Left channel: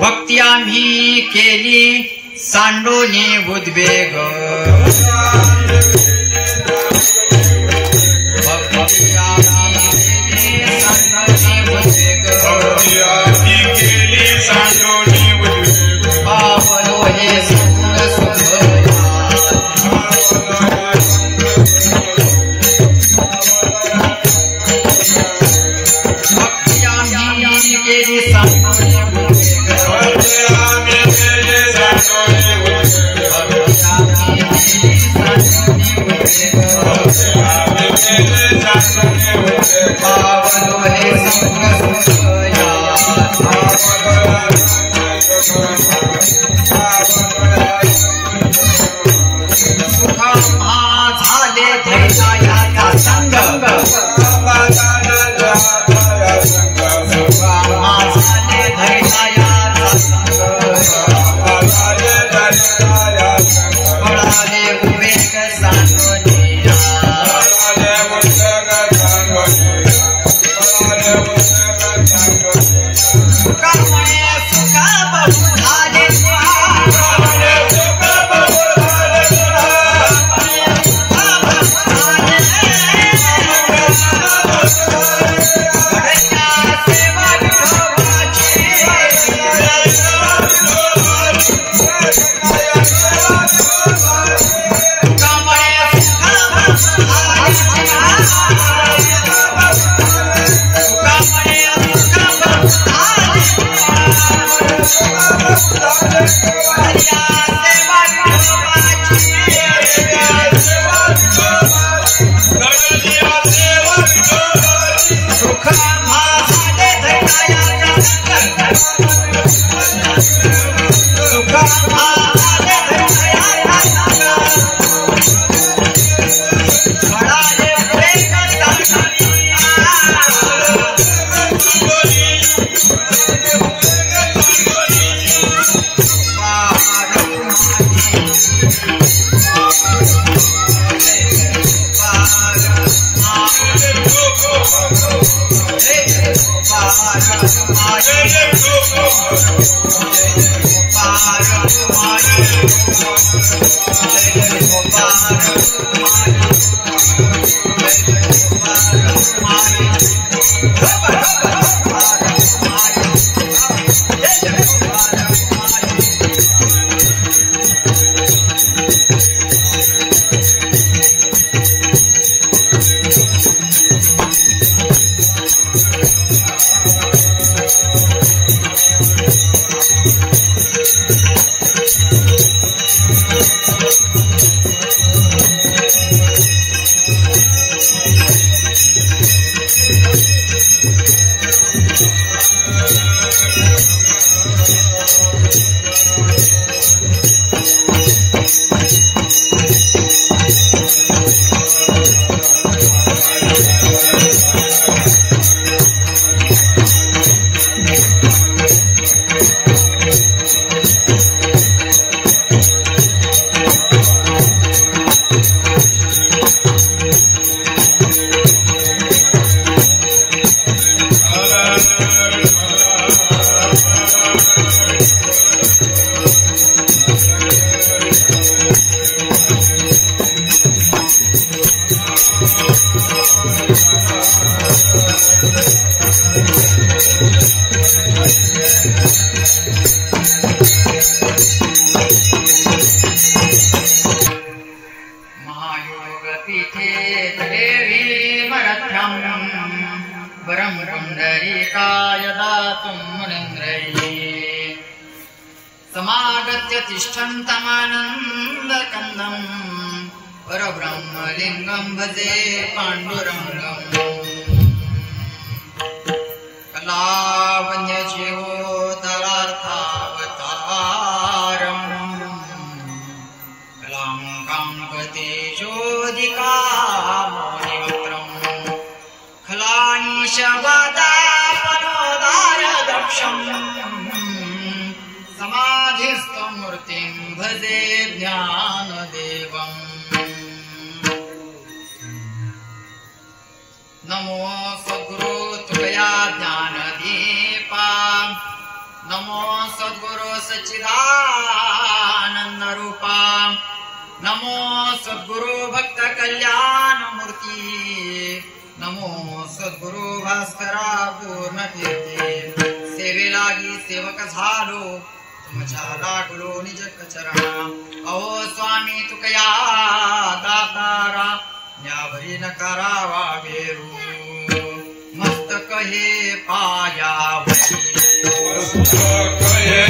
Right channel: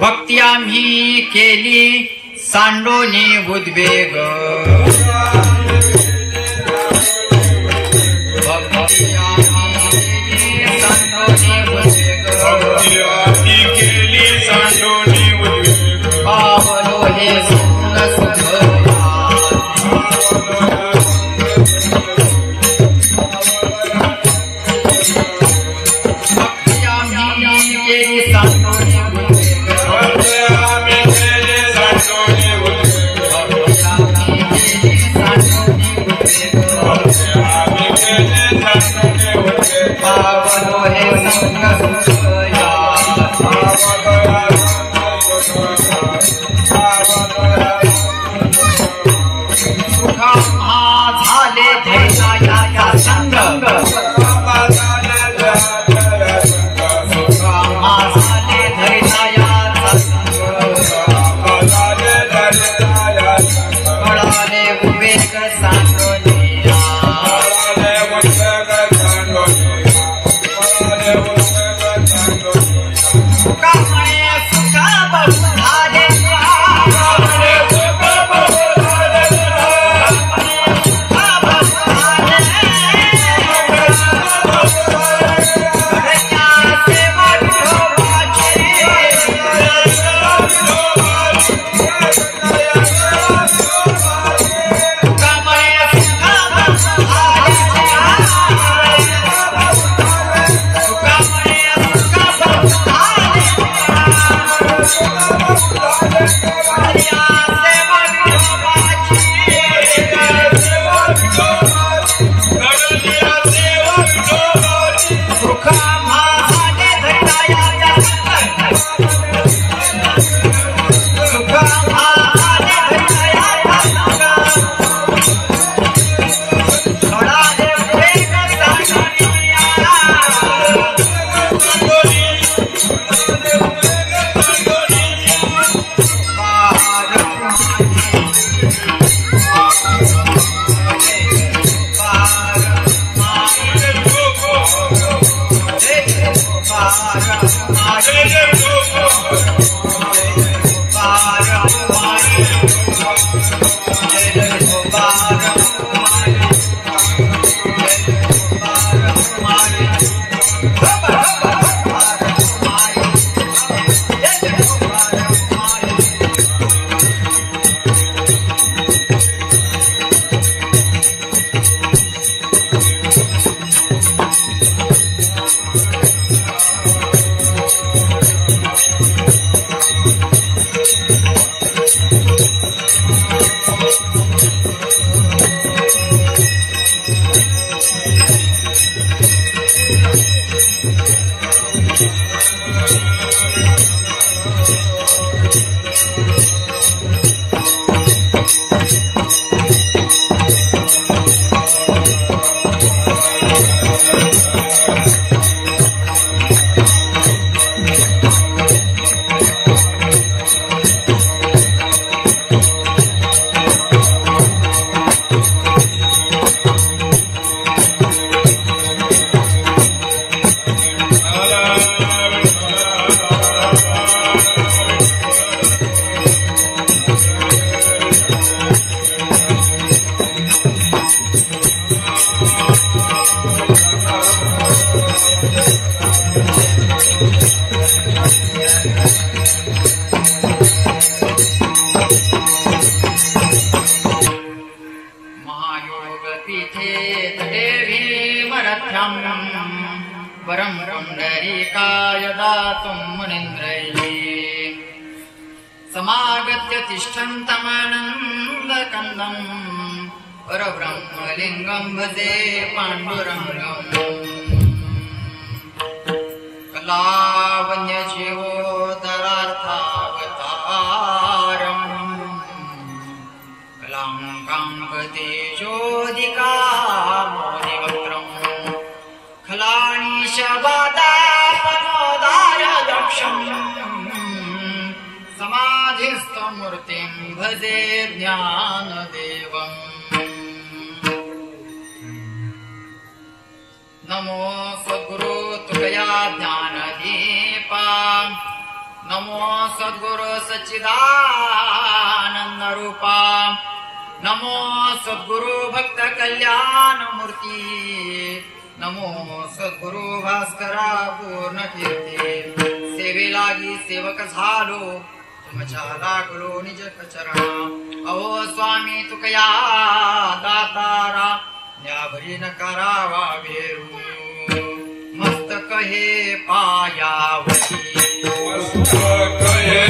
भक्ती आम्ही केली सांडोनी उद्वेग भक्ती आम्ही केली सांडोनी उद्वेग पावलो हे सुख सुख भक्ती आम्ही केली सांडोनी पावलो हे संग सुखया सुखा झाले धैर्याचा संग सुखा झाले धैर्याचा संग कळाले विवेक सांडोनिया समागत्य तिष्ठन्तमानन्दकन्दम् परब्रह्मलिङ्गं भजे पाण्डुरङ्गम् कलावन्यजीवोदरार्थावतारम् कलाङ्काङ्कतेजोदिकामोनिवक्त्रम् खलाणीशवादापनोदारदक्षम् मूर्तिं भजे ज्ञानदेवम् नमो सद्गुरु तुकया ज्ञानदीपा नमो सद्गुरु सच्चिदानंद रूपा नमो सद्गुरु भक्त कल्याण मूर्ती नमो सद्गुरु भास्करा पूर्ण कीर्ती सेवेलागी सेवक झालो तुमच्या लागलो निज चरणा अहो स्वामी तुकया दातारा यावरी न करावा बेरू मस्तक हे पायावरी मस्तक हे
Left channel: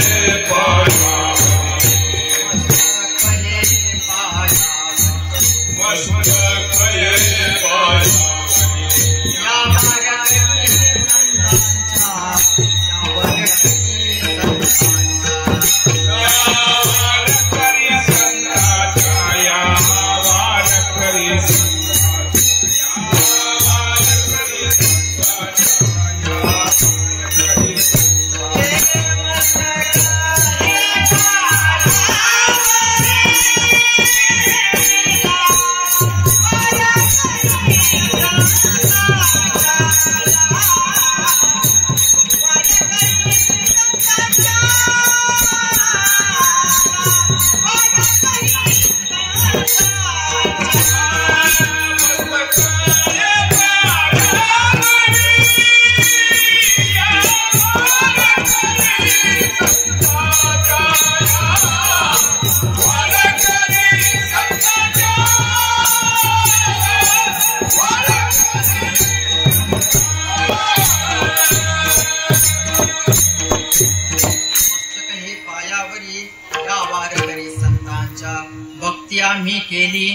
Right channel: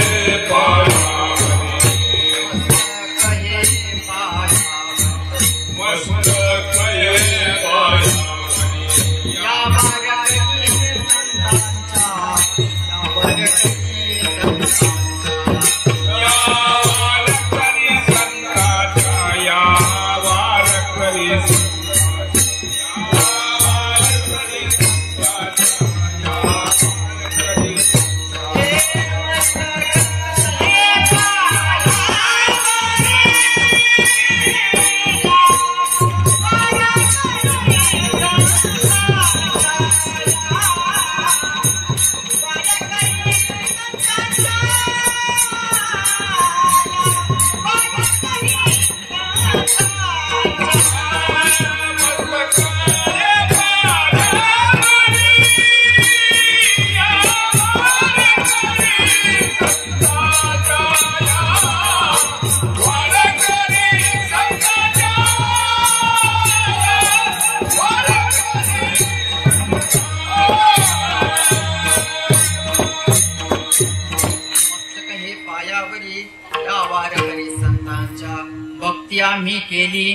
मी केली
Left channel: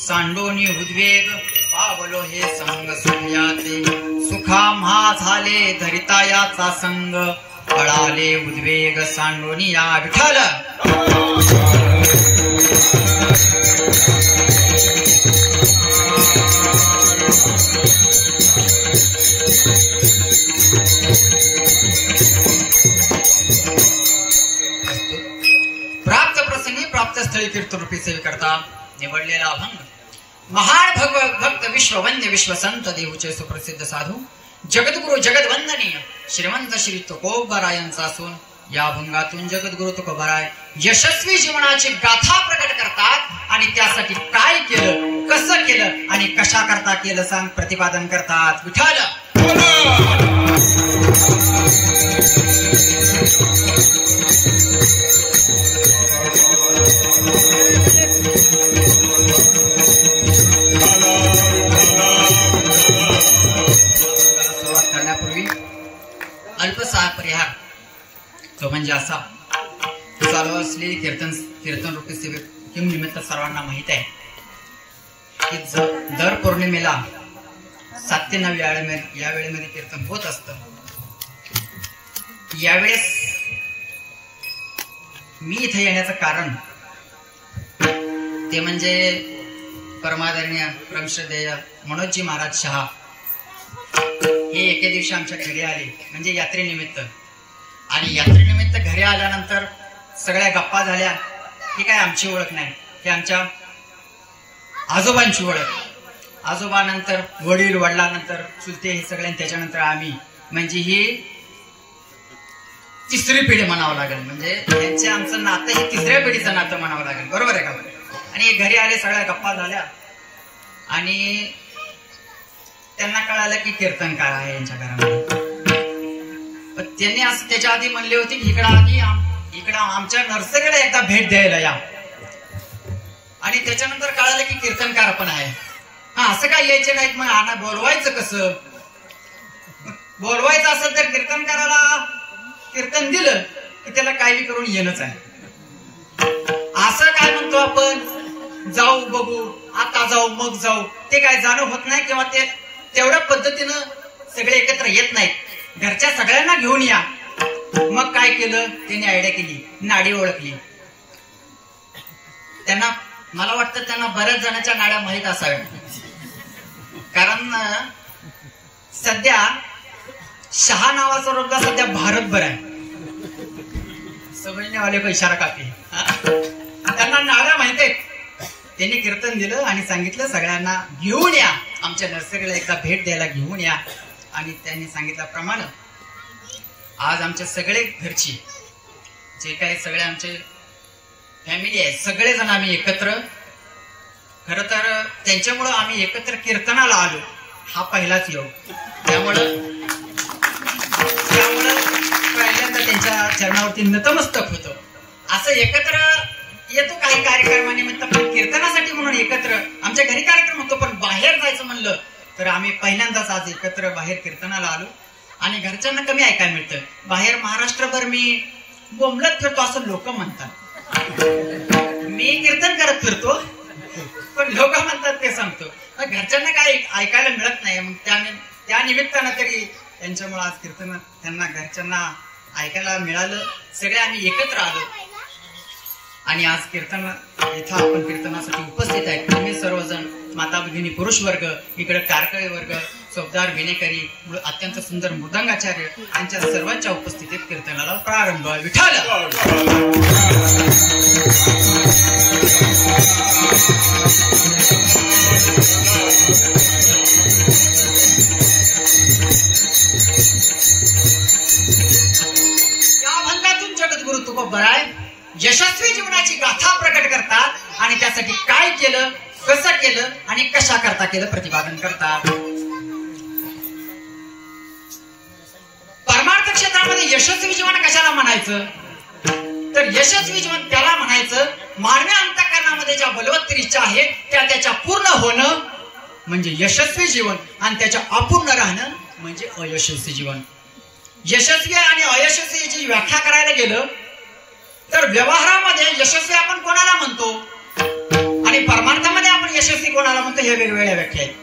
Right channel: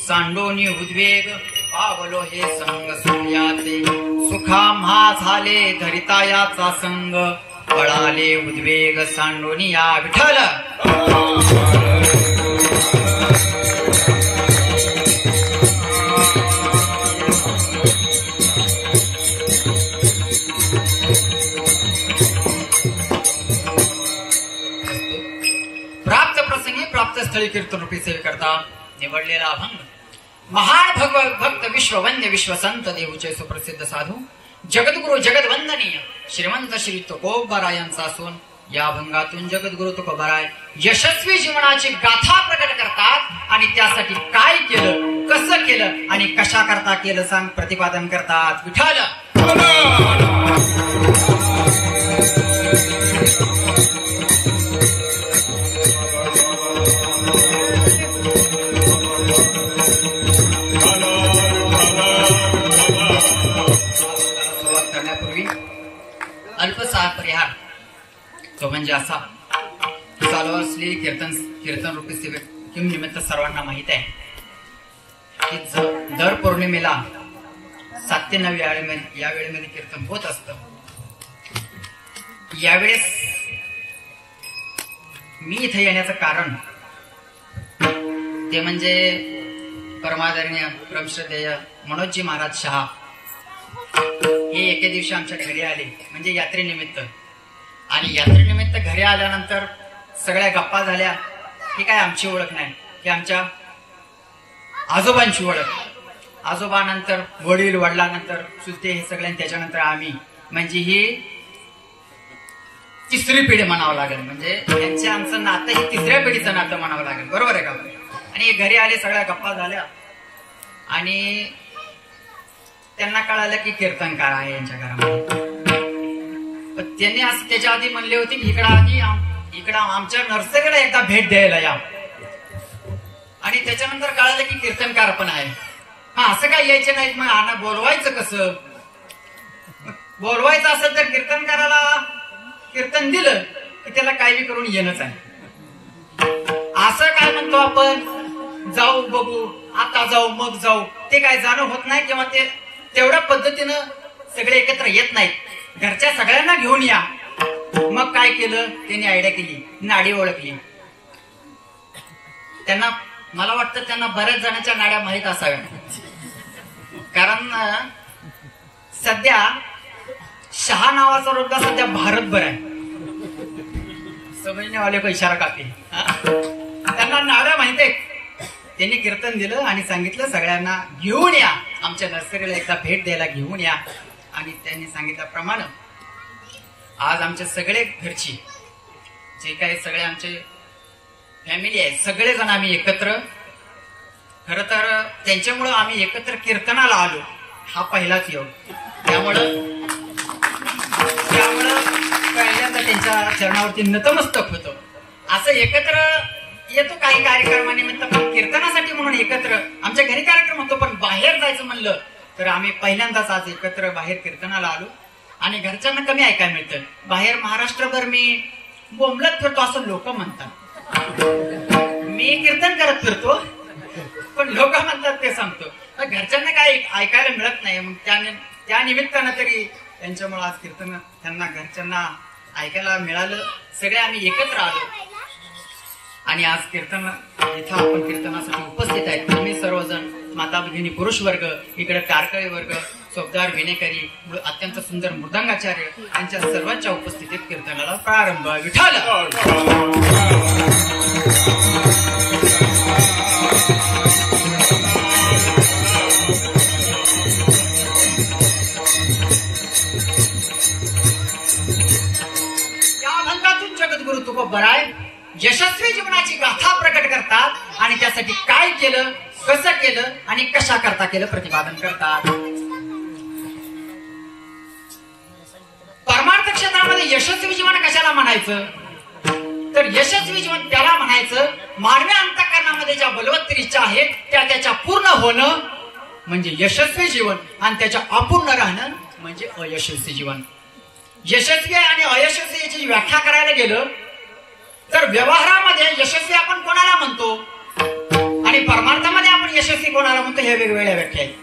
सांडोनी उद्वेग पावलो हे संग सोन्याचे सुखा म्हा झाले धरिता याचा संग पळाले उद्वेग सांडोनी या विठ्ठल प्राप्त प्रसंगी प्राप्त स्थळी कीर्तनरूपी सेवे करता निवडलेला अभंग महान भक्त विश्ववंद्य विश्वसंत देऊचे सुप्रसिद्ध साधू जगद्गुरु जगदवंदनीय श्रीमंत श्री तुकोबारायांचा असून या अभंगातून जगद्गुरु तुकोबाराय यशस्वी जीवनाची गाथा प्रकट करतात आणि त्यासाठी काय केलं कसं केलं आणि कशा करता केलं सांग प्रतिपादन करतात विठ्ठल अल्पसा परिहार तो म्हणजे असा चालू असलेली कीर्तन रूपी सेवेक निमित्त सर्वांना माहित आहे की दर पौर्णिमेला 7 ते 9 या वेळेमध्ये कीर्तन होत असतं. यावेळेस मी इथे येण्याचं कारण ते म्हणजे परमादरणीय परमश्रद्धेय मनोजी महाराज शहा हे एके दिवशी आमच्या घरी आले म्हणजे यात्रेनिमित्त. आणि यात्रेनिमित्त घरी आल्यानंतर सगळ्या गप्पा झाल्या. ही काय आमची ओळख नाही, ही आमच्या आजोबांची ओळख. आजोबानंतर वडील, वडिलांनंतर चुलते, हे सगळ्यांनी, त्याच्यानंतर आम्ही, म्हणजे ही तिसरी पिढी म्हणावं लागेल. म्हणजे त्यांचे आमचं नातं हे तिसऱ्या पिढीचं नातं म्हणावं लागेल. बरोबर आहे का? आणि घरी आले, सगळ्या गप्पा झाल्या आणि त्यांना कळालं की कीर्तनकार आहे यांच्या घरामध्ये. पण त्यांनी असं त्याच्या आधी म्हणले होते की इकडं आमच्या नर्सरीला एकदा भेट द्यायला या. आणि त्याच्यानंतर कळालं की कीर्तनकार पण आहे. हा, असं काय यायचे नाहीत. मग आना बोलवायचं कसं? बोलवायचं असेल तर कीर्तनकाराला कीर्तन दिलं की त्याला काय बी करून येणंच आहे. असं काय म्हणतो आपण, जाऊ बघू, आता जाऊ मग जाऊ, ते काय जाणं होत नाही किंवा ते तेवढ्या पद्धतीनं सगळे एकत्र येत नाहीत. घरच्या सगळ्यांना घेऊन या. मग काय केलं त्यांनी, आयडिया केली, नाडी ओळखली. त्यांना, मला वाटतं त्यांना बऱ्याच जणांच्या नाड्या माहीत असाव्या. कारण सध्या शहा नावाचा रोजगार सध्या भारतभर आहे. समजणे वाले को इशारा कापी. त्यांना नाड्या माहित आहेत. त्यांनी कीर्तन दिलं आणि सांगितलं सगळ्यांना घेऊन या, आमच्या नर्सरीला एकदा भेट द्यायला घेऊन या. आणि त्यांनी सांगितल्याप्रमाणे आज आमचे सगळे घरची जे काही सगळे आमचे फॅमिली आहे सगळेजण आम्ही एकत्र, खर तर त्यांच्यामुळं आम्ही एकत्र कीर्तनाला आलो हा पहिलाच योग. त्यामुळं पहिल्यांदा त्यांच्या चरणावरती नतमस्तक होतो. असं एकत्र येतो काही कार्यक्रमानिमित्त, पण कीर्तनासाठी म्हणून एकत्र आमच्या घरी कार्यक्रम होतो, पण बाहेर जायचं म्हणलं तर आम्ही पहिल्यांदाच आज एकत्र बाहेर कीर्तनाला आलो. आणि घरच्यांना कमी ऐकायला मिळतं. बाहेर महाराष्ट्रभर मी बोंबलत फिरतो असं लोक म्हणतात. मी कीर्तन करत फिरतो पण लोक म्हणतात ते सांगतो. घरच्यांना काय ऐकायला मिळत नाही. मग त्या निमित्तानं तरी त्यांच्यामुळे आज कीर्तन त्यांना घरच्यांना ऐकायला मिळालं. सगळे आम्ही एकत्र आलो आणि आज कीर्तन इथं आपण कीर्तनासाठी उपस्थित आहेत. तुम्ही सर्वजण माता भगिनी पुरुष वर्ग, इकडे टारकळे वर्ग, चौकदार विनेकरी, अत्यंत सुंदर मृदंगाचार्य यांच्या सर्वांच्या उपस्थितीत कीर्तनाला प्रारंभ. विठ्ठल या भंगातून जगद्गुरु तुकोबराय यशस्वी जीवनाची गाथा प्रकट करतात आणि त्यासाठी काय केलं, कसं केलं आणि कशा करता केलं प्रतिपादन करतात. परमार्थ क्षेत्रामध्ये यशस्वी जीवन कशाला म्हणायचं, तर यशस्वी जीवन त्याला म्हणायचं मानवी अंतःकरणामध्ये ज्या बलवत्तर इच्छा आहेत त्या त्याच्या पूर्ण होणं म्हणजे यशस्वी जीवन, आणि त्याच्या अपूर्ण राहणं म्हणजे अयशस्वी जीवन. यशस्वी आणि अयशस्वी याची व्याख्या करायला गेलं तर व्यवहारामध्ये यशस्वी आपण कोणाला म्हणतो आणि परमार्थामध्ये आपण यशस्वी कोणाला म्हणतो हे वेगवेगळ्या व्याख्या आहेत.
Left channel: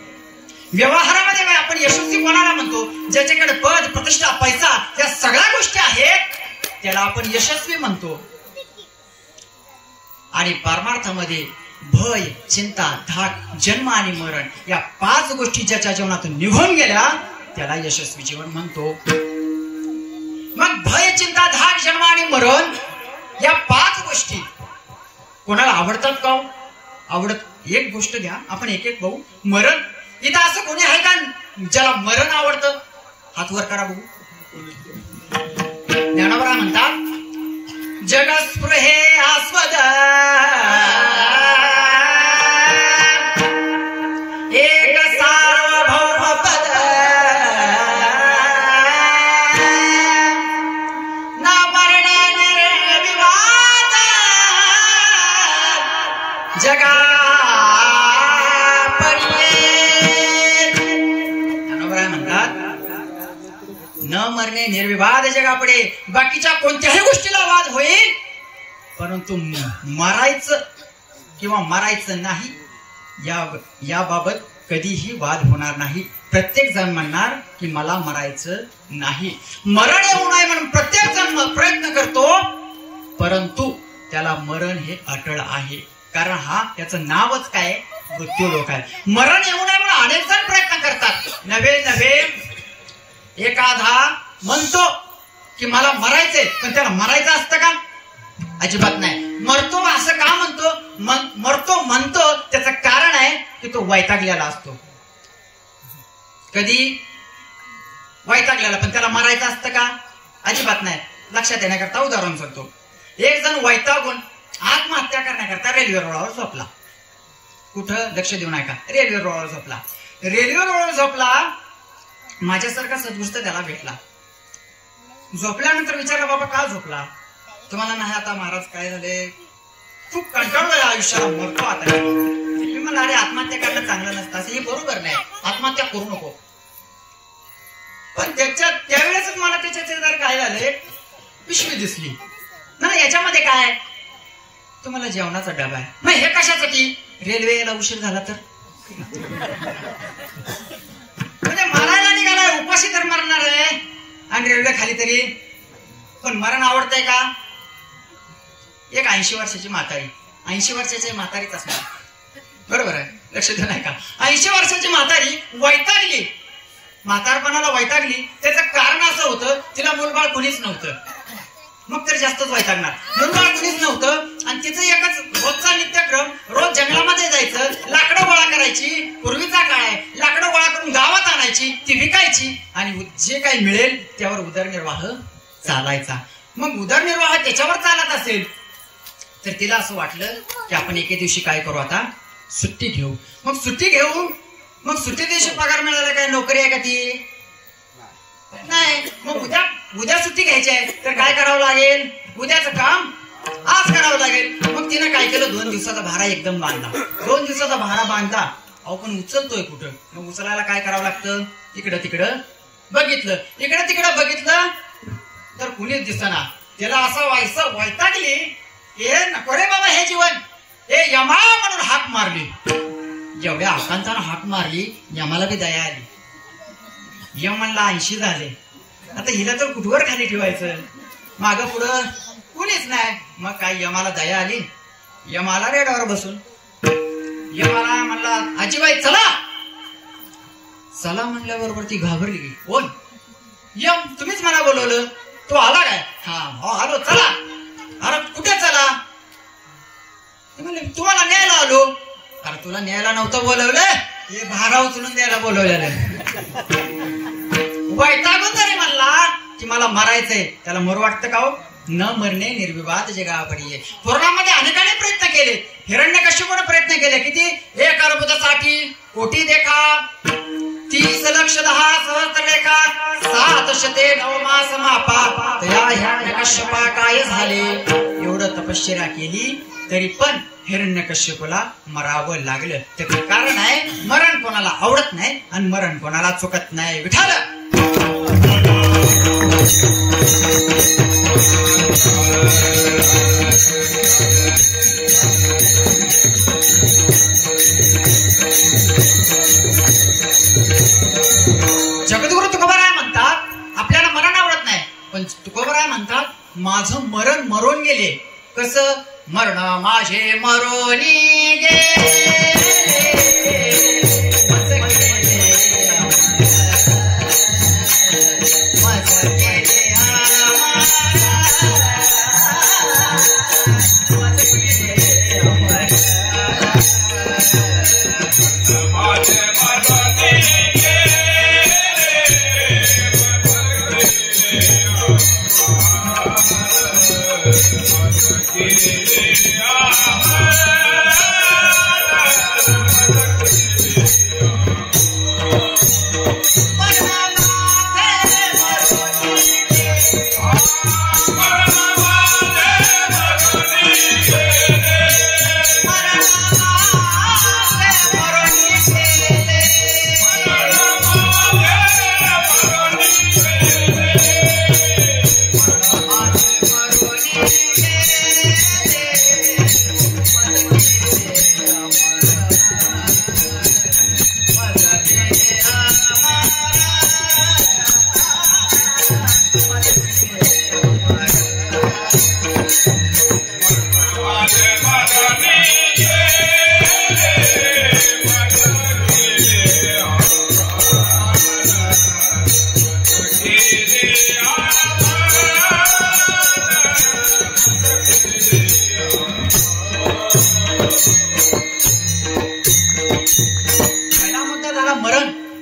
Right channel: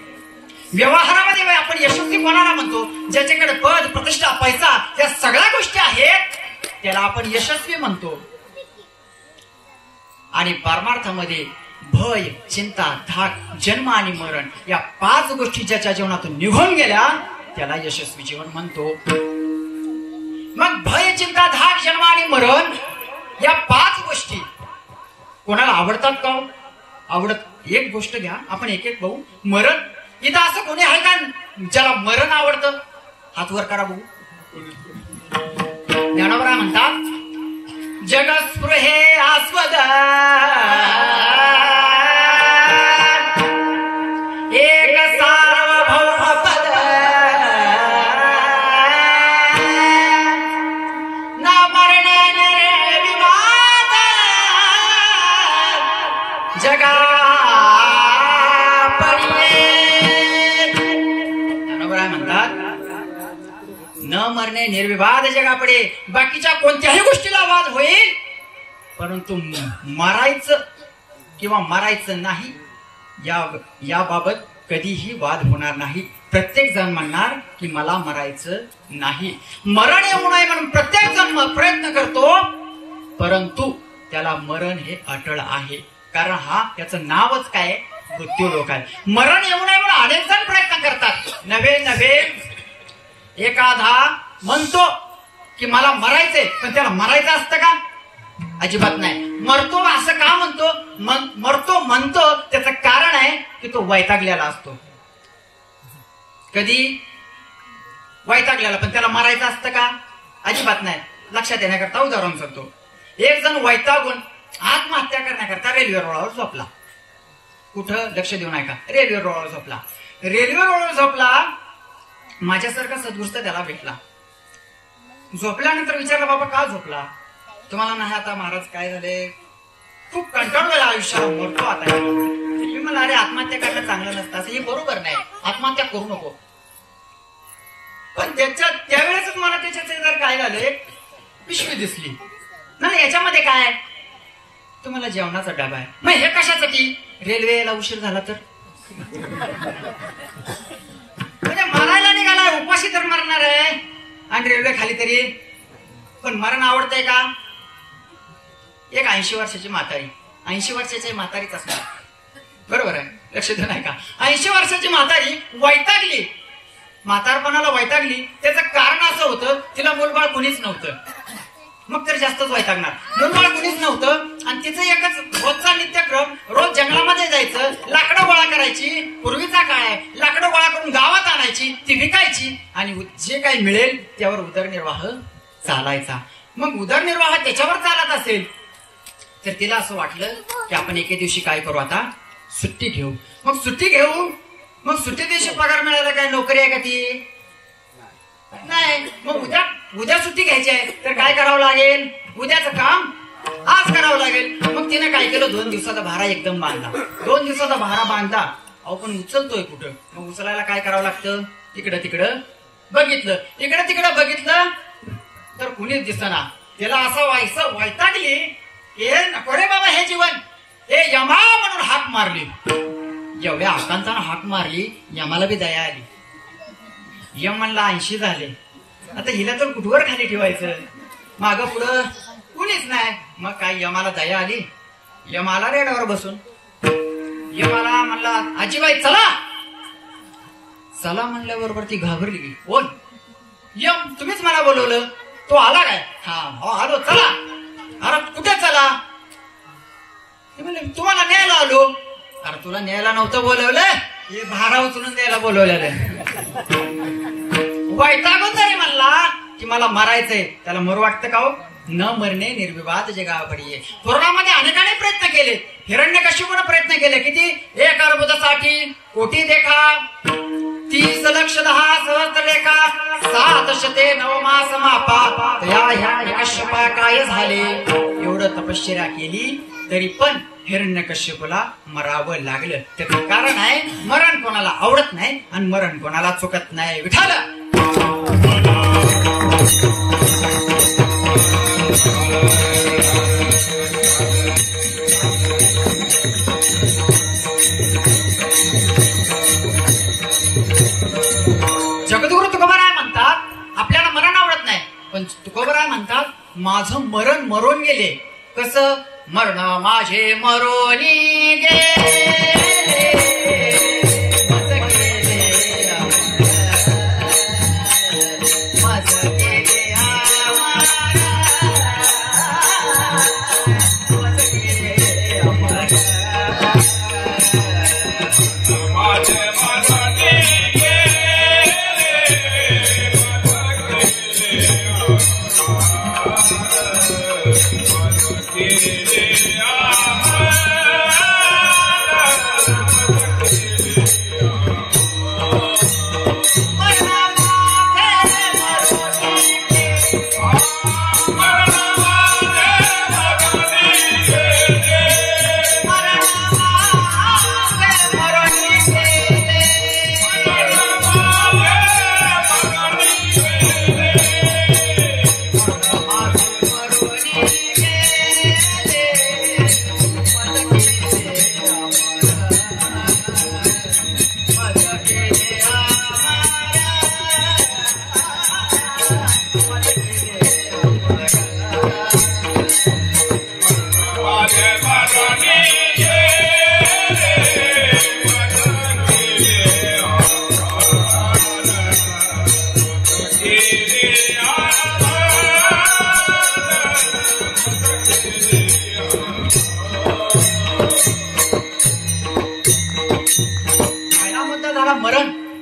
व्यवहारामध्ये आपण यशस्वी कोणाला म्हणतो, ज्याच्याकडे पद, प्रतिष्ठा, पैसा या सगळ्या गोष्टी आहेत त्याला आपण यशस्वी म्हणतो. आणि परमार्थामध्ये भय, चिंता, धाक, जन्म आणि मरण या 5 गोष्टी ज्याच्या जीवनातून निघून गेल्या त्याला यशस्वी जीवन म्हणतो. मग भय, चिंता, धाक, जन्म आणि मरण या 5 गोष्टी कोणाला आवडतात का? आवडत एक गोष्ट घ्या, आपण एक एक बघू. मरण, इथं असं कोणी आहे का ज्याला मरण आवडतं? हात वर करा बघू. ज्ञानोबा म्हणतात जगस्पृहे आस्पद एक सार्वभौम पद न मरण विवाद जगा न मरणे निर्विवाद जगापुढे. बाकीच्या कोणत्याही गोष्टीला वाद होईल परंतु मरायचं किंवा मरायचं नाही याबाबत कधीही वाद होणार नाही. प्रत्येक जण म्हणणार की मला मरायचं नाही. मरण येऊ नये म्हणून प्रत्येक जण प्रयत्न करतो परंतु त्याला मरण हे अटळ आहे. कारण हा त्याचं नावच काय, मृत्यूलोक आहे. मरण येऊ नये म्हणून अनेक जण प्रयत्न करतात. नव्हे एखादा म्हणतो की मला मरायचंय पण त्याला मरायचं असतं का? अजिबात नाही. मरतो असं का म्हणतो? मरतो म्हणतो त्याचं कारण आहे की तो वैतागलेला असतो. कधी वैतागलेला, पण त्याला मरायचं असतं का? अजिबात नाही. लक्षात येण्याकरता उदाहरण सांगतो. एक जण वैतागून आत्महत्या करण्याकरता रेल्वे रुळावर झोपला. कुठं? लक्ष देऊ नका. रेल्वे रुळावर झोपला. रेल्वे रुळावर झोपला. माझ्यासारखा सद्गुस्त त्याला भेटला. झोपल्यानंतर विचारलं बाबा का झोपला? तुम्हाला नाही आता महाराज काय झाले, खूप कंटाळलोय आयुष्याला, मरतो आता. मी मला अरे आत्महत्या करणं चांगलं नसतं, असं हे बरोबर नाही, आत्महत्या करू नको. पण त्यावेळेसच मला त्याच्या शेजारी काय झाले, पिशवी दिसली. नाही याच्यामध्ये काय आहे? तुम्हाला जेवणाचा डबा आहे. मग हे कशासाठी? रेल्वेला उशीर झाला तर म्हणजे मरायला निघालाय, उपाशी तर मरणार आहे आणि रेल्वे खाली तरी. पण मरण आवडतंय का? एक 80 वर्षाची म्हातारी, 80 वर्षाची म्हातारीच असणार, बरोबर आहे, लक्ष देऊ नाही का? 80 वर्षाची म्हातारी वैतागली, म्हातारपणाला वैतागली. त्याचं कारण असं होतं तिला मुलबाळ कोणीच नव्हतं. मग तर जास्तच वैतागणार. मुरमाड कुणीच नव्हतं आणि तिचं एकच रोजचा नित्यक्रम, रोज जंगलामध्ये जायचं, लाकडं गोळा करायची. पूर्वीचा काळ आहे, लाकडं गोळा करून गावात आणायची, ती विकायची आणि जे काही मिळेल त्यावर उदरनिर्वाह चालायचा. मग उदरनिर्वाह त्याच्यावर चालत असेल तर तिला असं वाटलं की आपण एके दिवशी काय करू, आता सुट्टी घेऊ. मग सुट्टी घेऊ. मग सुट्टी दिवशी पगार मिळाला, काय नोकरी आहे का ती? नाही. मग उद्या सुट्टी घ्यायची आहे तर काय करावं लागेल, उद्याचं काम आज करावं लागेल. मग तिने काय केलं, 2 दिवसाचा भारा एकदम बांधला. 2 दिवसाचा भारा बांधला. अहो पण उचलतोय कुठं? मग उचलायला काय करावं लागतं, इकडं तिकडं बघितलं, इकडं तिकडं बघितलं तर कुणीच दिसना. त्याला असं वैतागली, हे नको रे बाबा हे जीवन, हे यमा म्हणून हाक मारली. जेवढ्या आकांतानं हाक मारली, यमाला बी दया आली. यम म्हणला 80 झाले, आता हिला तर कुठवर खाली ठेवायचं, मागं पुढं कुणीच नाही. मग काय यमाला दया आली. यमाला रेडावर बसून यमाला म्हणला आजीबाई चला. चला म्हणल्याबरोबर ती घाबरली की, कोण? यम, तुम्हीच मला बोलवलं. तो आला काय? हा आलो, चला. अरे कुठे चला? तुम्हाला न्यायला आलो. अरे तुला न्यायला नव्हतं बोलवलं, हे भारा उचलून द्यायला बोलवलेलं. वैतागून तरी म्हणला की मला मरायचंय. त्याला मरू वाटतं का हो? न मरणे निर्विवाद जगापडी. पुराणामध्ये अनेकाने प्रयत्न केले. हिरण्यकश्यपूने प्रयत्न केले. किती? 1 अर्बुदासाठी कोटी देखा, 30 लक्ष 10 सहस्त्र रेखा, 7 शते 9 मास मापा. ह्या कश्यपा काय झाले? एवढं तपश्चर्या केली तरी पण हिरण्यकश्यपूला मरावं लागलं. त्याचं कारण आहे, मरण कोणाला आवडत नाही आणि मरण कोणाला चुकत नाही. विठाल जगद्गुरु तुकोबाराय म्हणतात, आपल्याला मरण आवडत नाही, पण तुकोबाराय म्हणतात माझं मरण मरून गेले. कसं? मरण माझे मरोनी गेले.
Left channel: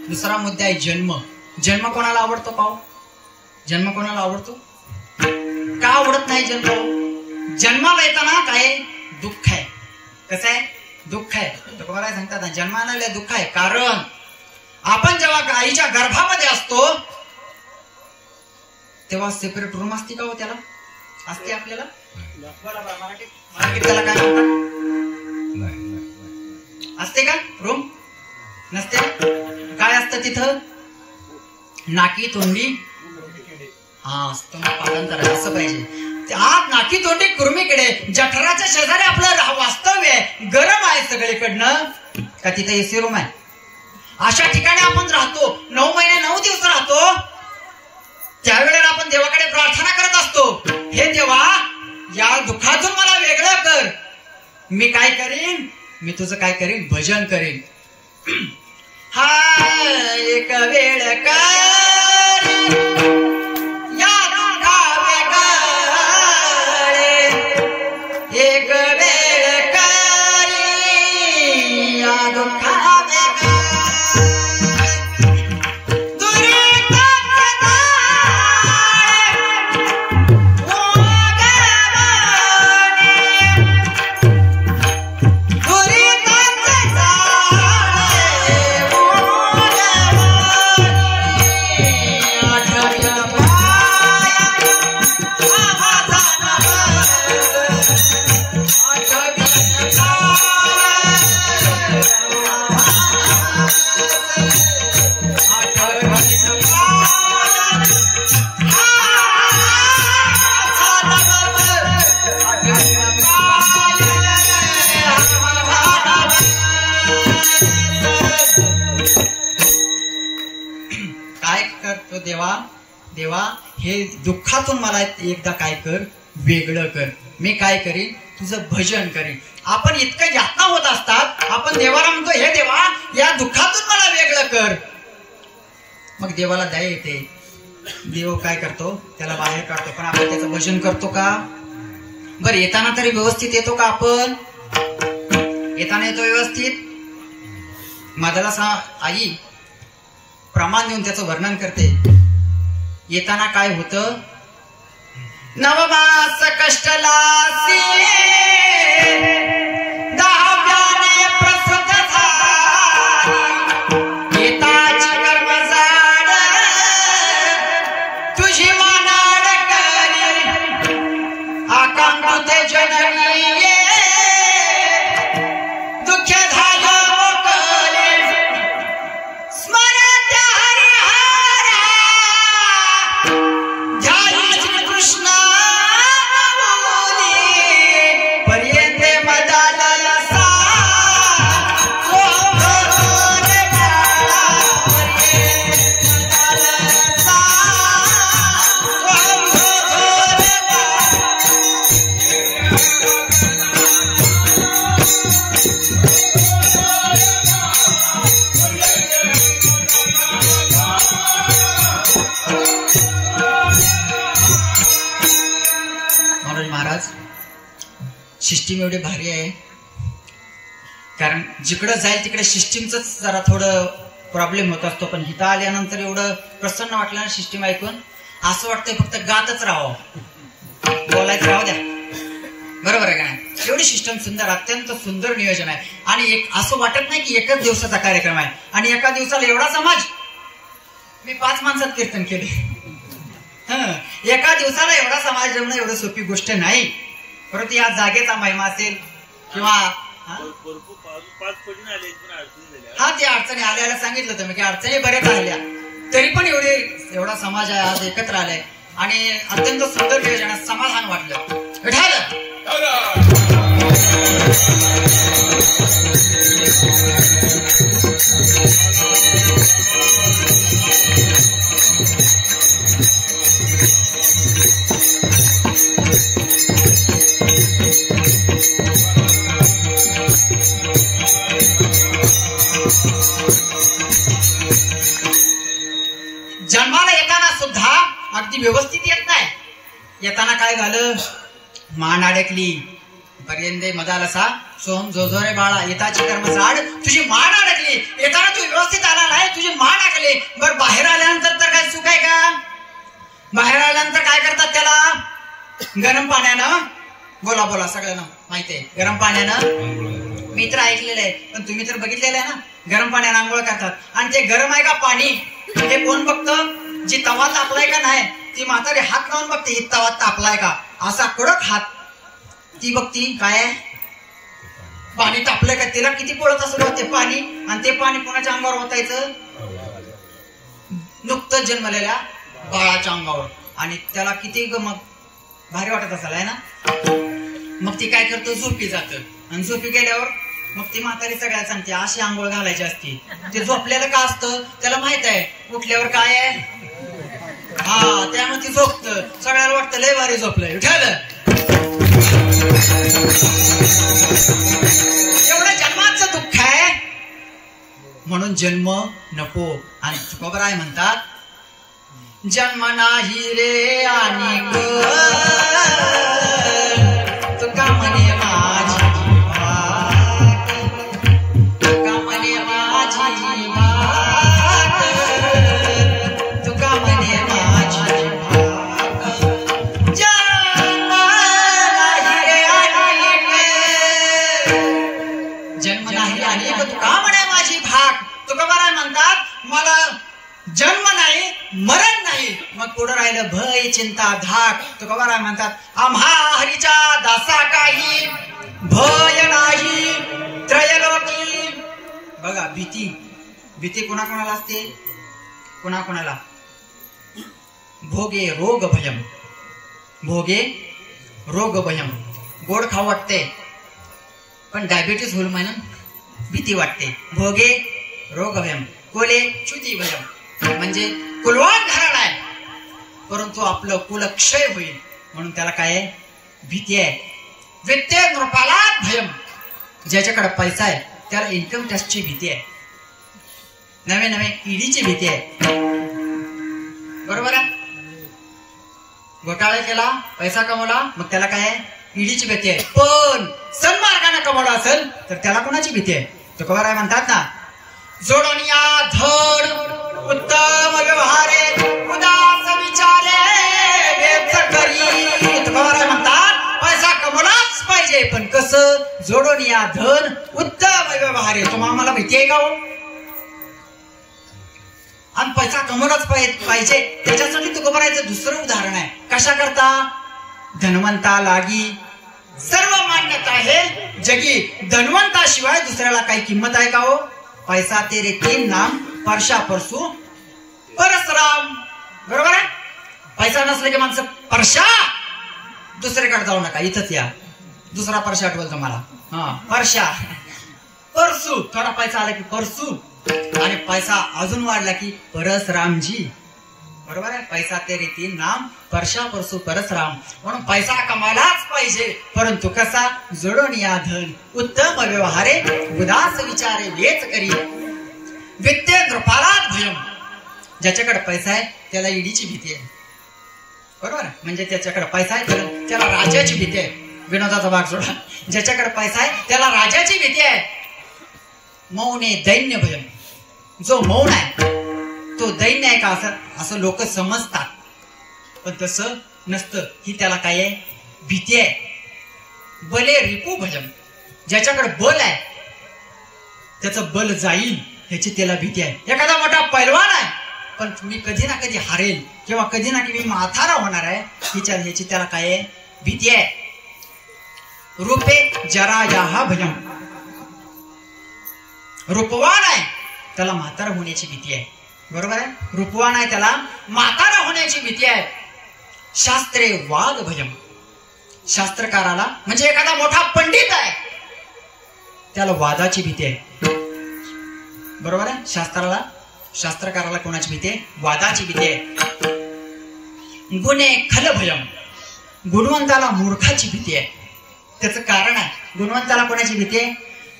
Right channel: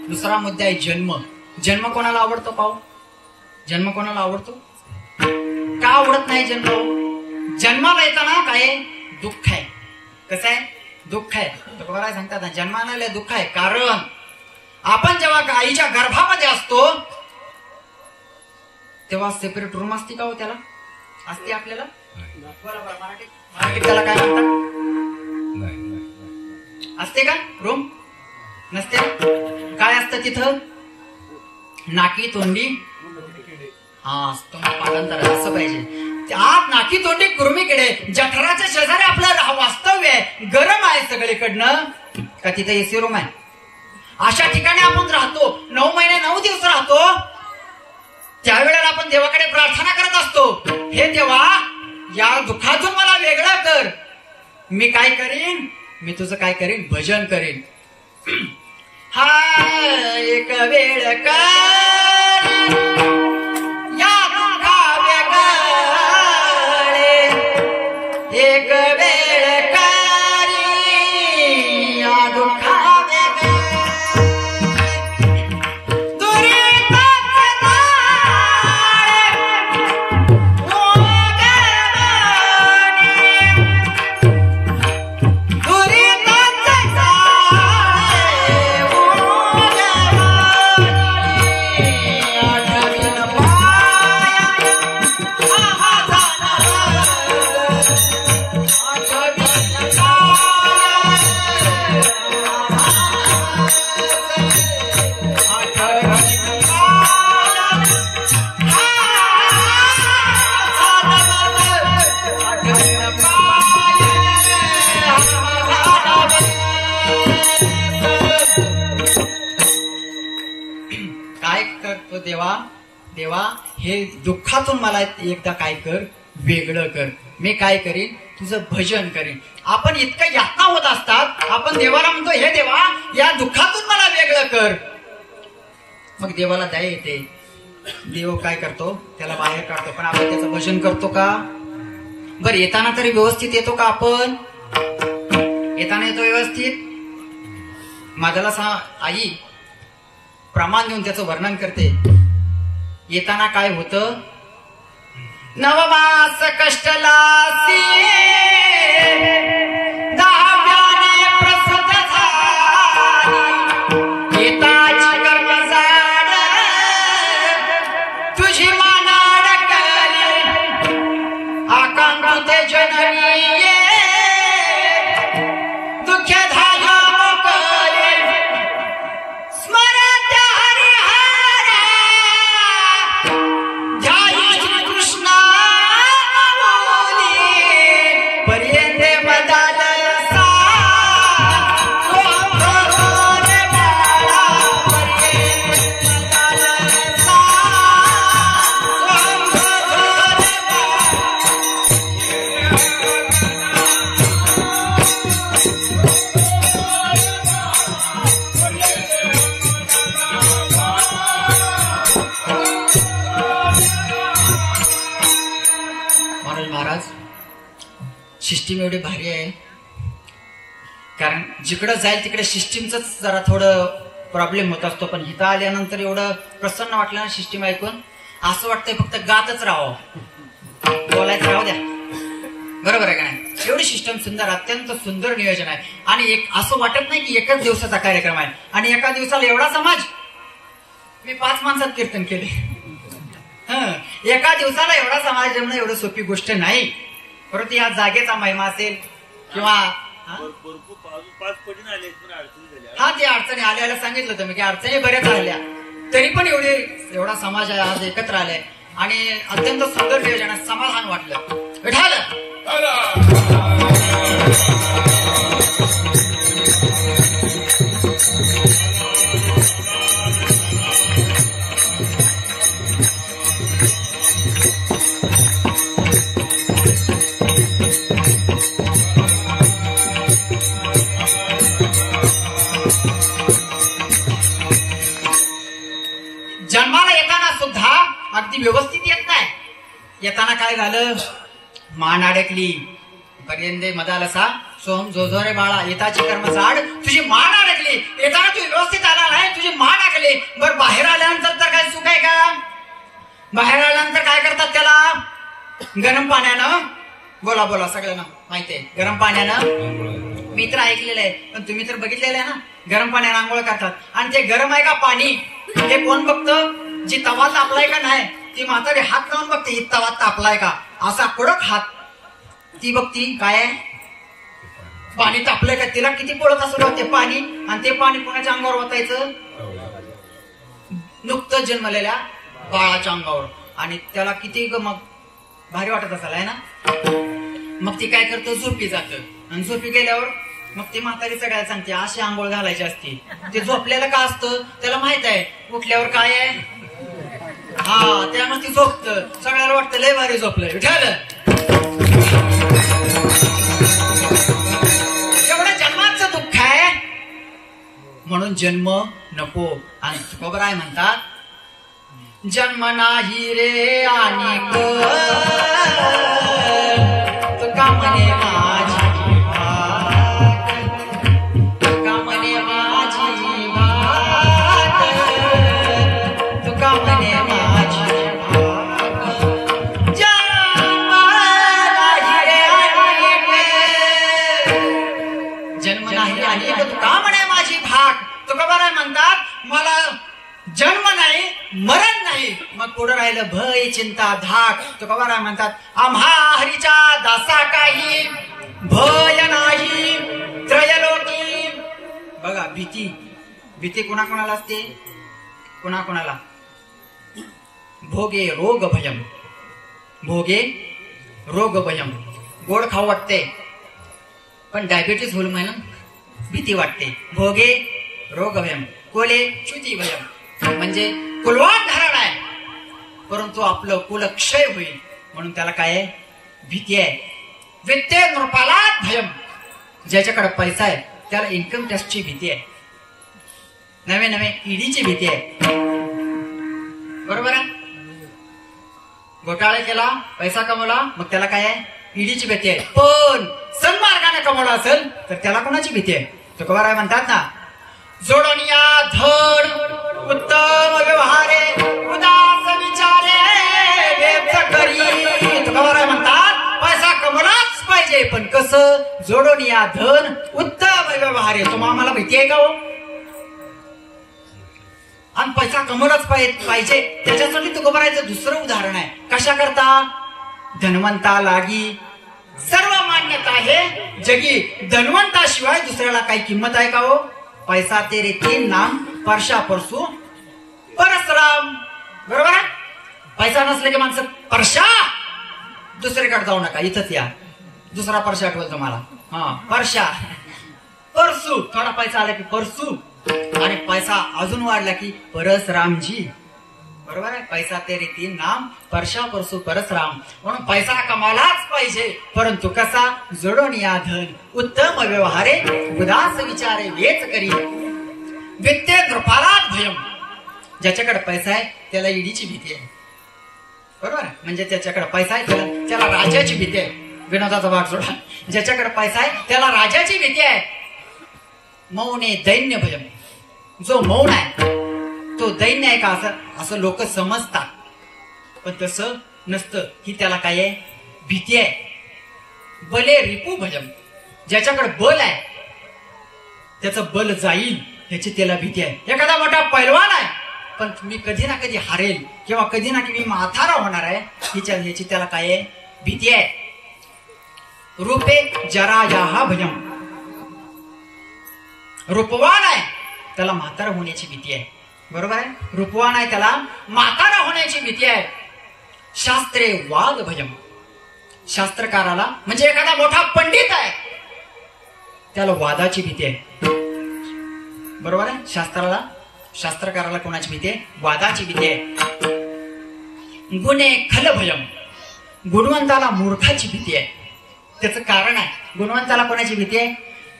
दुसरा मुद्दा आहे जन्म. जन्म कोणाला आवडतो पाहू? जन्म कोणाला आवडतो? का आवडत नाही जन्म? जन्माला येताना काय दुःख आहे. कसं आहे? दुःख आहे. काय सांगतात ना, जन्माला दुःख आहे. कारण आपण जेव्हा आईच्या गर्भामध्ये असतो तेव्हा सेपरेट रूम असते का हो? त्याला असते आपल्याला. बरोबर. मराठीत त्याला काय म्हणतात? असते का रूम? नसते. काय असतं तिथं? नाकी तोंडी. हा पाठांतर असं पाहिजे. आत नाकी तोंडी कुर्मीकडे, जठराच्या शेजारी आपलं वास्तव्य आहे. गरम आहे सगळीकडनं. का तिथं एसी रूम आहे? अशा ठिकाणी आपण राहतो. 9 महिने 9 दिवस राहतो. त्यावेळेला आपण देवाकडे प्रार्थना करत असतो, हे देवा या दुःखातून मला वेगळं कर. मी काय करीन? मी तुझं काय करीन? भजन करीन. हा एक वेळ कर या दुःखा वेगळा हे दुःखातून मला एकदा काय कर, वेगळं कर. मी काय करीन, तुझं भजन करीन. आपण इतकं यातना होत असतात, आपण देवाला म्हणतो हे देवा या दुःखातून मला वेगळं कर. मग देवाला दया येते. देव काय करतो, त्याला बाहेर काढतो. पण आपण त्याचं भजन करतो का? बरं येताना तरी व्यवस्थित येतो का? आपण येताना येतो व्यवस्थित? माझ्याला आई प्रमाण देऊन त्याचं वर्णन करते. येताना काय होतं, नवमास कष्टलासी दहाव्याने प्रसूत झाली, येताची कर्मजाड तुझी मानाड करी, आकांत जननी दुःख धाया मोकळे, स्मरण हरिहरा ध्यान श्रीकृष्ण पर्यंत मदाल सा महाराज सिस्टीम एवढी भारी आहे. कारण जिकडं जाईल तिकडे सिस्टीमच जरा थोडं प्रॉब्लेम होत असतो. पण इथं आल्यानंतर एवढं प्रसन्न वाटलं ना सिस्टीम ऐकून. असं वाटतंय फक्त गातच राहावं, बोलायचं राहू द्या. बरोबर आहे का नाही? एवढी सिस्टम सुंदर, अत्यंत सुंदर नियोजन आहे. आणि एक असं वाटत नाही की एकच दिवसाचा कार्यक्रम आहे आणि एका दिवसाला एवढा समाज. मी 5 माणसात कीर्तन केले. एका दिवसाला एवढा समाज जमणं एवढं सोपी गोष्ट नाही. परंतु या जागेचा महिमा असेल किंवा हा ते अडचणी आल्याला सांगितलं होतं मी की अडचणी बऱ्याच आल्या, तरी पण एवढा समाज आहे आज एकत्र आलाय आणि अत्यंत सुंदर नियोजन, समाधान वाटलं. जन्माला येताना सुद्धा अगदी व्यवस्थित येत नाही. येताना काय झालं, मान अडकली. पर्यंत मदालसा सोहम जोजोरे बाळा, येताची कर्म झाड तुझी मान अडकली. येताना तू व्यवस्थित आला नाही, तुझी मान अडकली. बरं बाहेर आल्यानंतर तर काय सुख आहे का? बाहेर आल्यानंतर काय करतात त्याला? गरम पाण्यानं, बोला बोला सगळ्यांना माहिती आहे, गरम पाण्यानं. मी तर ऐकलेलं आहे पण तुम्ही तर बघितलेलं आहे ना, गरम पाण्यानं आंघोळ करतात. आणि ते गरम आहे का पाणी हे कोण बघतं? जी तवा तापलाय का नाही ती म्हातारी हात लावून बघते, ही तवा तापलाय का, असा कडक हात ती बघती. काय पाणी तापलंय का, तिला किती पडत असं ते पाणी. आणि ते पाणी कोणाच्या अंगावर ओतायचं? नुकतं जन्मलेल्या बाळाच्या अंगावर. आणि त्याला किती मग भारी वाटत असेल आहे ना. मग ती काय करतो, झोपी जातं. आणि झोपी गेल्यावर मग ती म्हातारी सगळ्याला सांगते अशी आंघोळ घालायची असते. ते झोपलेलं का असतं त्याला माहित आहे, उठल्यावर काय आहे. हा त्यामुळे ती झोपत, सगळ्याला वाटतं लय भारी झोपलंय. ठेवलं एवढं जन्माचं दुःख आहे म्हणून जन्म नको. आणि तुकोबराय म्हणतात, जन्म नाही रे आणि तुका म्हणे माझी भात, तुका म्हणे माझी भात, तुका म्हणे माझी भात. जन्म नाही रे जन्म नाही आणि तुका म्हणे माझी भाग. तुकोबराय म्हणतात, मला जन्म नाही मरण नाही, मग पुढे राहिलं भय चिंता धाक. तुकोबराय म्हणतात, आम्हा हरीच्या दासा काही भय नाही त्रयलोकी. बघा भीती, भीती कोणाकोणाला असते, कोणाकोणाला. भोगे रोग भयम, भोगे रोग भयम. गोड खाऊ वाटते पण डायबिटीस होईल म्हणून भीती वाटते. भोगे रोग भयम, कोले च्युती भयम म्हणजे कुलवान धरण आहे. परंतु आपलं कुलक्षय होईल म्हणून त्याला काय आहे? भीती आहे. वित्ते नृपाला भयम. ज्याच्याकडे पैसा आहे त्याला इन्कम टॅक्सची भीती आहे, नवे नवे ईडीची भीती आहे. बरोबर आहे. घोटाळा केला, पैसा कमवला, मग त्याला काय आहे? ईडीची भीती आहे. पण सन्मार्गाने कमवला असेल तर त्याला कोणाची भीती आहे? तुकोबाराय म्हणतात ना, जोडनिया धड उत्तम व्यवहारे उदास विचारे व्यक्त करी. तुकोबाराय म्हणतात पैसा कमवलाच पाहिजे, पण कसं? जोडनिया धन उत्तम व्यवहारे. तुम्हाला आम्हाला भीती आहे का हो? आणि पैसा कमवलाच पाहिजे. त्याच्यासाठी तुकोबारायचं दुसरं उदाहरण आहे. कशा करता? धनवंता लागी सर्व मान्यता आहे जगी, धनवंताशिवाय दुसऱ्याला काही किंमत आहे का हो? पैसा तेरे तीन नाम परशा परसू परसराम. बरोबर आहे. पैसा नसले की माणसं परशा, दुसरीकडे जाऊ नका, इथंच या. दुसरा परशा आठवल तुम्हाला. हा, परशा परसू. थोडा पैसा आला की परसू, आणि पैसा अजून वाढला की परसरामजी. बरोबर आहे. पैसा तेरे तीन नाम परशा परसू परसराम. म्हणून पैसा कमायलाच पाहिजे, परंतु कसा? जोडून या धन उत्तम व्यवहारे उदास विचारे वेच करी. वित्ते नृपालात भयम. ज्याच्याकडे पैसा आहे त्याला ईडीची भीती आहे. बरोबर. म्हणजे त्याच्याकडे पैसा आहे त्याला राजाची भीती आहे. विनोदाचा भाग सोडा. ज्याच्याकडे पैसा आहे त्याला राजाची भीती आहे. मौने दैन्य भयम. जो मौन आहे तो दैन्य आहे का असं लोक समजतात, पण तसं नसतं. ही त्याला काय आहे? भीती आहे. बले रिपू भयम. ज्याच्याकडे बल आहे त्याचं बल जाईल ह्याची त्याला भीती आहे. एखादा मोठा पैलवान आहे पण मी कधी ना कधी हारेल किंवा कधी ना कधी माथारा होणार आहे, ह्याची त्याला काय आहे? भीती आहे. रूपे जरा याहा भयम. रूपवान आहे त्याला म्हातारा होण्याची भीती आहे. बरोबर आहे. रूपवान आहे त्याला म्हातारा होण्याची भीती आहे. शास्त्रे वाद भयम. शास्त्रकाराला म्हणजे एखादा मोठा पंडित आहे त्याला वादाची भीती आहे. बरोबर आहे. शास्त्रकाराला कोणाची भीती आहे? वादाची भीती आहे. गुणे खल भयम. गुणवंताला मूर्खाची भीती आहे. त्याचं कारण आहे. गुणवंताला कोणाची भीती आहे?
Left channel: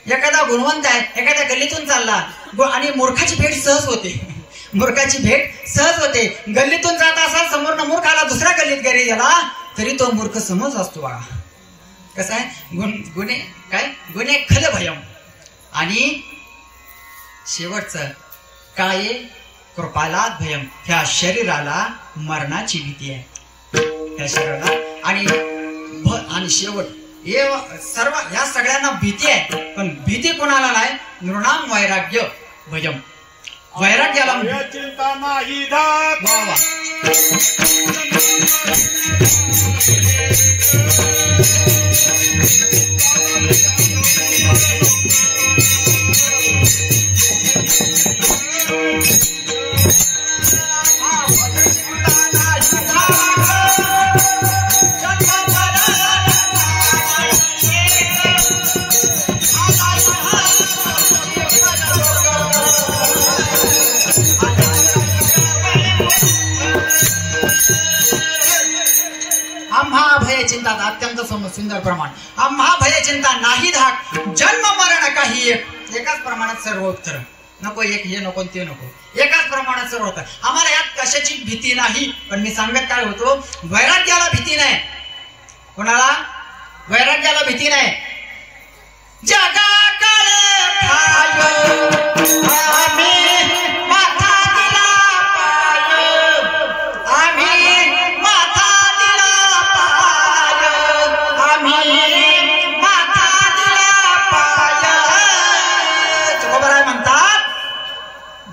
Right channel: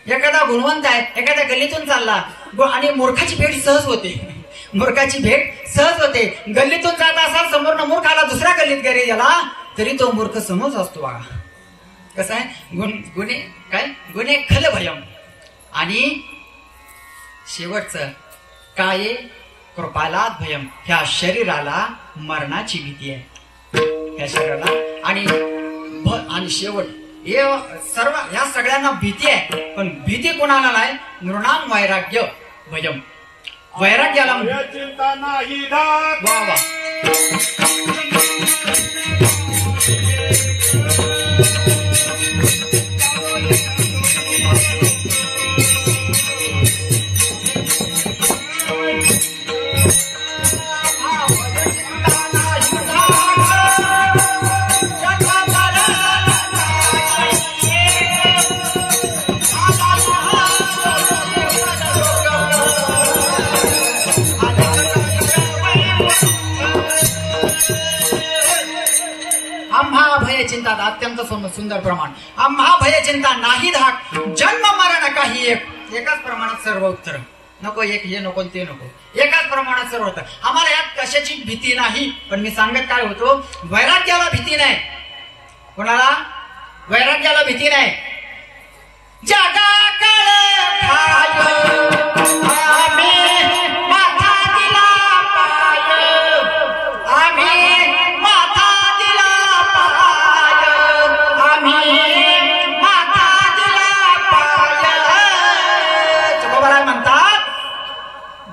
एखादा गुणवंत आहे एखाद्या गल्लीतून चालला आणि मूर्खाची भेट सहज होते. मूर्खाची भेट सहज होते. गल्लीतून जात असा समोर मूर्ख आला, दुसऱ्या गल्लीत घरी गेला तरी तो मूर्ख समज असतो बघा. कसं आहे? गुन्हे काय? गुन्हे खल भयम. आणि शेवटचं काय? कृपालात भयम. ह्या शरीराला मरणाची भीती आहे. ह्या शरीराला आणि शेवट सर्व ह्या सगळ्यांना भीती आहे, पण भीती कोणाला नाही? नृणाम वैराग्य भयम. वैराग्याला चिंता नाही. वा वा. चिंता अत्यंत सुंदर प्रमाण. आम्हा भय चिंता नाही धाक. जन्म मरण काही एकाच प्रमाणात सर्व उत्तर. नको एक हे नको ते नको, एकाच प्रमाणात सर्व होतं. आम्हाला यात कशाची भीती नाही. पण मी सांगत काय होतो? वैराग्याला भीती नाही. कोणाला? वैराग्याला भीती नाही. जगा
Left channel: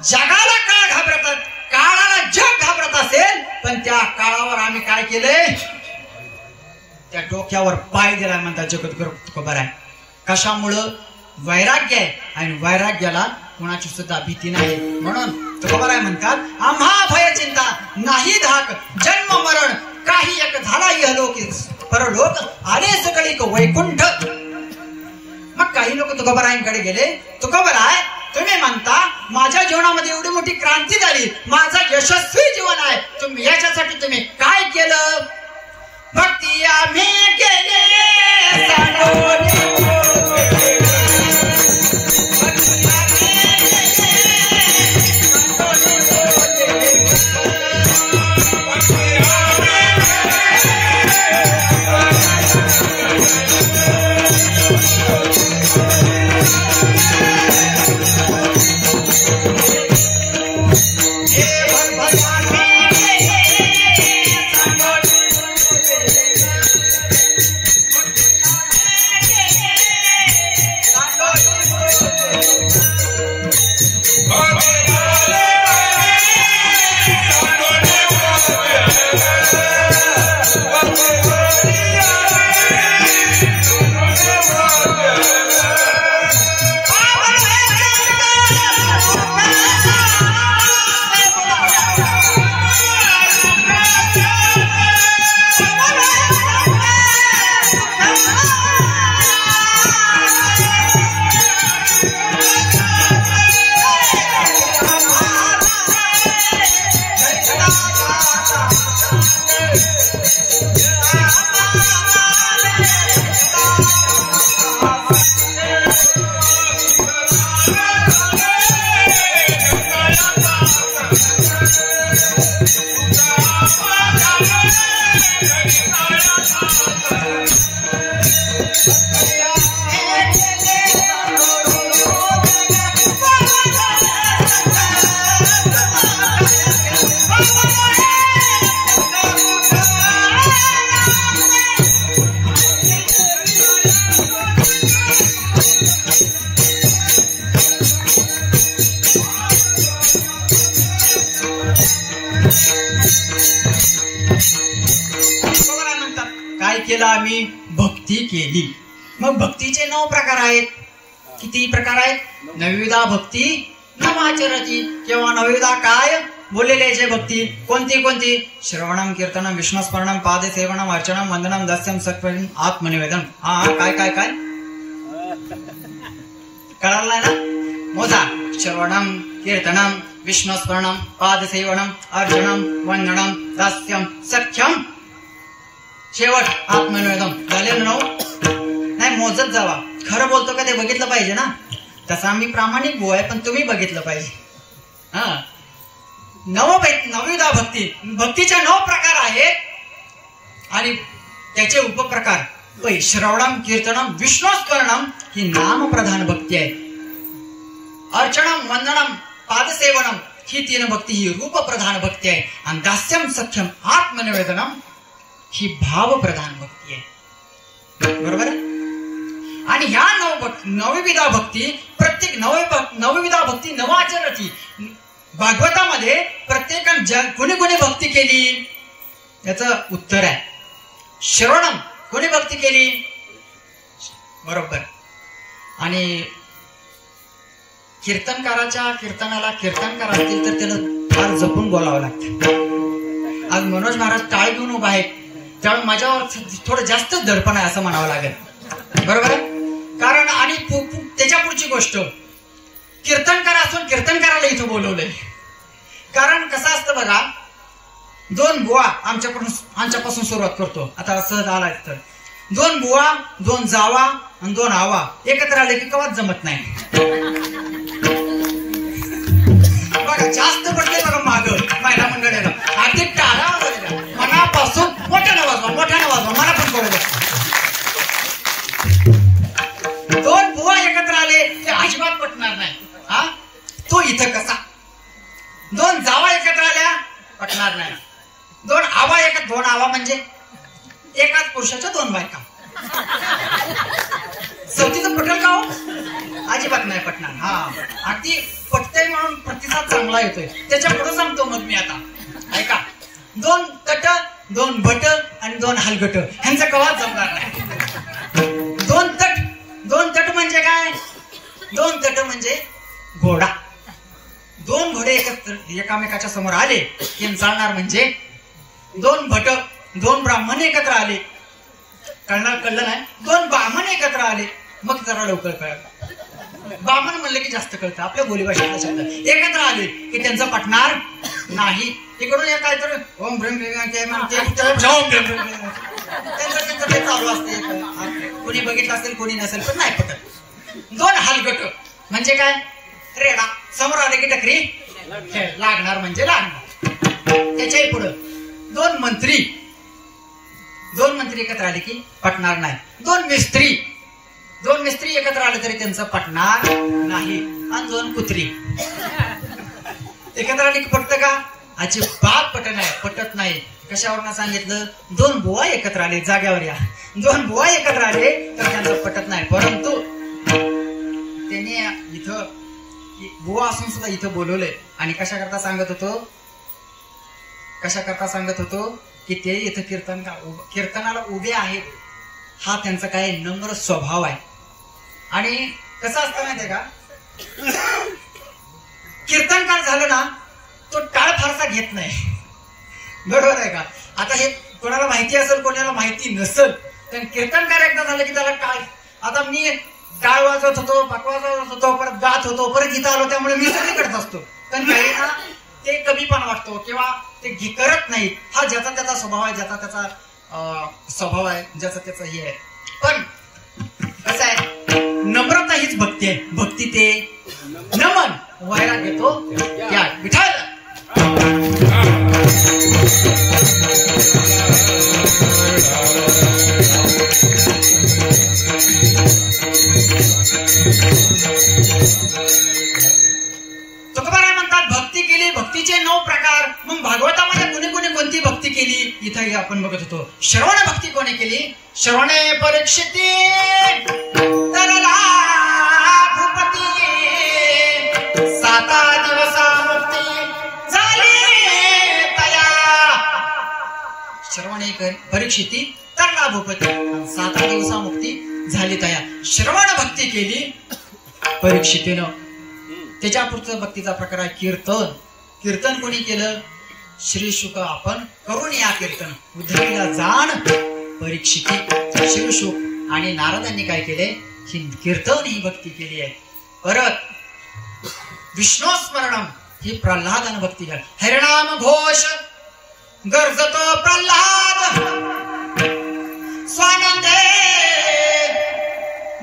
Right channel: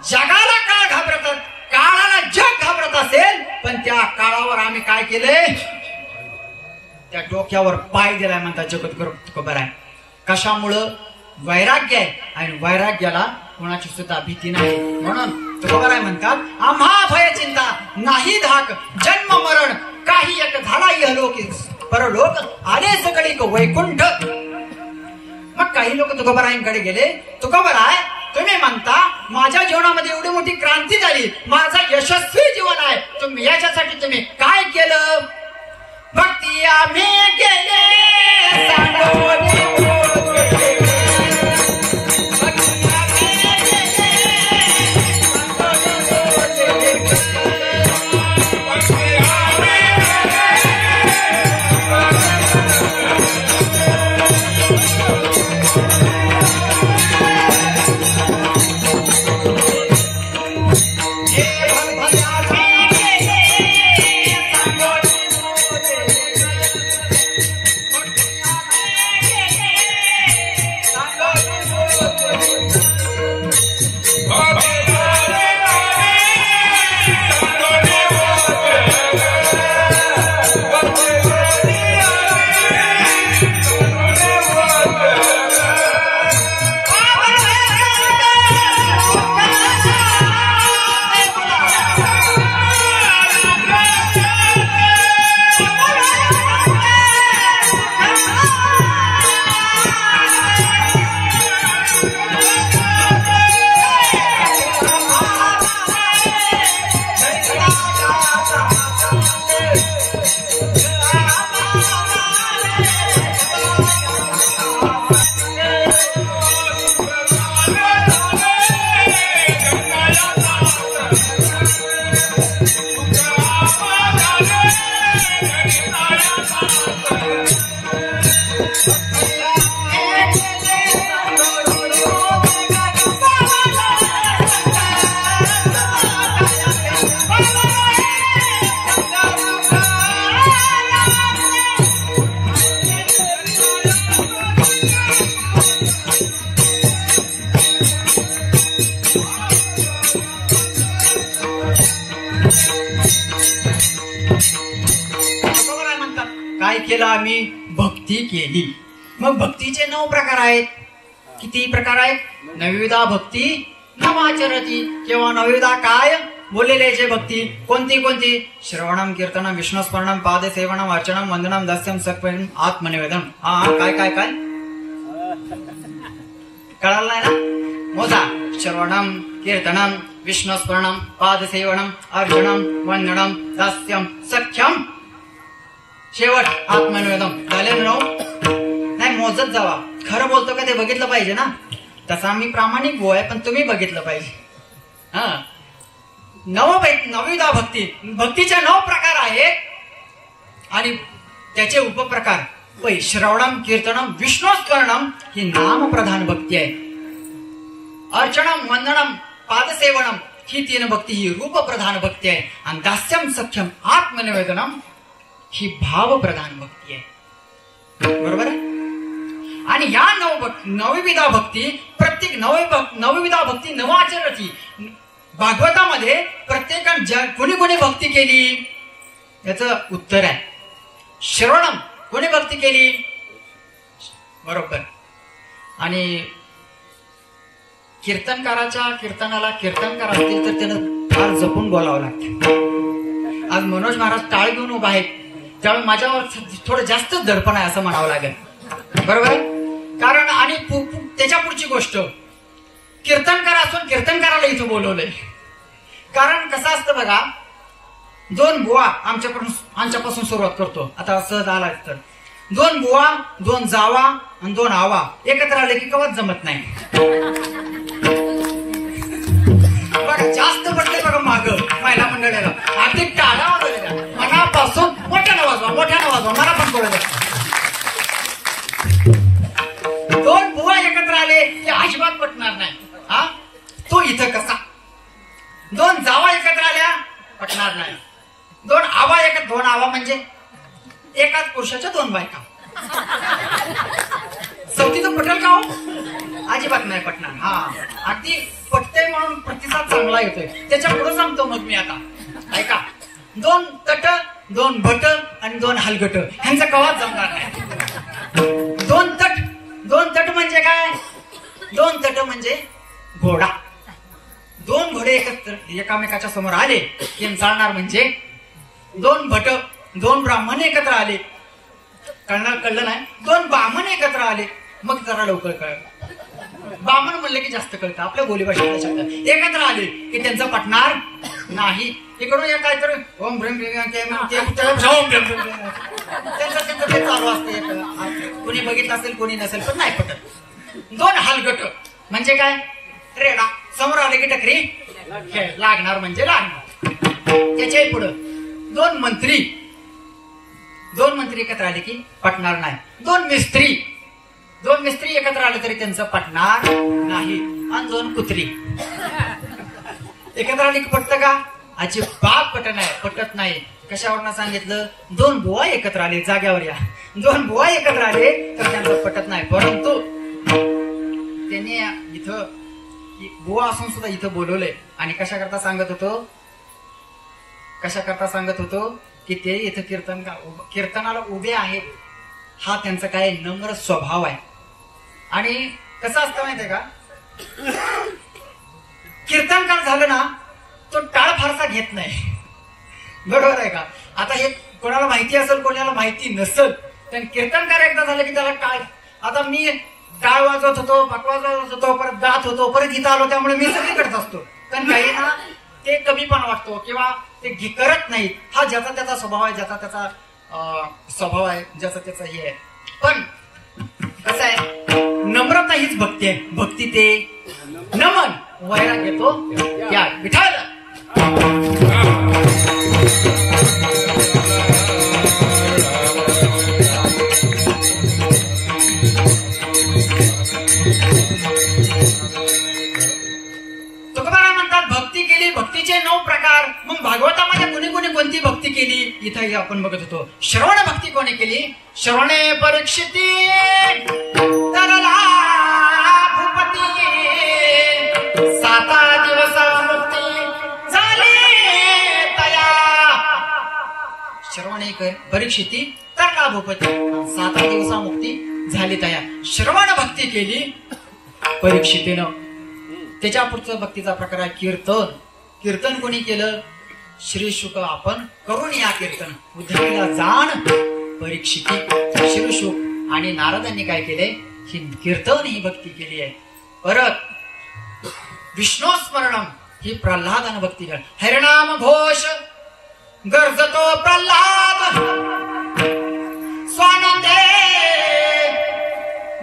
जगाला काळ घाबरतात, काळाला जग घाबरत असेल, पण त्या काळावर आम्ही काय केले? त्या डोक्यावर पाय दिलाय म्हणतात जगद्गुरु तुकोबाराय. कशामुळं? वैराग्य आहे. आणि वैराग्याला कोणाची सुद्धा भीती नाही. म्हणून तुकोबाराय म्हणतात आम्हा भय चिंता नाही धाक. जन्म मरण काही एक झाला इहलोक परलोक आले सगळी वैकुंठ. मग काही लोक तुकोबारायांकडे गेले. तुकोबाराय तुम्ही म्हणता माझ्या जीवनामध्ये एवढी मोठी क्रांती झाली, माझं यशस्वी जीवन आहे, तुम्ही याच्यासाठी तुम्ही काय केलं? भक्ती आम्ही केले आम्ही भक्ती केली. मग भक्तीचे 9 प्रकार आहेत. किती प्रकार आहेत? नवविधा भक्ती नवाचरती किंवा नवविधा काय बोललेले जे भक्ती कोणती कोणती? श्रवणम कीर्तनम विष्णुस्मरणम पादसेवनम अर्चनम वंदनम दास्यम सत्पम आत्मनिवेदन. काय काय काय कळलं ना? मोजा. श्रवणम कीर्तनम विष्णुस्मरणम पादसेवनम अर्चनम वंदनम दास्यम सख्यम शेवट आत्मनिवेदन. झाले ना? नाही मोजत जावा. खरं बोलतो का ते बघितलं पाहिजे ना. तसा मी प्रामाणिक भाऊ आहे, पण तुम्ही बघितलं पाहिजे. हा, नवविधा भक्ती. भक्तीचे 9 प्रकार आहेत आणि त्याचे उपप्रकार. श्रवणम कीर्तनम विष्णुस्मरणम ही नामप्रधान भक्ती आहे. अर्चनम वंदनम पादसेवनम ही 3 भक्ती ही रूपप्रधान भक्ती आहे. आणि दास्यम सख्यम आत्मनिवेदनम ही भावप्रधान भक्ती आहे. बरोबर आहे? आणि ह्या नवविधा भक्ती प्रत्येक नवविधा भक्ती नवाचरती. भागवतामध्ये प्रत्येकाने कोणी कोणी भक्ती केली याचं उत्तर आहे श्रवणम. कोणी भक्ती केली? बरोबर. आणि कीर्तनकाराच्या कीर्तनाला कीर्तनकार असतील तर त्याला फार जपून बोलावं लागतं. आज मनोज महाराज टाळ घेऊन उभा आहेत, त्यामुळे माझ्यावर थोडं जास्तच दडपण आहे असं म्हणावं लागेल. बरोबर आहे? कारण आणि त्याच्या पुढची गोष्ट, कीर्तनकार असून कीर्तनकाराला इथं बोलवलंय. कारण कसं असतं बघा, 2 बुवा आमच्यापासून सुरुवात करतो. आता असं झालाय तर 2 बुवा 2 जावा आणि 2 आवा एकत्र आले की कवाच जमत नाही. बघा जास्त पडते बघा माग महिला मंडळाला. आर्थिक टाळा मनापासून मोठ्यानं वाजवा मला पण कळलं. 2 बुवा एकत्र आले ते अजिबात पटणार नाही. हा, तो इथं कसा? 2 जावा एकत्र आल्या पटणार नाही. 2 आवा म्हणजे एकाच पुरुषाच्या 2 बायका. चौथीचं पटेल का हो? अजिबात नाही पटणार. हा, अगदी पटतंय म्हणून प्रतिसाद चांगला येतोय. त्याच्या पुढे सांगतो मग मी आता. ऐका, 2 तट 2 भट आणि 2 हलगट ह्यांचा कवाच जमणार नाही. 2 तट म्हणजे काय? 2 तट म्हणजे घोडा. 2 घोडे एकामेकाच्या समोर आले की चालणार. म्हणजे 2 भट 2 ब्राह्मण एकत्र आले कळलं नाही. 2 ब्राह्मण एकत्र आले मग जरा लवकर कळलं. बामण म्हणलं की जास्त कळतं आपल्या बोलीभाषेतला शब्द. एकत्र आले की त्यांचं पटणार नाही. तिकडून या काय तर ओम भ्रम चालू असते. कोणी बघितलं असेल कोणी नसेल पण नाही पटत. दोन हलगट म्हणजे काय रेडा समोर आले की टकरी लागणार म्हणजे लागणार. त्याच्याही पुढं दोन मंत्री एकत्र आले की पटणार नाही. दोन मिस्त्री एकत्र आले तरी त्यांचं पटणार नाही. आणि दोन कुत्री एकत्र आले की पटत का? अजिबात पटत नाही. कशावरनं सांगितलं? दोन बुवा एकत्र आले जाग्यावर या. दोन बुवा एकत्र आले तर त्यांचं पटत नाही. परंतु त्याने इथं बुवा असून सुद्धा इथं बोलवले आणि कशा करता सांगत होतो की ते इथं कीर्तनाला उभे आहेत. हा त्यांचा काय नम्र स्वभाव आहे. आणि कसं असतं माहितीये का, कीर्तनकार झालं ना तो टाळ फारसा घेत नाही. बरोबर आहे का? आता हे कोणाला माहिती असेल कोणाला माहिती नसेल तर कीर्तनकार एकदा झालं की त्याला टाळ. आता मी टाळ वाजवत होतो, पाक वाजवत होतो, परत गात होतो, परत इथं आलो त्यामुळे मी सगळी करत असतो. पण काही ना ते कमीपणा वाटतो किंवा ते करत नाहीत. हा ज्याचा त्याचा स्वभाव आहे, ज्याचा त्याचा हे आहे. पण कसं आहे, नम्रता हीच भक्ती आहे. भक्ती ते नमन वैराग घेतो त्या विठाल. तुकोबाराय म्हणतात भक्ती केली, भक्तीचे 9 प्रकार. मग भागवतामध्ये कोणी कोणती भक्ती केली इथं आपण बघत होतो. श्रवण भक्ती कोणी केली? श्रवणे परीक्षिती तरला भूपती 7 दिवसा मुक्ती झाली तया. श्रवणे परीक्षिती तरला भूपती 7 दिवसा मुक्ती झाली तया. श्रवण भक्ती केली परीक्षितीनं. त्याच्या पुढचं भक्तीचा प्रकार आहे कीर्तन. कीर्तन कोणी केलं? श्री शुक. आपण करून या कीर्तन. उद्धवीला जाण परीक्षिती. श्री शुक आणि नारदांनी काय केले? ही कीर्तन ही भक्ती केली आहे. परत विष्णू स्मरणम ही प्रल्हादानं भक्ती केली. हरिनाम घोष गरजतो प्रल्हाद स्वानंदे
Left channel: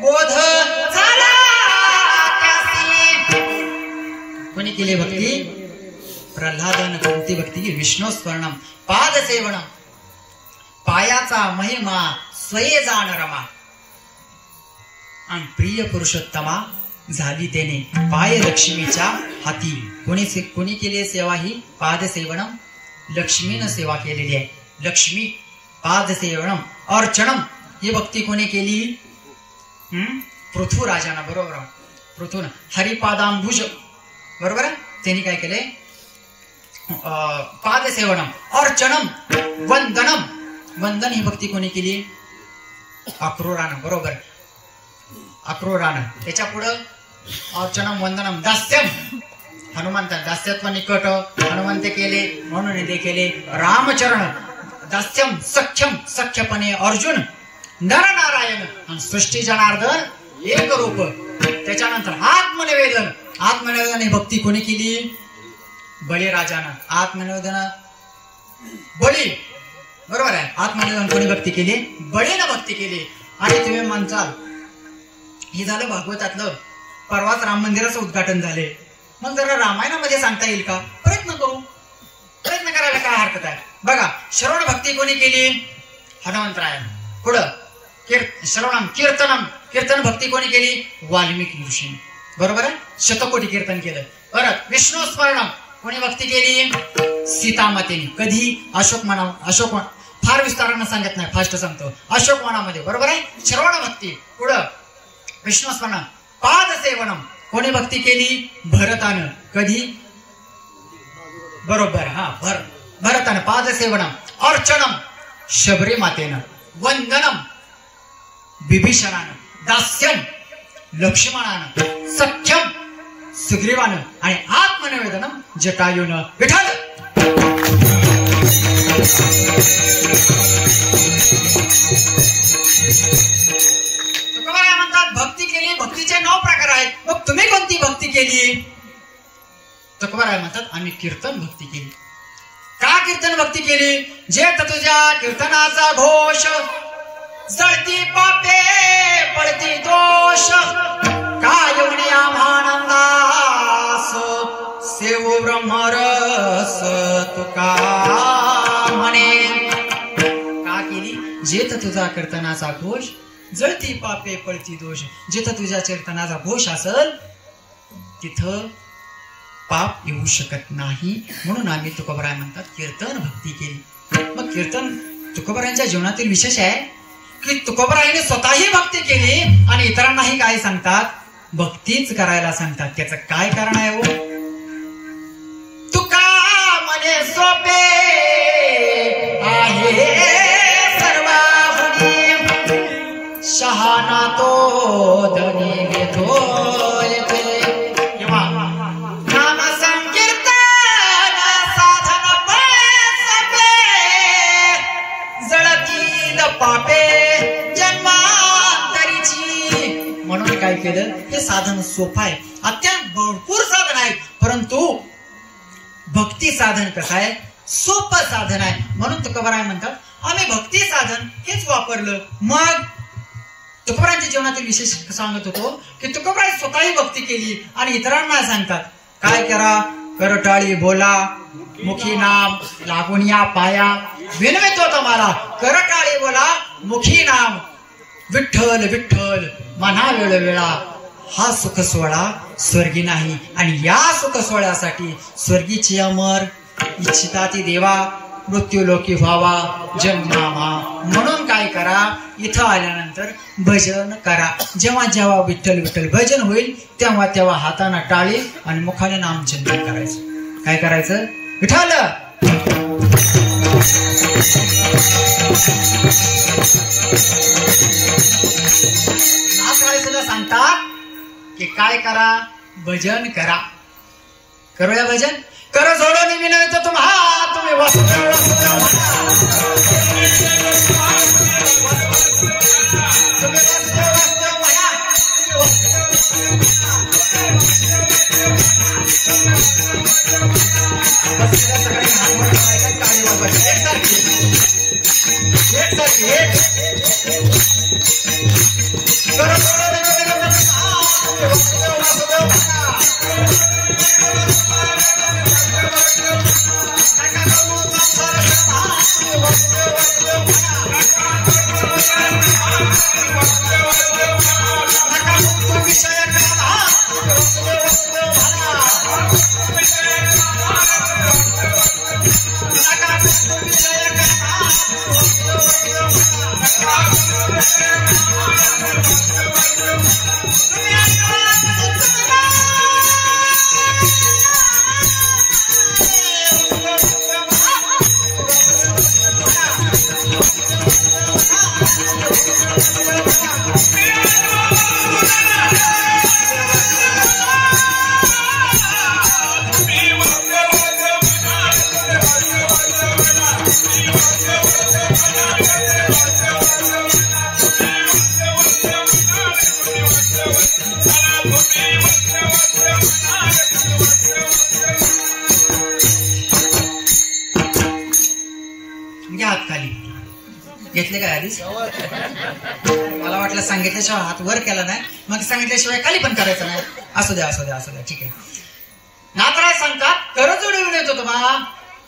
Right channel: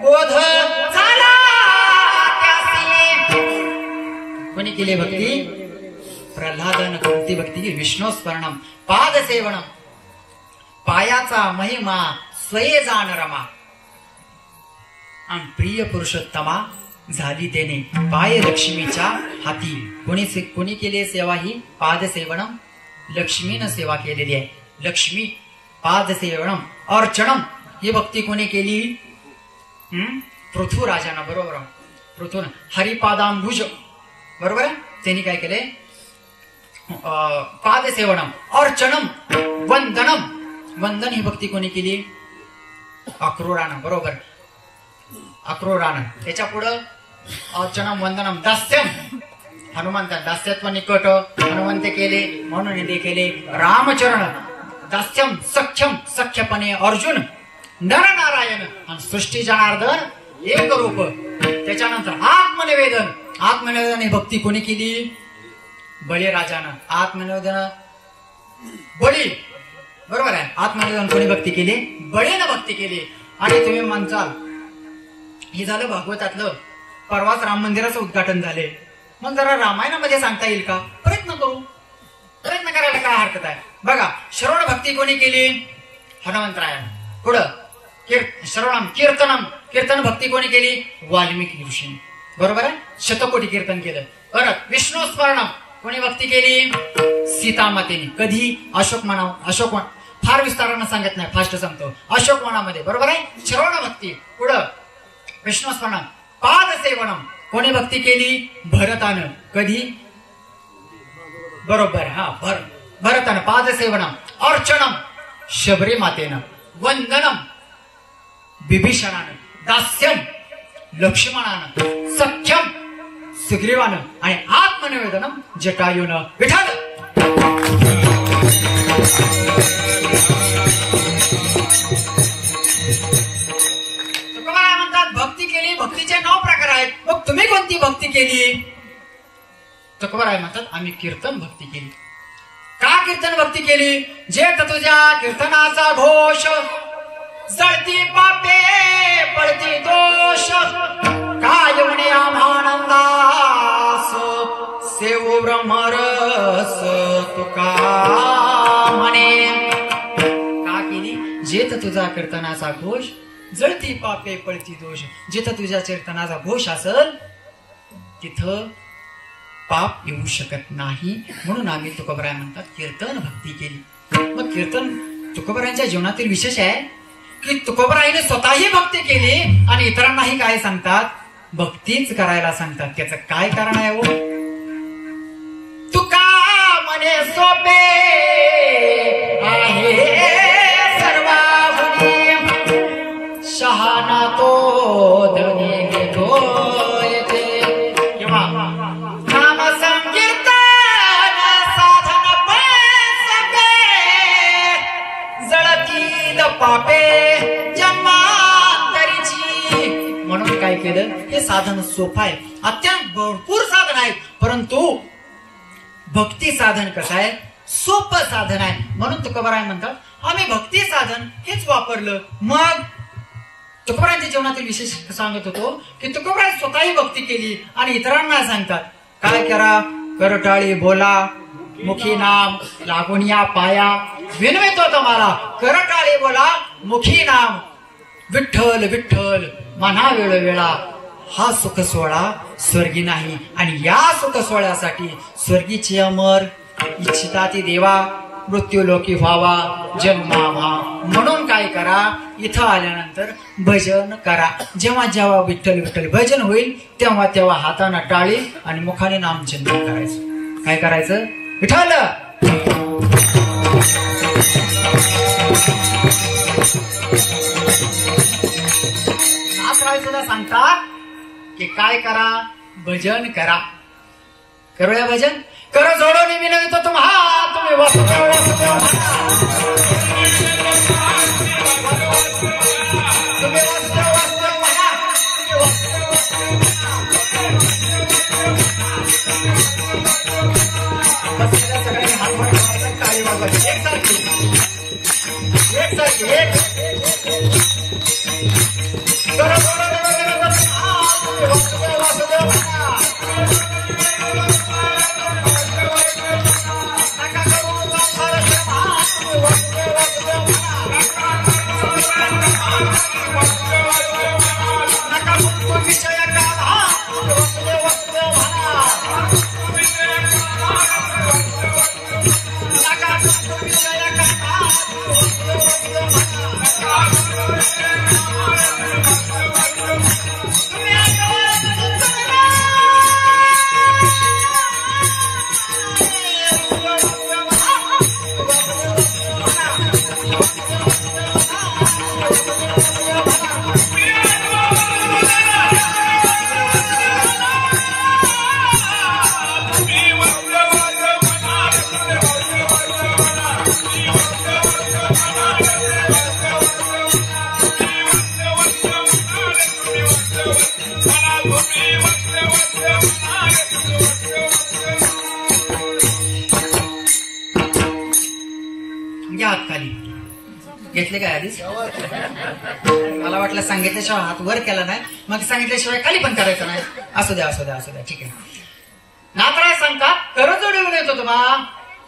बोध झाला. कोणी केली भक्ती? प्रल्हादानं कोणती भक्ती केली? विष्णू स्मरणम पाद सेवनम. पायाचा महिमा स्वये जाण रमा आणि प्रिय पुरुषोत्तमा झाली त्याने पाय लक्ष्मीच्या हाती. कोणी केली सेवा? ही पाद सेवनम. लक्ष्मीनं सेवा केलेली आहे. लक्ष्मी पाद सेवनम. अर्चनम ही भक्ती कोणी केली? पृथ्वीराजानं. बरोबर. पृथ्वी हरिपादांबुज. बरोबर आहे. त्यांनी काय केले? पाद सेवनम. अर्चनम वंदनम. वंदन ही भक्ती कोणी केली? अक्रूरानं. बरोबर. अक्रूरानं. त्याच्या पुढं अर्चनम वंदनम दास्यम. हनुमंत दास्यत्व निकट हनुमंत केले म्हणून ते केले. रामचरण दास्यम सख्यम. सख्यपणे अर्जुन. नरनारायण आणि सृष्टी जनार्दन एक रूप. त्याच्यानंतर आत्मनिवेदन. आत्मनिवेदन ही भक्ती कोणी केली? बळीराजानं. आत्मनिवेदन बळी. बरोबर आहे. आत्मनिवेदन कोणी भक्ती केली? बळीनं भक्ती केली. आणि तुम्ही म्हणताल हे झालं भागवतातलं. परवाच राम मंदिराचं उद्घाटन झाले. मग जरा रामायणामध्ये सांगता येईल का? प्रयत्न करायला काय हरकत आहे? बघा श्रवण भक्ती कोणी केली? हनुमंतराय. पुढं श्रवणम कीर्तनम. कीर्तन भक्ती कोणी केली? वाल्मिकी ऋषीने. बरोबर आहे. शतकोटी कीर्तन केलं. परत विष्णू स्मरणम कोणी भक्ती केली? सीतामातेने. कधी? अशोक फार विस्तारानं सांगत नाही, फास्ट सांगतो. अशोकवनामध्ये. बरोबर आहे. श्रवण भक्ती. पुढं विष्णू स्मरणम. पाद सेवनम कोणी भक्ती केली? भरतानं. कधी? बरोबर. भरतानं. पाद सेवनम. अर्चनम शबरी मातेनं. वंदनम बिभीषणानं. दास्यम लक्ष्मणानं. सख्यम सुग्रीवानं. आणि आत्मनिवेदनम जटायूनं. विठाल. तुकोबाराय म्हणतात म्हणतात भक्ती केली, भक्तीचे 9 प्रकार आहेत. मग तुम्ही कोणती भक्ती केली? तुकोबाराय म्हणतात आम्ही कीर्तन भक्ती केली. का कीर्तन भक्ती केली? जेत तुझ्या कीर्तनाचा घोष, जळती पापे पळती दोष, काय येऊने आभानंदास, सेवो ब्रह्मरस तुका म्हणे. का केली? जेत तुझा कीर्तनाचा घोष, जळती पापे पळती दोष. जिथं तुझ्या कीर्तनाचा घोष असेल तिथं पाप येऊ शकत नाही. म्हणून आम्ही तुकोबाराय म्हणतात कीर्तन भक्ती केली. मग कीर्तन तुकोबारायांच्या जीवनातील विशेष आहे की तुकोबारायाने स्वतःही भक्ती केली आणि इतरांनाही काय सांगतात? भक्तीच करायला सांगतात. त्याचं काय कारण आहे हो? तुका म्हणे सोपे आहे सर्वांनी, शहाणा तो धनी घेतो येथे. किंवा नाम संकीर्तन साधन पैसे, जळतील पापे जन्मांतरीची. म्हणून काय केलं? हे साधन सोपं आहे, अत्यंत भरपूर साधन आहे, परंतु भक्ती साधन कसं आहे? सोपं साधन आहे. म्हणून तुकोबाराय म्हणतात आम्ही भक्ती साधन हेच वापरलं. मग तुकोबारायांच्या जीवनातील विशेष सांगत होतो की तुकोबाराय स्वतःही भक्ती केली आणि इतरांना सांगतात काय करा? करटाळी बोला, मुखी नाम लागून या पाया, विनवितो तुम्हाला करटाळी बोला, मुखी नाम विठ्ठल विठ्ठल म्हणा वेळोवेळा. हा सुख सोहळा स्वर्गी नाही आणि या सुख सोहळ्यासाठी स्वर्गीची अमर इच्छिता ती देवा, मृत्यू लोकी व्हावा जन्मावा. म्हणून काय करा? इथं आल्यानंतर भजन करा. जेव्हा जेव्हा विठ्ठल विठ्ठल भजन होईल तेव्हा तेव्हा हाताने टाळी आणि मुखाने नामचिंतन करायचं. काय करायचं? विठ्ठल नाथराय सुद्धा सांगतात की काय करा? भजन करा. करूया भजन. कर जोडून विनवितो तुम्हा, तुम्ही वासुदेव वासुदेव घेतले काय आधीच? मला वाटलं सांगितल्याशिवाय हात वर केला नाही, मग सांगितल्याशिवाय खाली पण करायचं नाही. असू द्या असू द्या असू द्या, ठीक आहे. नाथराय सांगतात करजोडी येतो तुम्हा,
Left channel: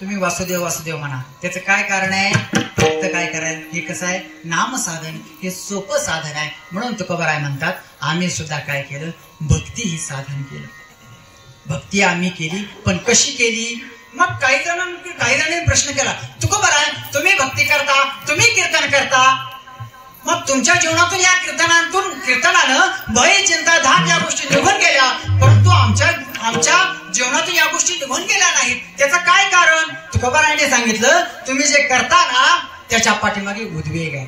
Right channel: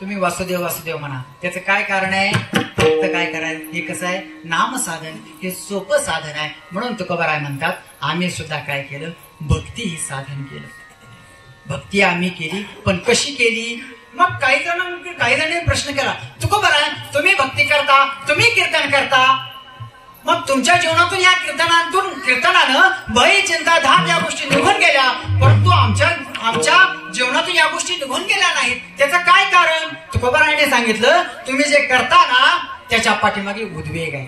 तुम्ही वासुदेव वासुदेव म्हणा. त्याचं काय कारण आहे? फक्त काय करायचं? हे कसं आहे? नाम साधन हे सोपं साधन आहे. म्हणून तुकोबाराय म्हणतात आम्ही सुद्धा काय केलं? भक्ती ही साधन केलं. भक्ती आम्ही केली, पण कशी केली? मग काही जणांनी प्रश्न केला, तुकोबाराय तुम्ही भक्ती करता, तुम्ही कीर्तन करता, मग तुमच्या जीवनातून या कीर्तनानं भय चिंता धाम या गोष्टी निघून गेल्या, परंतु आमच्या जीवनातून या गोष्टी निघून गेल्या नाहीत. त्याचं काय कारण? तुकोबारायाने सांगितलं तुम्ही जे करता ना त्याच्या पाठीमागे उद्वेग आहे.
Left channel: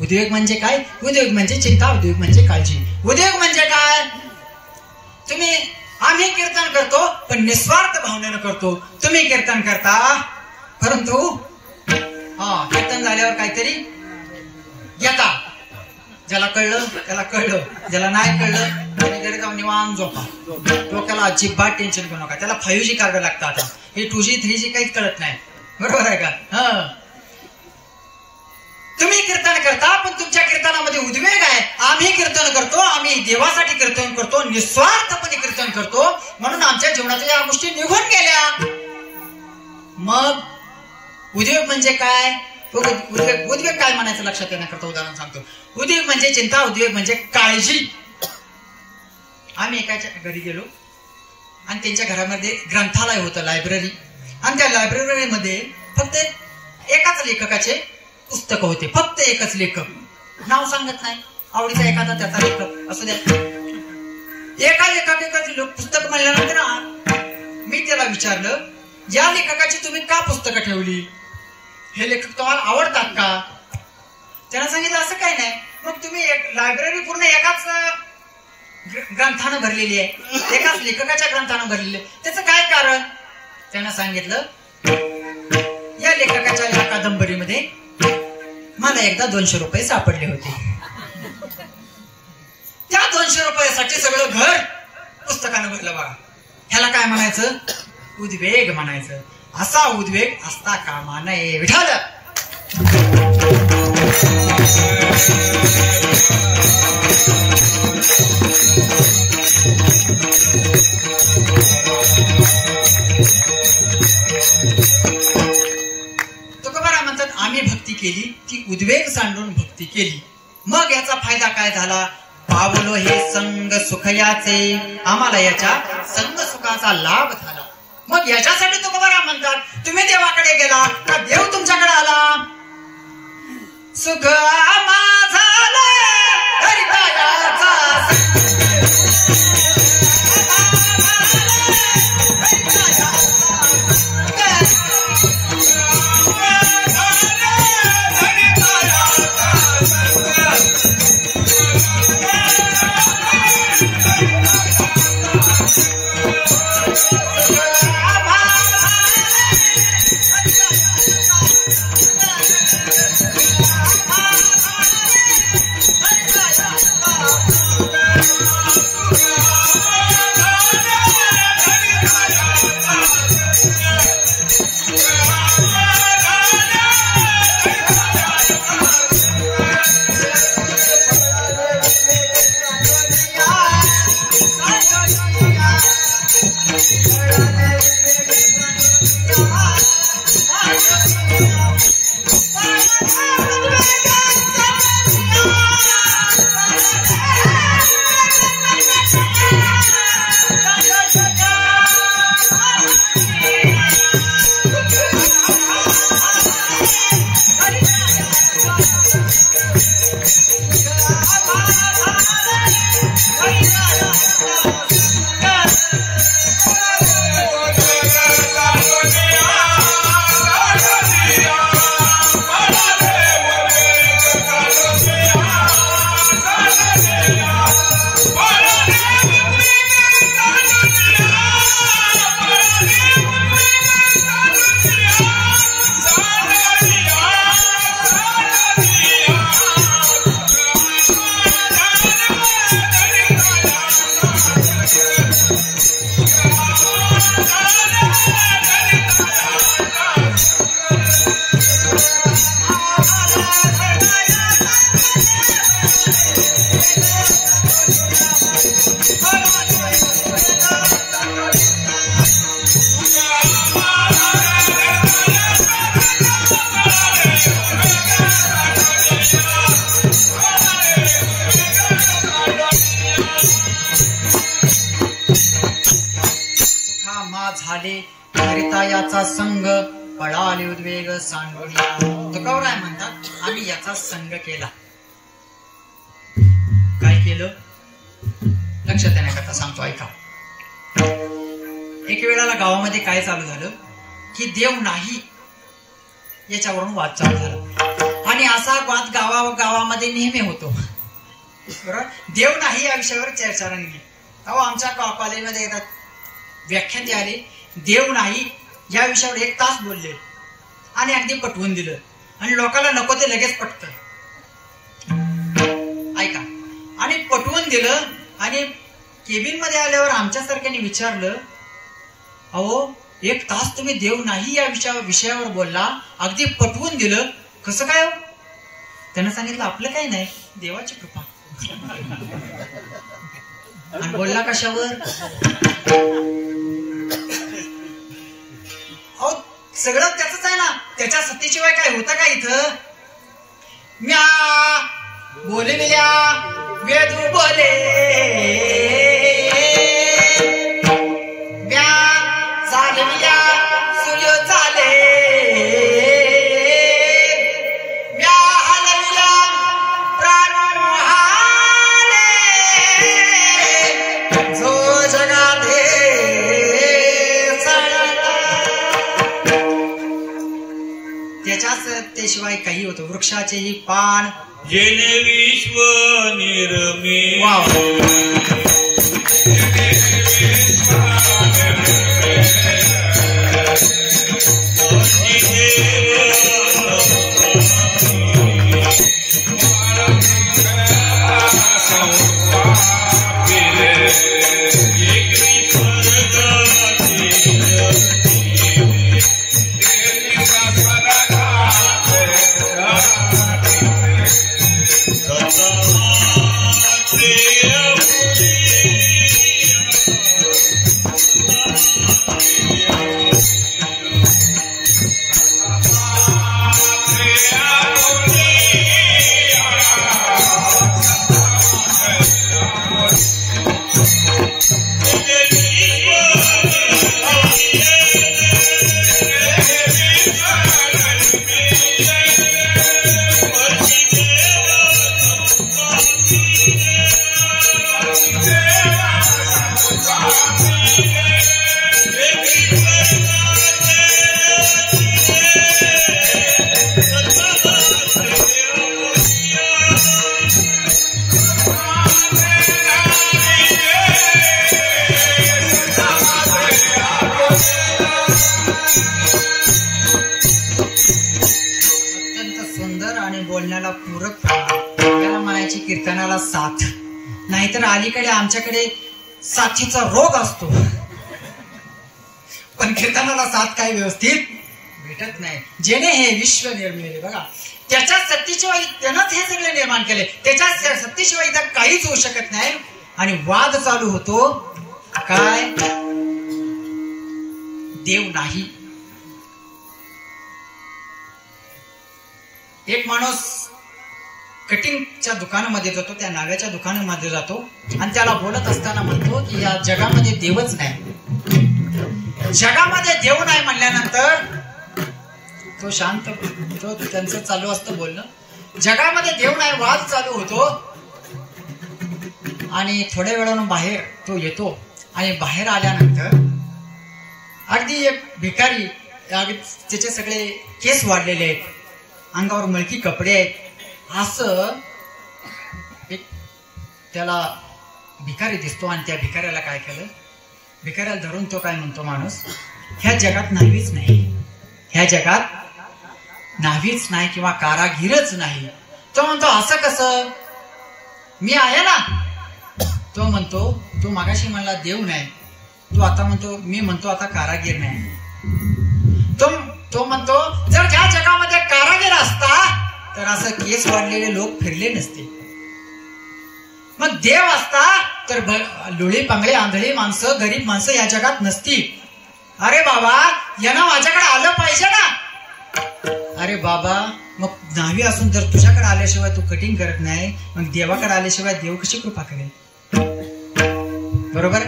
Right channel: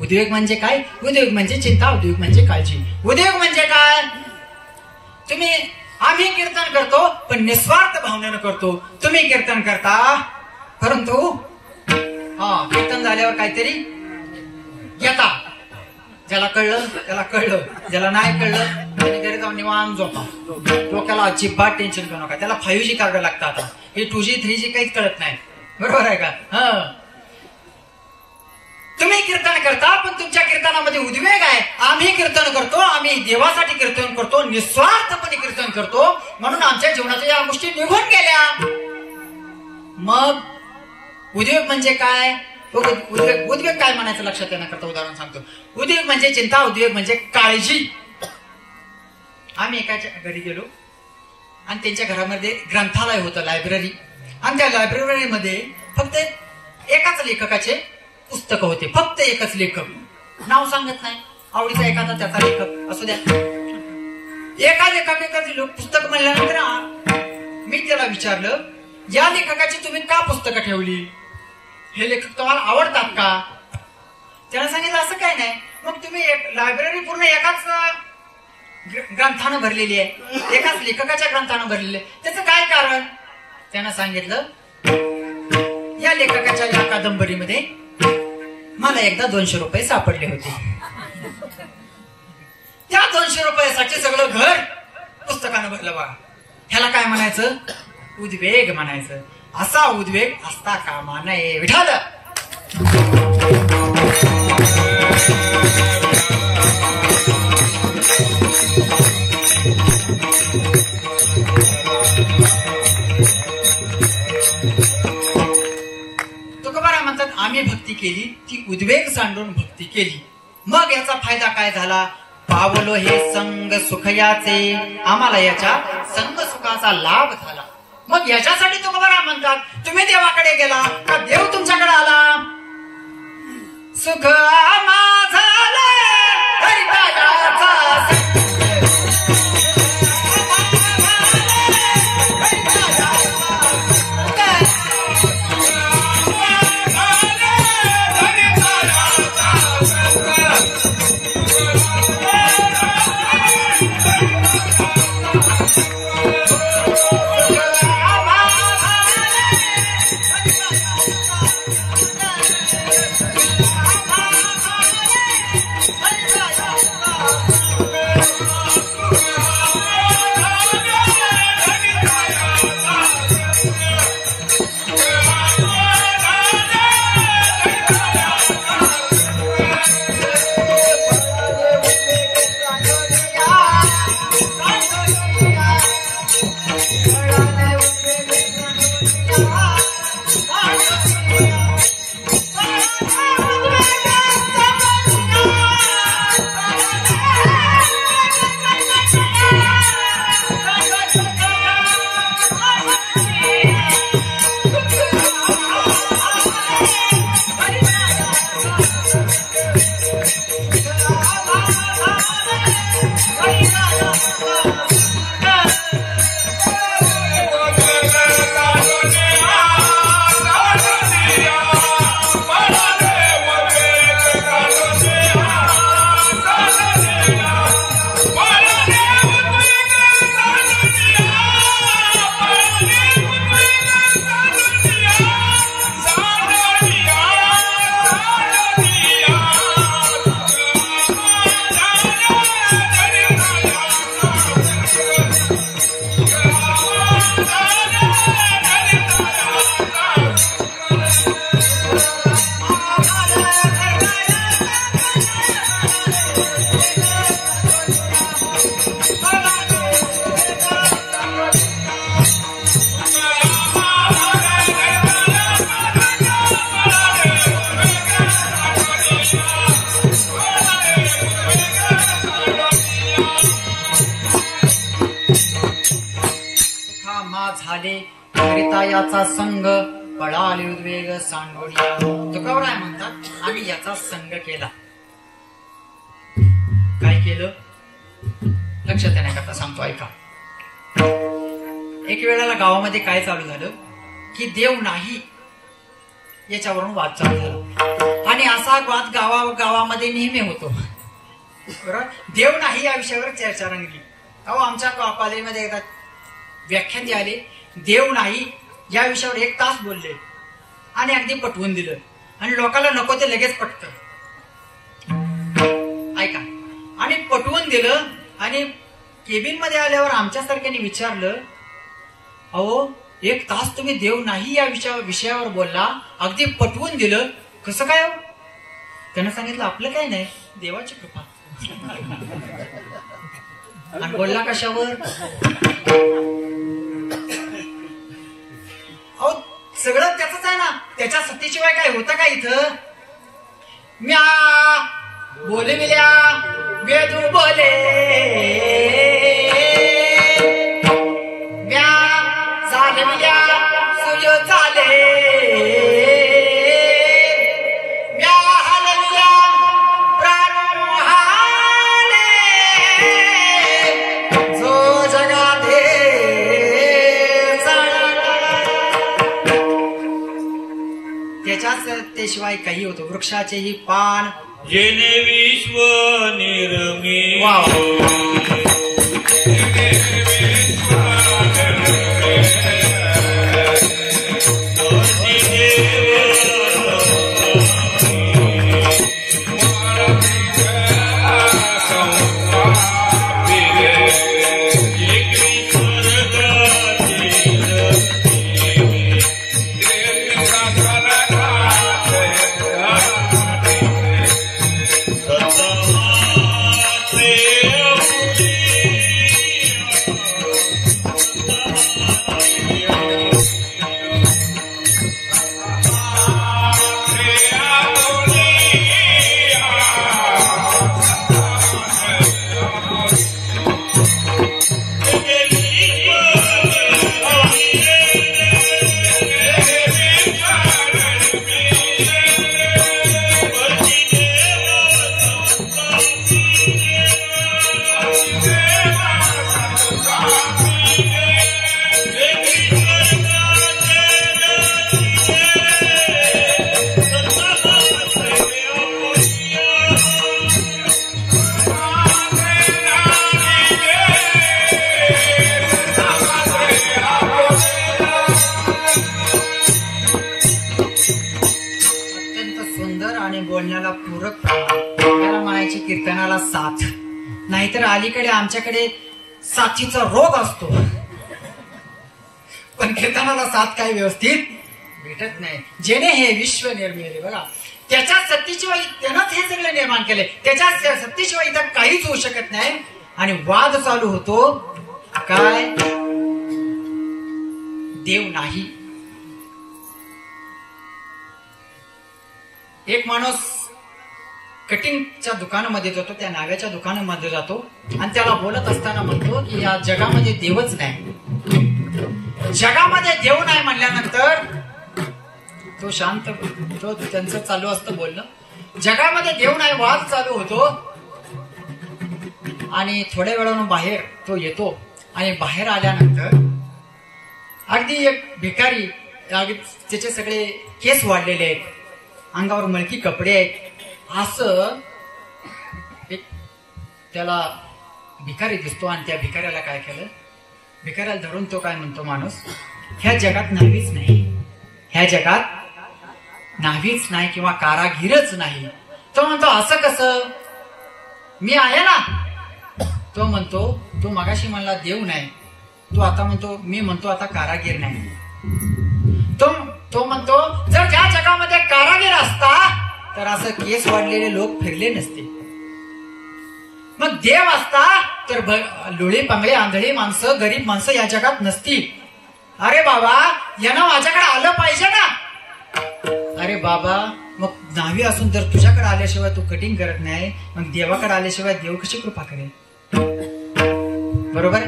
उद्वेग म्हणजे काय? उद्वेग म्हणजे चिंता, उद्वेग म्हणजे काळजी. उद्वेग म्हणजे काय? आम्ही कीर्तन करतो पण निस्वार्थ भावनेनं करतो. तुम्ही कीर्तन करता परंतु कीर्तन झाल्यावर काहीतरी घेता, ज्याला कळलं त्याला कळलं, ज्याला नाही कळलं त्याने घरी जाऊन निवांत झोपा. डोक्याला अजिबात टेन्शन घेऊ नका. त्याला 5G कार्ड लागतं आता. हे 2G 3G काहीच कळत नाही. बरोबर आहे का? तुम्ही कीर्तन करता पण तुमच्या कीर्तनामध्ये उद्वेग आहे. आम्ही कीर्तन करतो, आम्ही देवासाठी कीर्तन करतो, निस्वार्थपणे कीर्तन करतो, म्हणून आमच्या जीवनाच्या या गोष्टी निघून गेल्या. मग उद्वेग म्हणजे काय? उद्वेग काय म्हणायचं लक्षात येण्याकरता उदाहरण सांगतो. उद्वेग म्हणजे चिंता, उद्वेग म्हणजे काळजी. आम्ही एकाच्या घरी गेलो आणि त्यांच्या घरामध्ये ग्रंथालय होतं, लायब्ररी. आणि त्या लायब्ररीमध्ये फक्त एकाच लेखकाचे पुस्तक होते. फक्त एकच लेखक, नाव सांगत नाही, आवडीचा एखादा त्याचा लेखक असू द्या. एका लेखकाचं पुस्तक म्हणल्यानंतर मी त्याला विचारलं, या लेखकाची तुम्ही का पुस्तकं ठेवली? हे लेखक तुम्हाला आवडतात का? त्याला सांगितलं असं काही नाही. मग तुम्ही लायब्ररी पूर्ण एकाच ग्रंथानं भरलेली आहे, एकाच लेखकाच्या ग्रंथानं भरलेली आहे, त्याचं काय कारण? त्यानं सांगितलं, या लेखकाच्या या कादंबरीमध्ये मला एकदा 200 रुपये सापडले होते. त्या 200 रुपयासाठी सगळं घर पुस्तकानं भरलं बघा. ह्याला काय म्हणायचं? उद्वेग म्हणायचं. असा उद्वेग असता कामा नये. विठाल तुकोबाराय म्हणतात, आम्ही भक्ती केली ती उद्वेग सांडून भक्ती केली. मग याचा फायदा काय झाला? पावलो हे संग सुखयाचे, आम्हाला याच्या संग सुखाचा लाभ झाला. मग याच्यासाठी तुकोबाराय म्हणतात, तुम्ही देवाकडे गेला का देव तुमच्याकडे आला? सुख माझा याचा संग पळाले उद्वेग सांडोळिया. तुकोबाराय म्हणतात, आम्ही याचा संग केला. काय केलं? लक्षात येण्याकरता सांगतो, ऐका. एक वेळेला गावामध्ये काय चालू झालं की देव नाही याच्यावरून वाद चालू झाला. आणि असा वाद गावामध्ये नेहमी होतो. बरोबर, देव नाही या विषयावर चर्चा रंगली. अहो, आमच्या कॉलेजमध्ये एका व्याख्याते आले, देव नाही या विषयावर 1 तास बोलले आणि अगदी पटवून दिलं. आणि लोकांना नको ते लगेच पटतं. दिलं आणि केबिन मध्ये आल्यावर आमच्यासारख्याने विचारलं, अहो 1 तास तुम्ही देव नाही या विषयावर बोलला, अगदी पटवून दिलं, कसं काय हो? त्यानं सांगितलं आपलं काही नाही, देवाची कृपा. आणि बोलला कशावर? अहो सगळं त्याच आहे ना, त्याच्या सत्तेशिवाय काय होतं का इथं? म्या बोले मिल्या वेदू बोले, म्या चाले मिल्या सूर्य चाले, म्या हलविल्या प्राण हाले, जो जगाते त्याच्या सत्तेशिवाय काही होतं. वृक्षाचेही पान जेने विश्व निर्मित, कीर्तनाला साथ. नाहीतर अलीकडे आमच्याकडे साथीचा रोग असतो, पण कीर्तनाला साथ काही व्यवस्थित भेटत नाही. जेणे हे विश्व निर्मिले, बघा त्याच्या सत्तेशिवाय त्यानंच हे सगळे निर्माण केले, त्याच्या सत्तेशिवाय इथं काहीच होऊ शकत नाही. आणि वाद चालू होतो काय, देव नाही. एक माणूस कटिंगच्या दुकानामध्ये जातो, त्या नाव्याच्या दुकानामध्ये जातो आणि त्याला बोलत असताना म्हणतो की या जगामध्ये देवच नाही. जगामध्ये देव नाही म्हणल्यानंतर तो शांत, तो त्यांचं चालू असतं बोलणं, जगामध्ये देव नाही, वाद चालू होतो. आणि थोड्या वेळानं बाहेर तो येतो आणि बाहेर आल्यानंतर अगदी एक भिकारी, त्याचे सगळे केस वाढलेले आहेत, अंगावर मळकी कपडे आहेत, असं एक त्याला भिकारी दिसतो. आणि त्या भिकाऱ्याला काय केलं, भिकाऱ्याला धरून तो काय म्हणतो माणूस, ह्या जगात न्हावीच नाही, ह्या जगात न्हावीच नाही किंवा कारागीरच नाही. तो म्हणतो असं कसं, मी आहे ना. तो म्हणतो तो मागाशी म्हणला देव नाही, तो आता म्हणतो, मी म्हणतो आता कारागीर नाही. तो म्हणतो जर ज्या जगामध्ये कारागीर असता तर असं केस वाढलेले लोक फिरले नसते, मग देव असता तर लुळी पांगळे आंधळी माणसं, गरीब माणसं या जगात नसती. अरे बाबा यानं माझ्याकडे आलं पाहिजे ना. अरे बाबा मग न्हावी असून जर तुझ्याकडे आल्याशिवाय तू कटिंग करत नाही, मग देवाकडे आल्याशिवाय देव कशी कृपा करेल? बरोबर.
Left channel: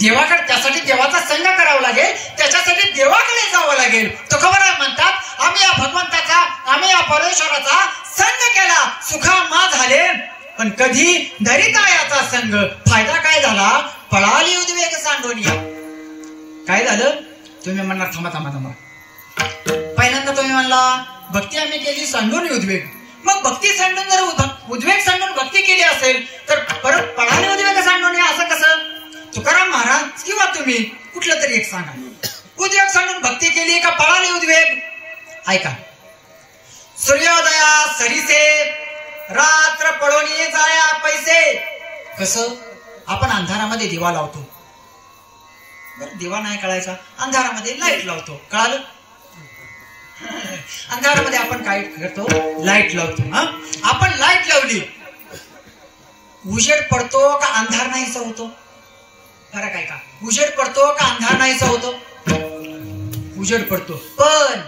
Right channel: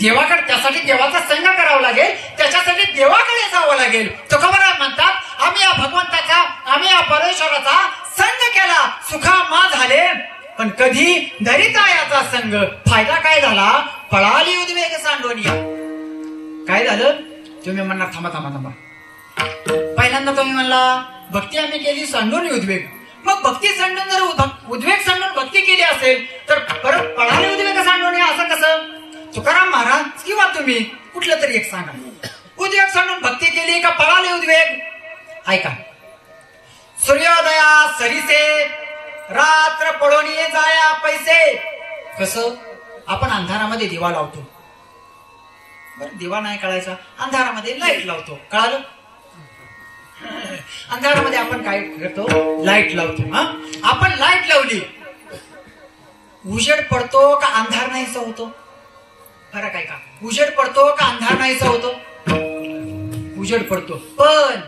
देवाकडे, त्यासाठी देवाचा संग करावा लागेल, त्याच्यासाठी देवाकडे जावं लागेल. तुकोबराय म्हणतात, आम्ही या भगवंताचा, आम्ही या परमेश्वराचा संग केला, सुखामा झाले, पण कधी धरिता याचा संग. फायदा काय झाला, पळाली उद्वेग सांडोनिया. काय झालं, तुम्ही म्हणणार थांबा थांबा थांबा, पहिल्यांदा तुम्ही म्हणला भक्ती आम्ही केली, सांडून उद्वेग. मग भक्ती सांडून जर उद्वेग सांडून भक्ती केली असेल तर परत पळाली उद्वेग सांडोनिया असं कसं? तुकाराम महाराज किंवा तुम्ही कुठलं तरी एक सांगा, उद्वेग सांडून भक्ती केली का पळाले उद्वेग? ऐका, सूर्योदया सरीसे रात्र पळोनी जाया पैसे, कसं? आपण अंधारामध्ये दिवा लावतो, बरं दिवा नाही कळायचा, अंधारामध्ये लाईट लावतो, कळालं? अंधारामध्ये आपण काय करतो? लाईट लावतो. आपण लाईट लावली, उजेड पडतो का अंधार नाहीसा होतो? फरक आहे का? उजेड पडतो का अंधार नाहीसा होतो? उजेड पडतो. पण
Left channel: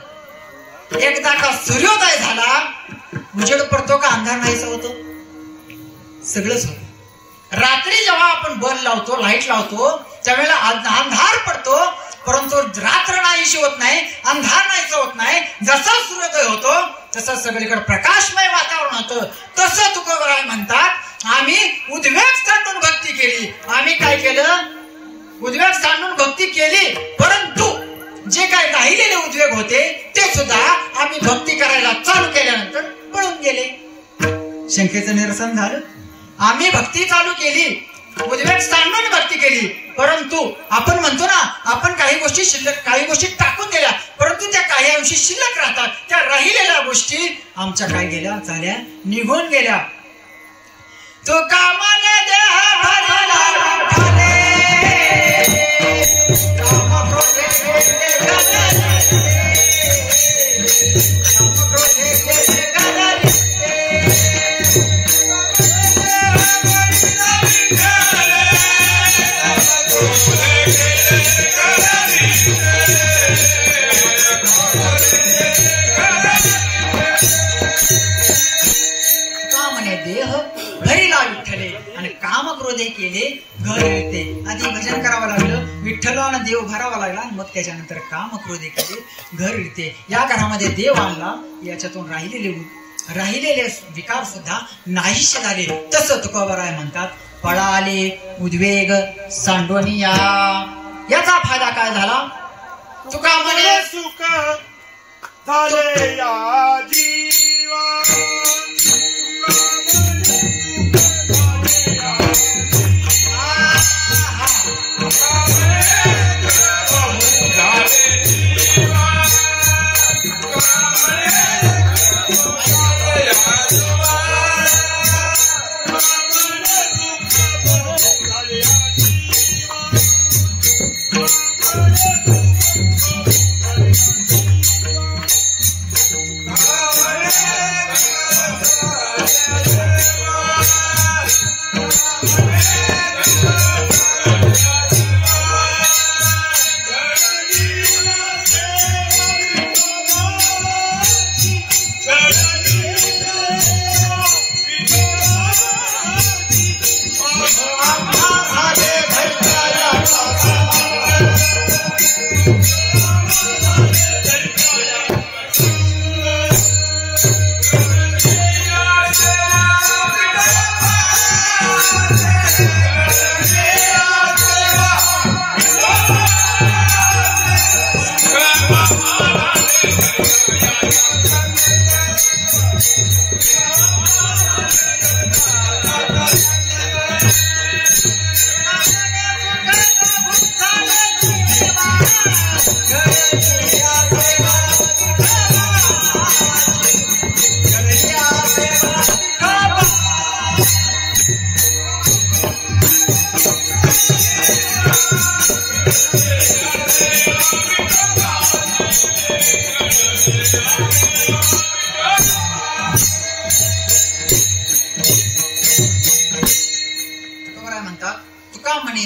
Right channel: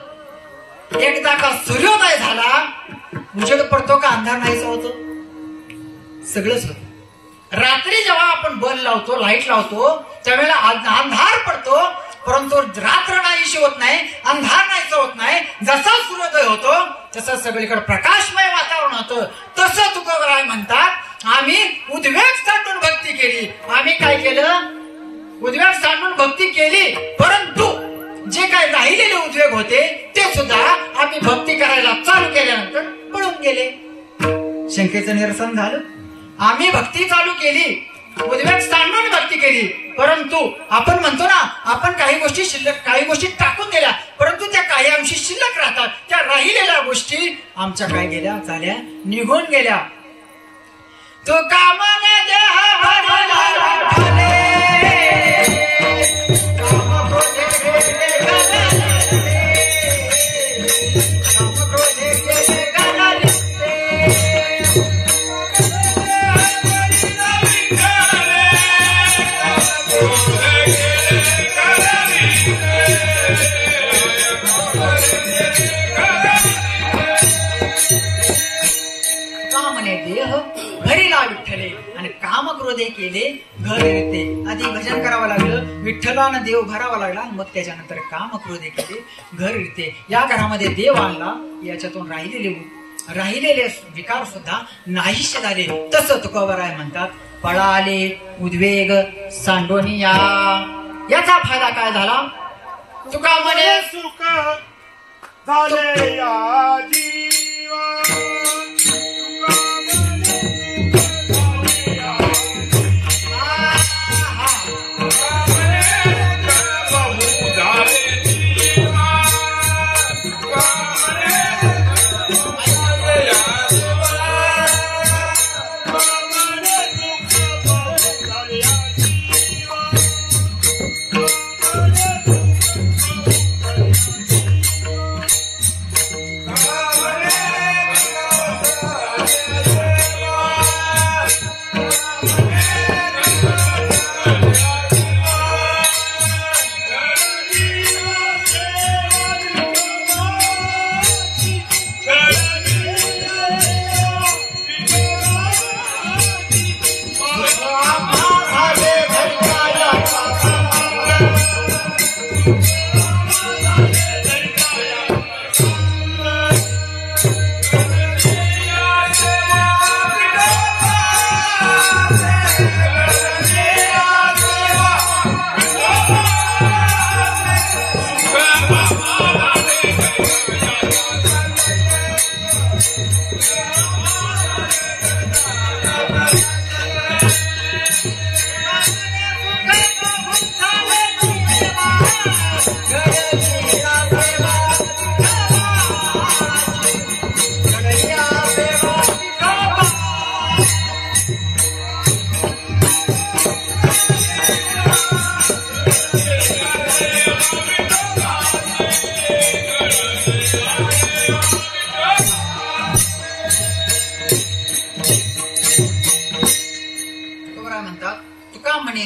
एकदा का सूर्योदय झाला, उजेड पडतो का अंधार नाहीसा होतो? सगळंच होतं. रात्री जेव्हा आपण बल्ब लावतो, लाईट लावतो, त्यावेळेला अंधार पडतो, परंतु रात्र नाहीशी होत नाही, अंधार नाहीसा होत नाही. जसा सूर्योदय होतो तसं सगळीकडे प्रकाशमय वातावरण होतं. तसं तुकोबराय म्हणतात, आम्ही उद्वेग सांडून भक्ती केली. आम्ही काय केलं? उद्वेग सांडून भक्ती केली, परंतु जे काही राहिलेले उद्वेग होते ते सुद्धा आम्ही भक्ती करायला चालू केल्यानंतर पळून गेले. शंकेचं निरसन झालं. आम्ही भक्ती चालू केली, उद्वेग सांडून भक्ती केली, परंतु आपण म्हणतो ना, आपण काही गोष्टी शिल्लक, काही गोष्टी टाकून गेल्या, परंतु त्या काही अंशी शिल्लक राहतात. त्या राहिलेल्या गोष्टी आमच्या काय गेल्या? झाल्या, निघून गेल्या. तो कामने देह भरला विठ्ठले, काम क्रोधे केले गणले, काम क्रोधे केले गणले. कामने देह भरिला विठ्ठले आणि काम क्रोधे केले घर येते. आधी भजन करावं लागलं, विठ्ठलानं देव भरावा लागला, मग त्याच्यानंतर काम क्रोधे केले घर येते. या घरामध्ये देव आणला, याच्यातून राहिलेले विकार सुद्धा नाहीसे झाले. तसं तुकोबराय म्हणतात, पळाले उद्वेग सांडोनिया. याचा फायदा काय झाला? तुका म्हणे सुख झाले या जीवा,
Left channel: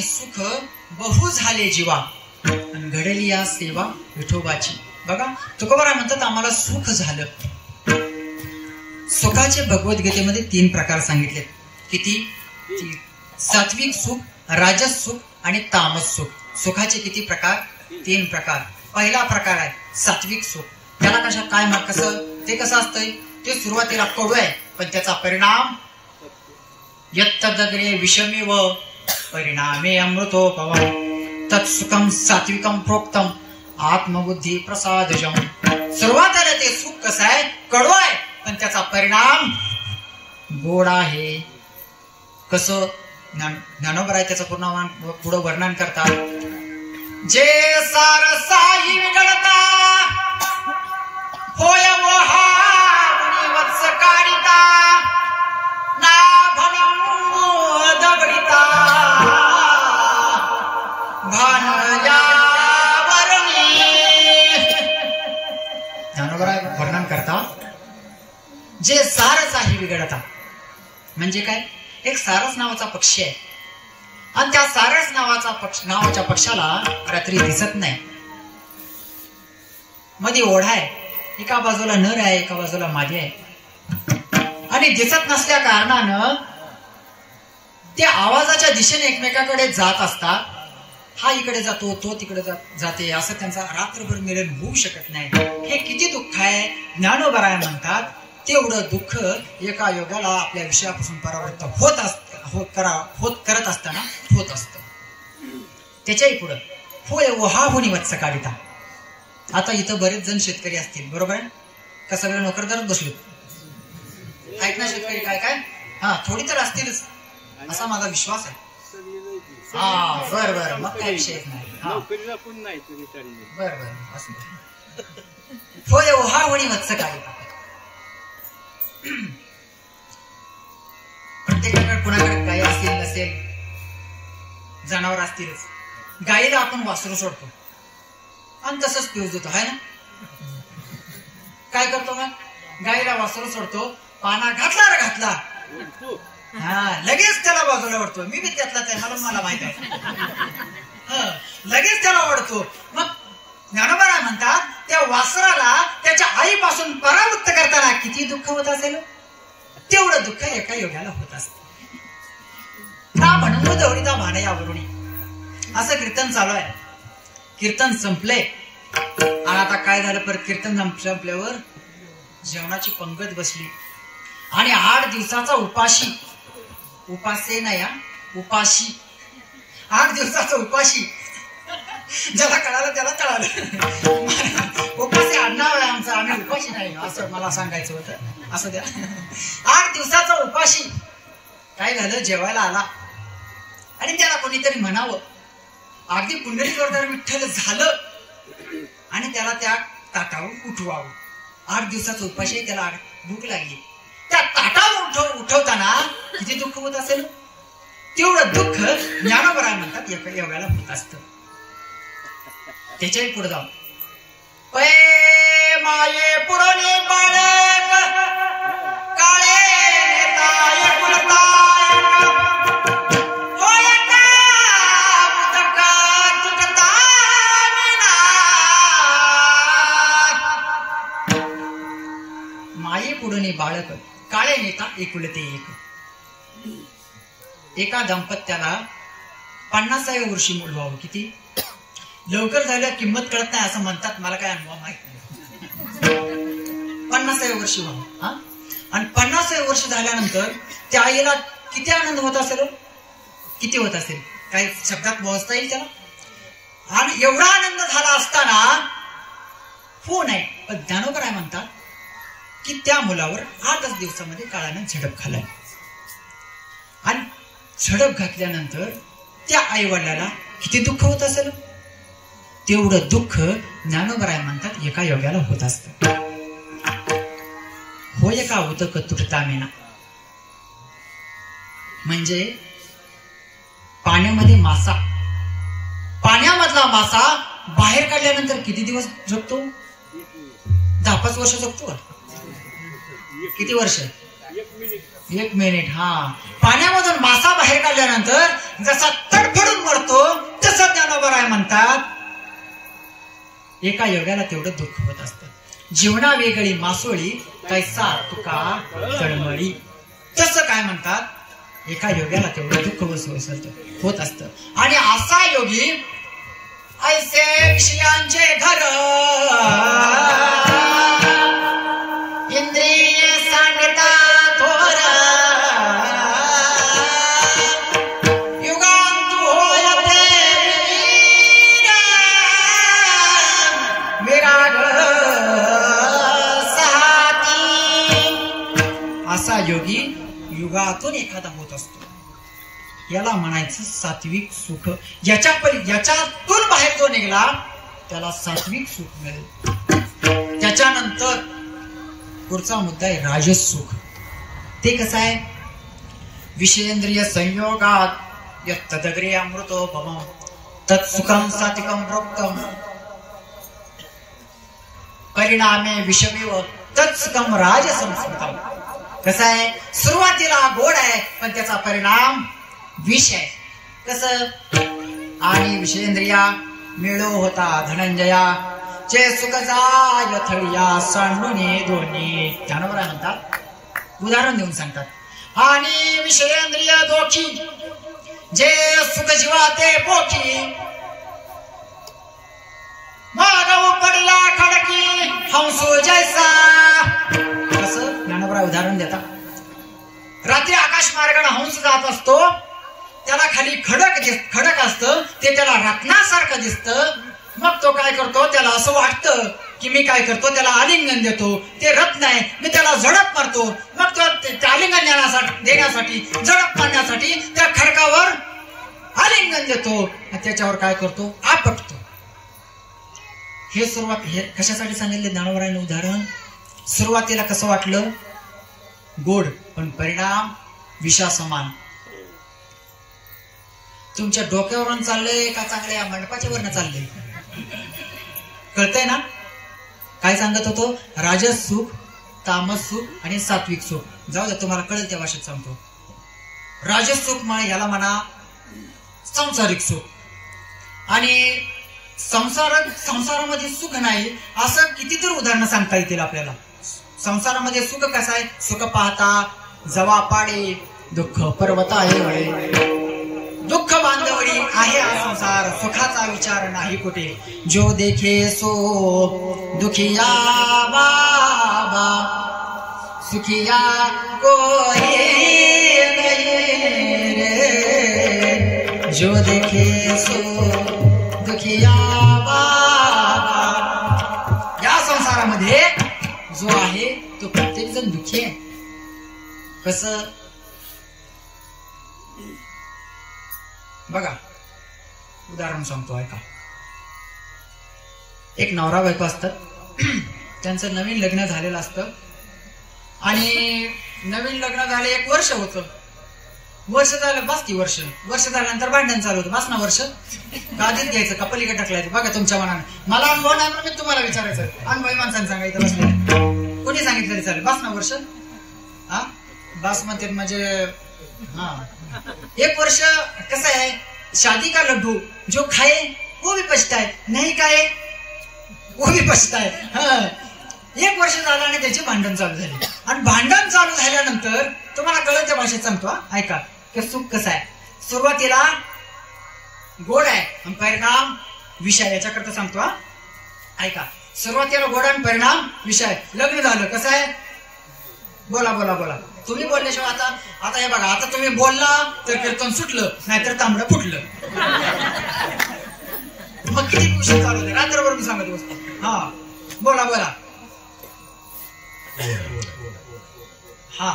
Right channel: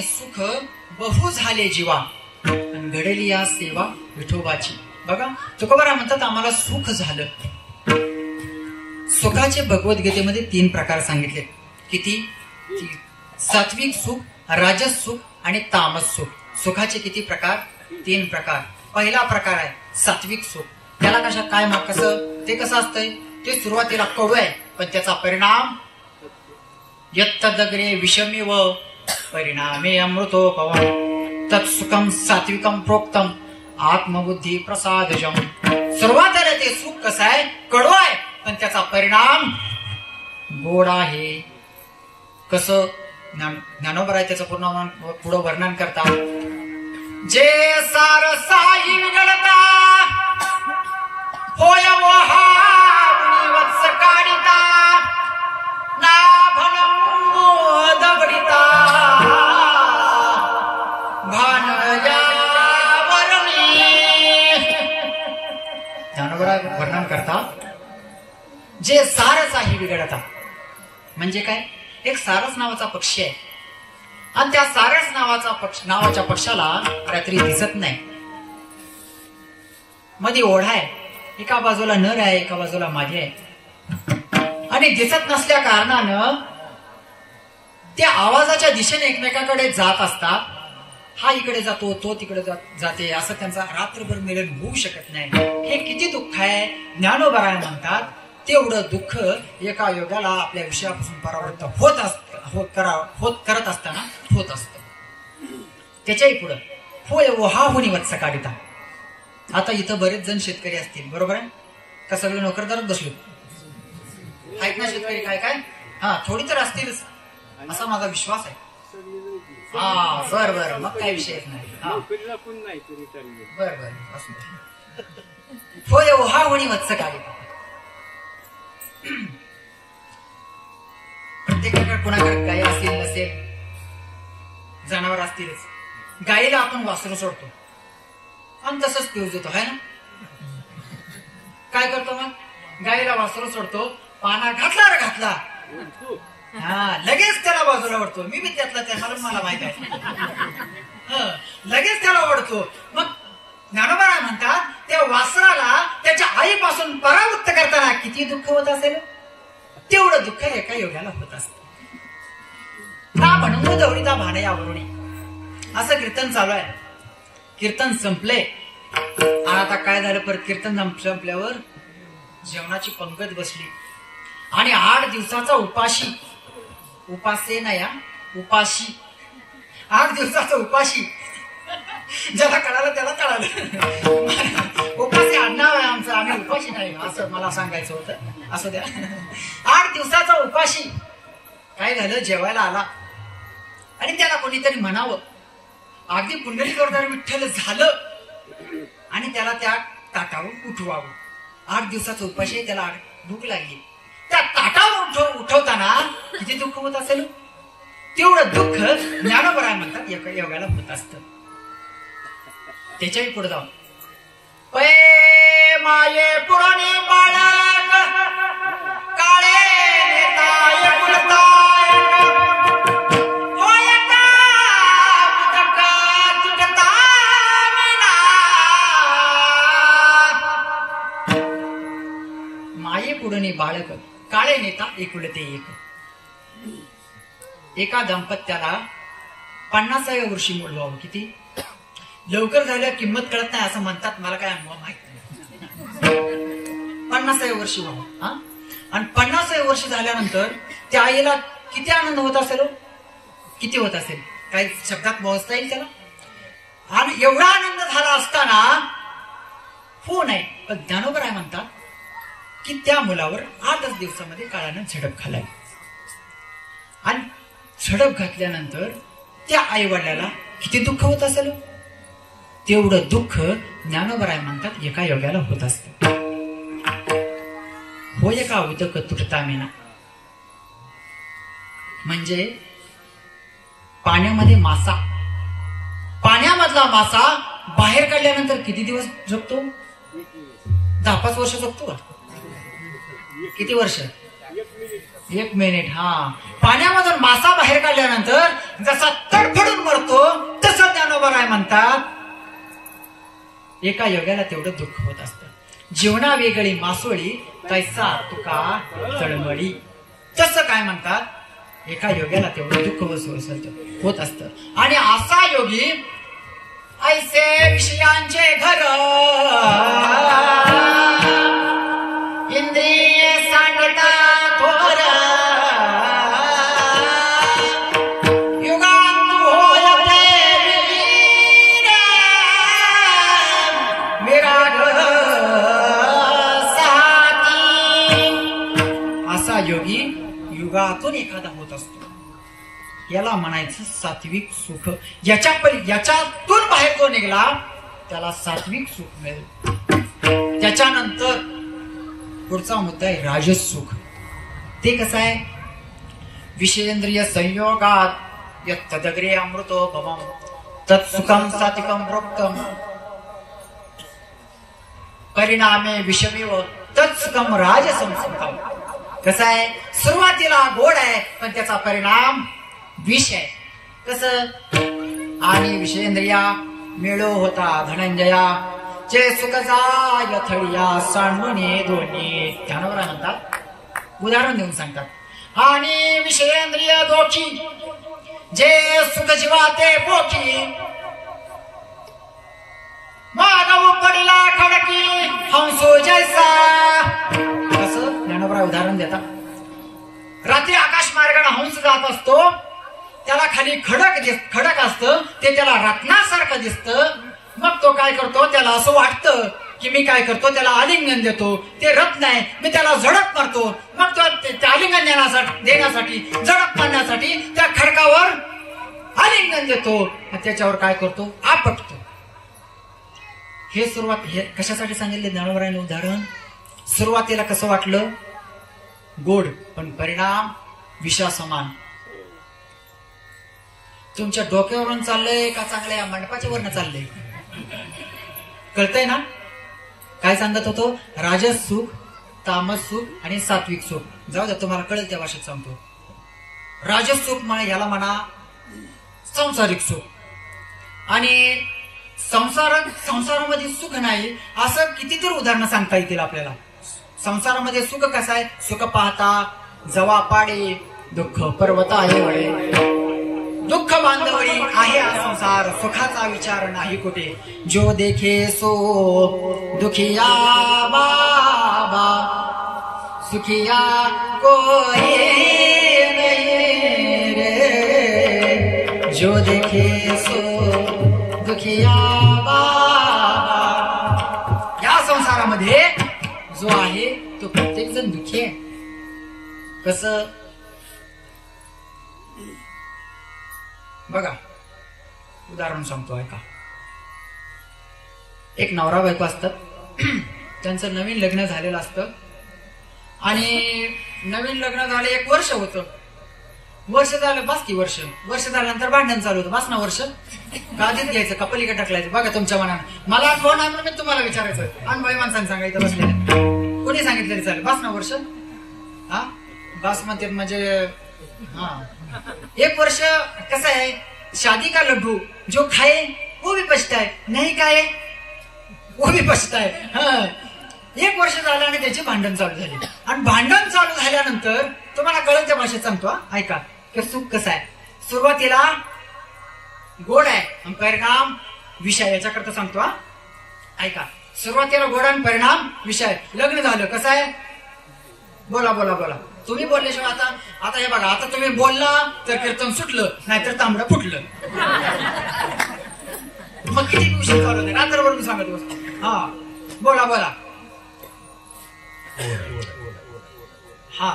सुख बहु झाले जीवा आणि घडली या सेवा विठोबाची. बघा तुकोबाराय म्हणतात, आम्हाला सुख झालं. सुखाचे भगवद्गीतेमध्ये 3 प्रकार सांगितले. किती? सात्विक सुख, राजस सुख आणि तामस सुख. सुखाचे किती प्रकार? 3 प्रकार. पहिला प्रकार आहे सात्विक सुख. त्याला कशा काय कसं ते कसं असतंय? ते सुरुवातीला कडू आहे, पण त्याचा परिणाम यत्तदग्रे विषमी व परिणामे अमृतोपवम तत्सुखम सात्विकम प्रोक्तम आत्मबुद्धी प्रसादजम. सुरुवातीला ते सुख कसं आहे? कडू आहे, पण त्याचा परिणाम गोड आहे. कसं? ज्ञानोबराय त्याचं पुढं वर्णन करतात. जे सार साई विगडता होय वत्स काढिता ना भनंगो दगडी जे सारस आहे बिघडता. म्हणजे काय, एक सारस नावाचा पक्षी आहे आणि त्या सारस नावाच्या पक्षाला रात्री दिसत नाही. मध्ये ओढा आहे, एका बाजूला नर आहे एका बाजूला मादी आहे आणि दिसत नसल्या कारणानं त्या आवाजाच्या दिशेने एकमेकाकडे जात असतात. हा इकडे जातो तो तिकडे जाते, असं त्यांचा रात्रभर मिलन होऊ शकत नाही. हे किती दुःख आहे. ज्ञानोबराय म्हणतात तेवढं दुःख एका योगाला आपल्या विषयापासून परावृत्त करत असताना होत असत. त्याच्याही पुढं होय ओहा होणी वत्स काढिता. आता इथं बरेच जण शेतकरी असतील, बरोबर आहे का? सगळे नोकरदारच बसले आहेत ना शेतकरी? काय काय हा थोडी तर असतीलच असा माझा विश्वास आहे. हा बर बर, मग काही विषयच नाही. बर बर असू दे. होय ओहा होणी वत्स काढिता. प्रत्येकाकडे कोणाकडे गाय असेल नसेल, जनावर असतीलच. गायीला आपण वासरू सोडतो आणि तसंच पिऊज देतो, है ना? काय करतो मग? गायीला वासरू सोडतो, पाना घातला रे घातला, हा लगेच त्याला बाजूला ओढतो. मी बी त्यातला त्या, मला माहित आहे. लगेच त्याला ओढतो. मग ज्ञानोबा म्हणतात त्या वासराला त्याच्या आईपासून परावृत्त करताना किती दुःख होत असेल, तेवढं दुःख एका योग्याला होत असत. दवडीता भानयावरुणी असं कीर्तन चालू आहे. कीर्तन संपले आणि आता काय झालं, परत कीर्तन संपल्यावर जेवणाची पंगत बसली आणि 8 दिवसाचा उपाशी 8 दिवसाचा उपाशी. ज्याला कळालं त्याला कळालं. उपाशी आडनाव आहे आमचं, आम्ही उपाशी नाही असं मला सांगायचं होतं. असं द्या. 8 दिवसाचा उपाशी. काय झालं, जेवायला आला आणि त्याला कोणीतरी म्हणावं, अगदी पुंडरीकवरदार विठ्ठल झालं आणि त्याला त्या ताटावर उठवावं. 8 दिवसाचा उपाशी, त्याला भूक लागली. त्या ताटावर उठवताना किती दुःख होत असेल, तेवढं दुःख ज्ञानोबराय म्हणतात एवढ्याला होत असतं. त्याच्याही पुढे जाऊन पै माये पुरणे बाळक काळे नेताय कुलताय होयता बुदका तुटता मीना. माये पुरणे बाळक काळे नेता एकुलते एक. एका दाम्पत्याला 50व्या वर्षी मूल व्हावं. किती लवकर झाल्या किंमत कळत नाही असं म्हणतात, मला काय अनुभव माहित नाही. 50व्या वर्षी व्हावं. आणि 50व्या वर्ष झाल्यानंतर त्या आईला किती आनंद होत असेल, किती होत असेल, काही शब्दात मोजता येईल त्याला. आणि एवढा आनंद झाला असताना हो नाही, पण ज्ञानोबराय म्हणतात की त्या मुलावर 8च दिवसामध्ये काळानं झडप घालाय. आणि झडप घातल्यानंतर त्या आई वडिलाला किती दुःख होत असेल, तेवढं दुःख ज्ञानोबराय म्हणतात एका योग्याला होत असत. होय का उदक तुटता मेना. म्हणजे पाण्यामध्ये मासा, पाण्यामधला मासा बाहेर काढल्यानंतर किती दिवस जगतो? 10-5 वर्ष जगतो. किती वर्ष? 1 मिनिट. हा, पाण्यामधून मासा बाहेर काढल्यानंतर जसा तडफडून मरतो तसं ज्ञानोबराय म्हणतात एका योग्याला तेवढं दुःख होत असतं. जीवना वेगळी मासोळी तैसा तुका तळमळी. तसं काय म्हणतात, एका योग्याला तेवढं दुःख होत असतं. आणि असा योगी ऐसे विषयांचे घर इंद्रिय सांडता थोर युगांत होयते विराग सहाती. असा योगी युगातून एखादा होत असतो. याला म्हणायचं सात्विक सुख. याच्यातून बाहेर जो निघाला त्याला सात्विक सुख मिळेल. त्याच्यानंतर पुढचा मुद्दा आहे राजस सुख. ते कसं आहे? विषयेंद्रिय संयोगात यत्तदग्रे अमृतो भवम तत्सुखम सात्विकम प्रोक्तम परिणामे विषमेव तत्सुखम राजसंस्कृतम. कसं आहे, सुरुवातीला गोड आहे पण त्याचा परिणाम विष आहे. कसं, आणि विषेंद्रिया मिळो होता धनंजया, जे सुख जाय थडिया सांडूने दोन्ही. ध्यानावर म्हणतात, उदाहरण देऊन सांगतात. आणि विषेंद्रिय दोखी, जे सुख जीवा ते पोखी, मागव पडला खडकी हंसो जैसा. कसं ज्ञानोबा उदाहरण देतात. रात्री आकाश मार्गाने हंस जात असतो, त्याला खाली खडक असतं, ते त्याला रत्नासारखं दिसतं. मग तो काय करतो, त्याला असं वाटतं की मी काय करतो, त्याला आलिंगन देतो. ते रत्न आहे, मी त्याला झडप मारतो. मग तो आलिंगन देण्यासाठी झडप मारण्यासाठी त्या खडकावर आलिंगन देतो. त्याच्यावर काय करतो, आपटतो. हे सुरुवात, हे कशासाठी सांगितले ज्ञानोबरायने उदाहरण. सुरुवातीला कसं वाटलं, गोड, पण परिणाम विषासमान. तुमच्या डोक्यावरून चाललंय का चांगल्या मंडपाच्या वरनं चाललंय, कळतंय ना. काय सांगत होतो, राजस सुख, तामस सुख आणि सात्विक सुख. जाऊ द्या, तुम्हाला कळेल त्या भाषेत सांगतो. राजस सुख याला म्हणा सांसारिक सुख. आणि संसारामध्ये सुख नाही असं कितीतरी उदाहरणं सांगता येतील आपल्याला. संसारामध्ये सुख कसं आहे, सुख पाहता जवा पाडे, दुःख पर्वत आहे वळे. दुःख बांधवडी आहे संसार, सुखाचा विचार नाही कुठे. जो देखे सो दुखिया बाबा, सुखिया कोई रे. जो देखे सो दुखिया बाबा. या संसारामध्ये जो आहे तो प्रत्येक जण दुःखी आहे. कसं बघा, उदाहरण सांगतो ऐका. एक नवरा बायको असतात, त्यांचं नवीन लग्न झालेलं असतं. आणि नवीन लग्न झाले 1 वर्ष होतं. वर्ष झालं, बस की वर्ष झाल्यानंतर भांडण चालू होतं. बस ना वर्ष, आधीच घ्यायचं का पलीकडे टाकलायचं, बघा तुमच्या मनाने. मला कोण आहे म्हणून मी तुम्हाला विचारायचं, अनुभवी माणसाने सांगायचं बसले, कोणी सांगितलं चालेल. बस ना वर्ष, हा बस म्हणते. म्हणजे हा 1 वर्ष कसं आहे, शादी का लड्डू जो खाए वो भी पछताए, नहीं खाए वो भी पछताए. 1 वर्ष झालं आणि त्याची भांडण चालू झाली. आणि भांडण चालू झाल्यानंतर तुम्हाला कळत त्या भाषेत सांगतो ऐका, की सुख कसं आहे. सुरुवातीला गोड आहे आणि परिणाम विषय. याच्याकरता सांगतो ऐका. सुरुवातीला गोड आणि परिणाम विषय. लग्न झालं कसं आहे, बोला बोला बोला. तुम्ही बोलल्याशिवाय आता हे बघा, आता तुम्ही बोलला तर कीर्तन सुटलं, नाहीतर तांबडं फुटलं. मग किती विषय चालू होते, रात्रभर मी सांगत बसतो. हा बोला बोला. हा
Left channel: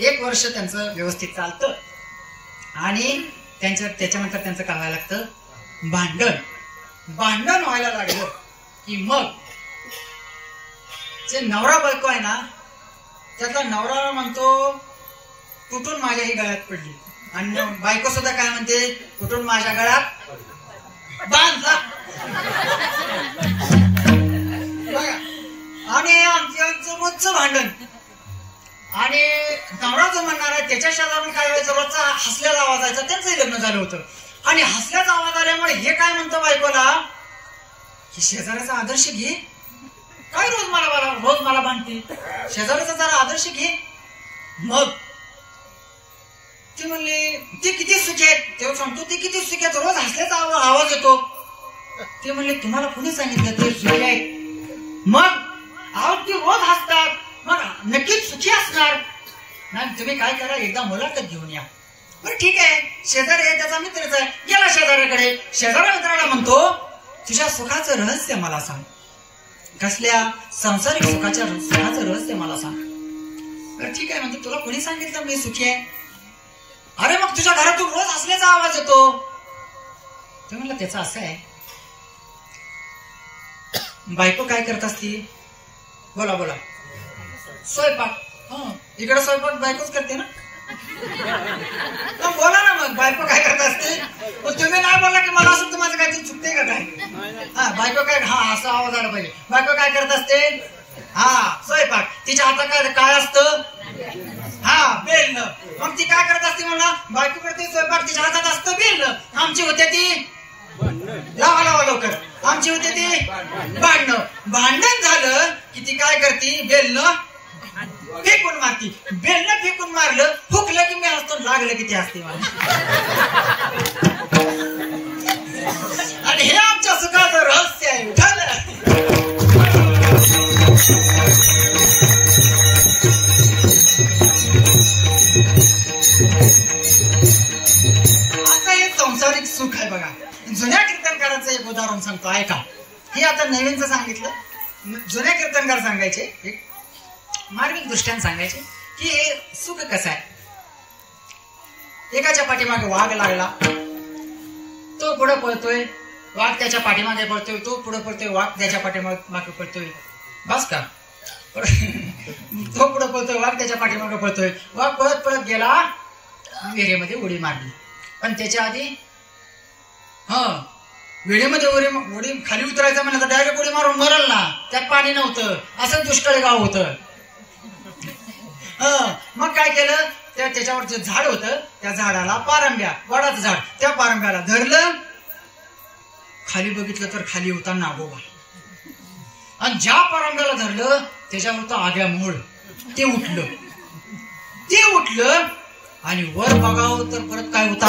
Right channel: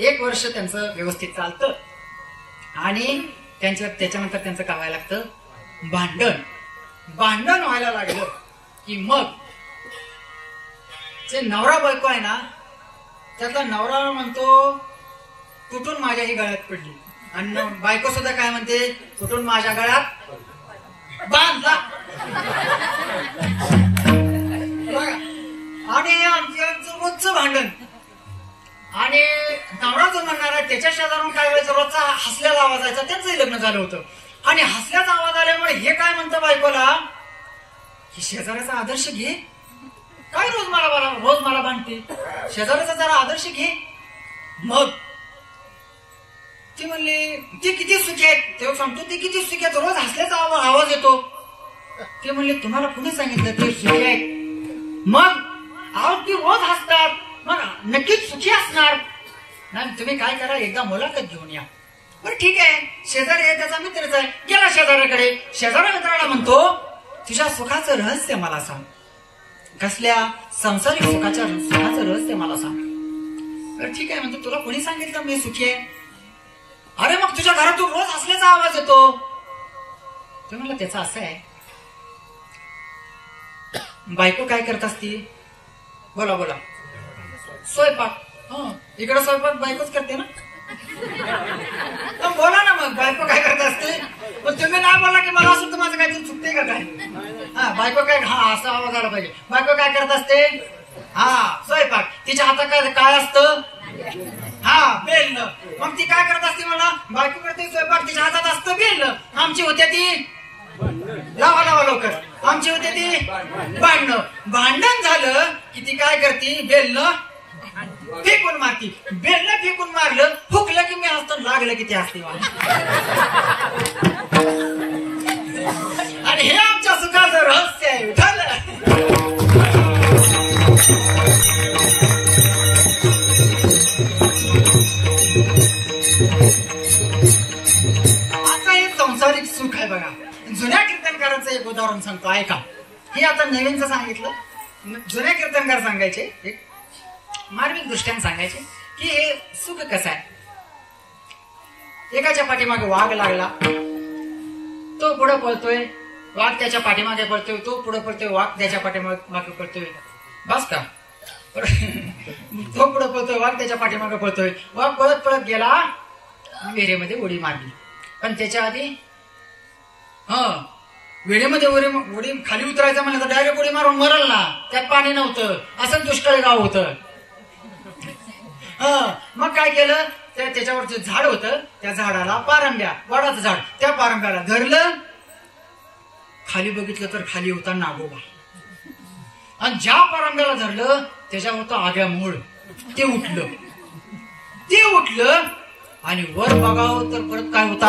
1 वर्ष त्यांचं व्यवस्थित चालतं. आणि त्याच्यानंतर त्यांचं काय व्हायला लागतं, भांडण व्हायला लागलं की मग जे नवरा बायको आहे ना, त्यातला नवरा म्हणतो कुठून माझ्या ही गळ्यात पडली, आणि बायको सुद्धा काय म्हणते, कुठून माझ्या गळ्यात बांधला. आणि आमचं रोजचं भांडण. आणि नवरा जो म्हणणार आहे त्याच्या शेजारून काय व्हायचं, रोजचा हसल्याचा आवाज यायचा. त्यांचंही लग्न झालं होतं. आणि हसल्याचा आवाज आल्यामुळे हे काय म्हणतं बायकोला, की शेजाऱ्याचा आदर्श घे, काय रोज मला बांधते, शेजाऱ्याचा जरा आदर्श घे. मग ती म्हणली ती किती सुखी आहेत, तेव्हा सांगतो ती किती सुखी आहेत, रोज हसल्याचा आवाज येतो. ते म्हणले तुम्हाला कुणी सांगितलं ते सुखी आहेत. मग ती रोज हसतात, मग नक्कीच सुखी असणार. नाही तुम्ही काय करा, एकदा मुलाखत घेऊन या. बरं ठीक आहे, शेजारी आहे त्याचा मित्रच आहे. गेला शेजाऱ्याकडे. शेजाऱ्या मित्राला म्हणतो तुझ्या सुखाचं रहस्य मला सांग. कसल्या, संसारिक सुखाचं रहस्य मला सांग. बरं ठीक आहे म्हणतो, तुला कोणी सांगितलं मी सुखी आहे. अरे मग तुझ्या घरातून रोज हसल्याचा आवाज येतो. ते म्हणलं त्याचं असं आहे, बायको काय करत असती, बोला बोला. स्वयंपाक. इकडे स्वयंपाक बायकोच करते ना. बोला ना मग, बायको काय करत असते. पण तुम्ही नाही बोला की मला असं माझं काहीतरी चुकते का काय. हा बायको काय, हा असा आवाज आला पाहिजे. बायको काय करत असते? हा स्वयंपाक. तिच्या हातात काय असतं? हा बेलन. मग ती काय करत असते म्हणा? बायको करते स्वयंपाक, तिच्या हातात असतं बेलन. आमची होते ती लावा लावा लवकर. आमची होते ती भांडणं. भांडण झालं की ती काय करते? बेलन फेकून मारती. बेलन फेकून मारलं, फुकलं की मी असतो, लागलं की ती असते. आणि हे आमच्या सुखाचं रहस्य आहे. आता हे सांसारिक सुख आहे बघा. जुन्या कीर्तनकाराचं एक उदाहरण सांगतो, ऐका. हे आता नवीनचं सांगितलं. जुन्या कीर्तनकार सांगायचे, एक मार्मिक दृष्ट्याने सांगायचे की हे सुख कसं आहे. एकाच्या पाठीमागे वाघ लागला, तो पुढे पळतोय, वाघ त्याच्या पाठीमागे पळतोय, तो पुढे पळतोय, वाघ त्याच्या पाठीमागे पळतोय. बस का? तो पुढे पळतोय, वाघ त्याच्या पाठीमागे पळतोय. वाघ पळत पळत गेला, विहिरीमध्ये उडी मारली. पण त्याच्या आधी विहिरीमध्ये उडी खाली उतरायचं म्हणलं तर डायरेक्ट उडी मारून मरल ना, त्यात पाणी नव्हतं, असं दुष्काळी गाव होतं. मग काय केलं? त्याच्यावर जे झाड होतं त्या झाडाला पारंब्या, वडाचं झाड, त्या पारंब्याला धरलं. खाली बघितलं तर खाली होता नागोबा. आणि ज्या पारंब्याला धरलं त्याच्यावर तो आग्या मूळ, ते उठलं आणि वर बघावं तर परत काय होता?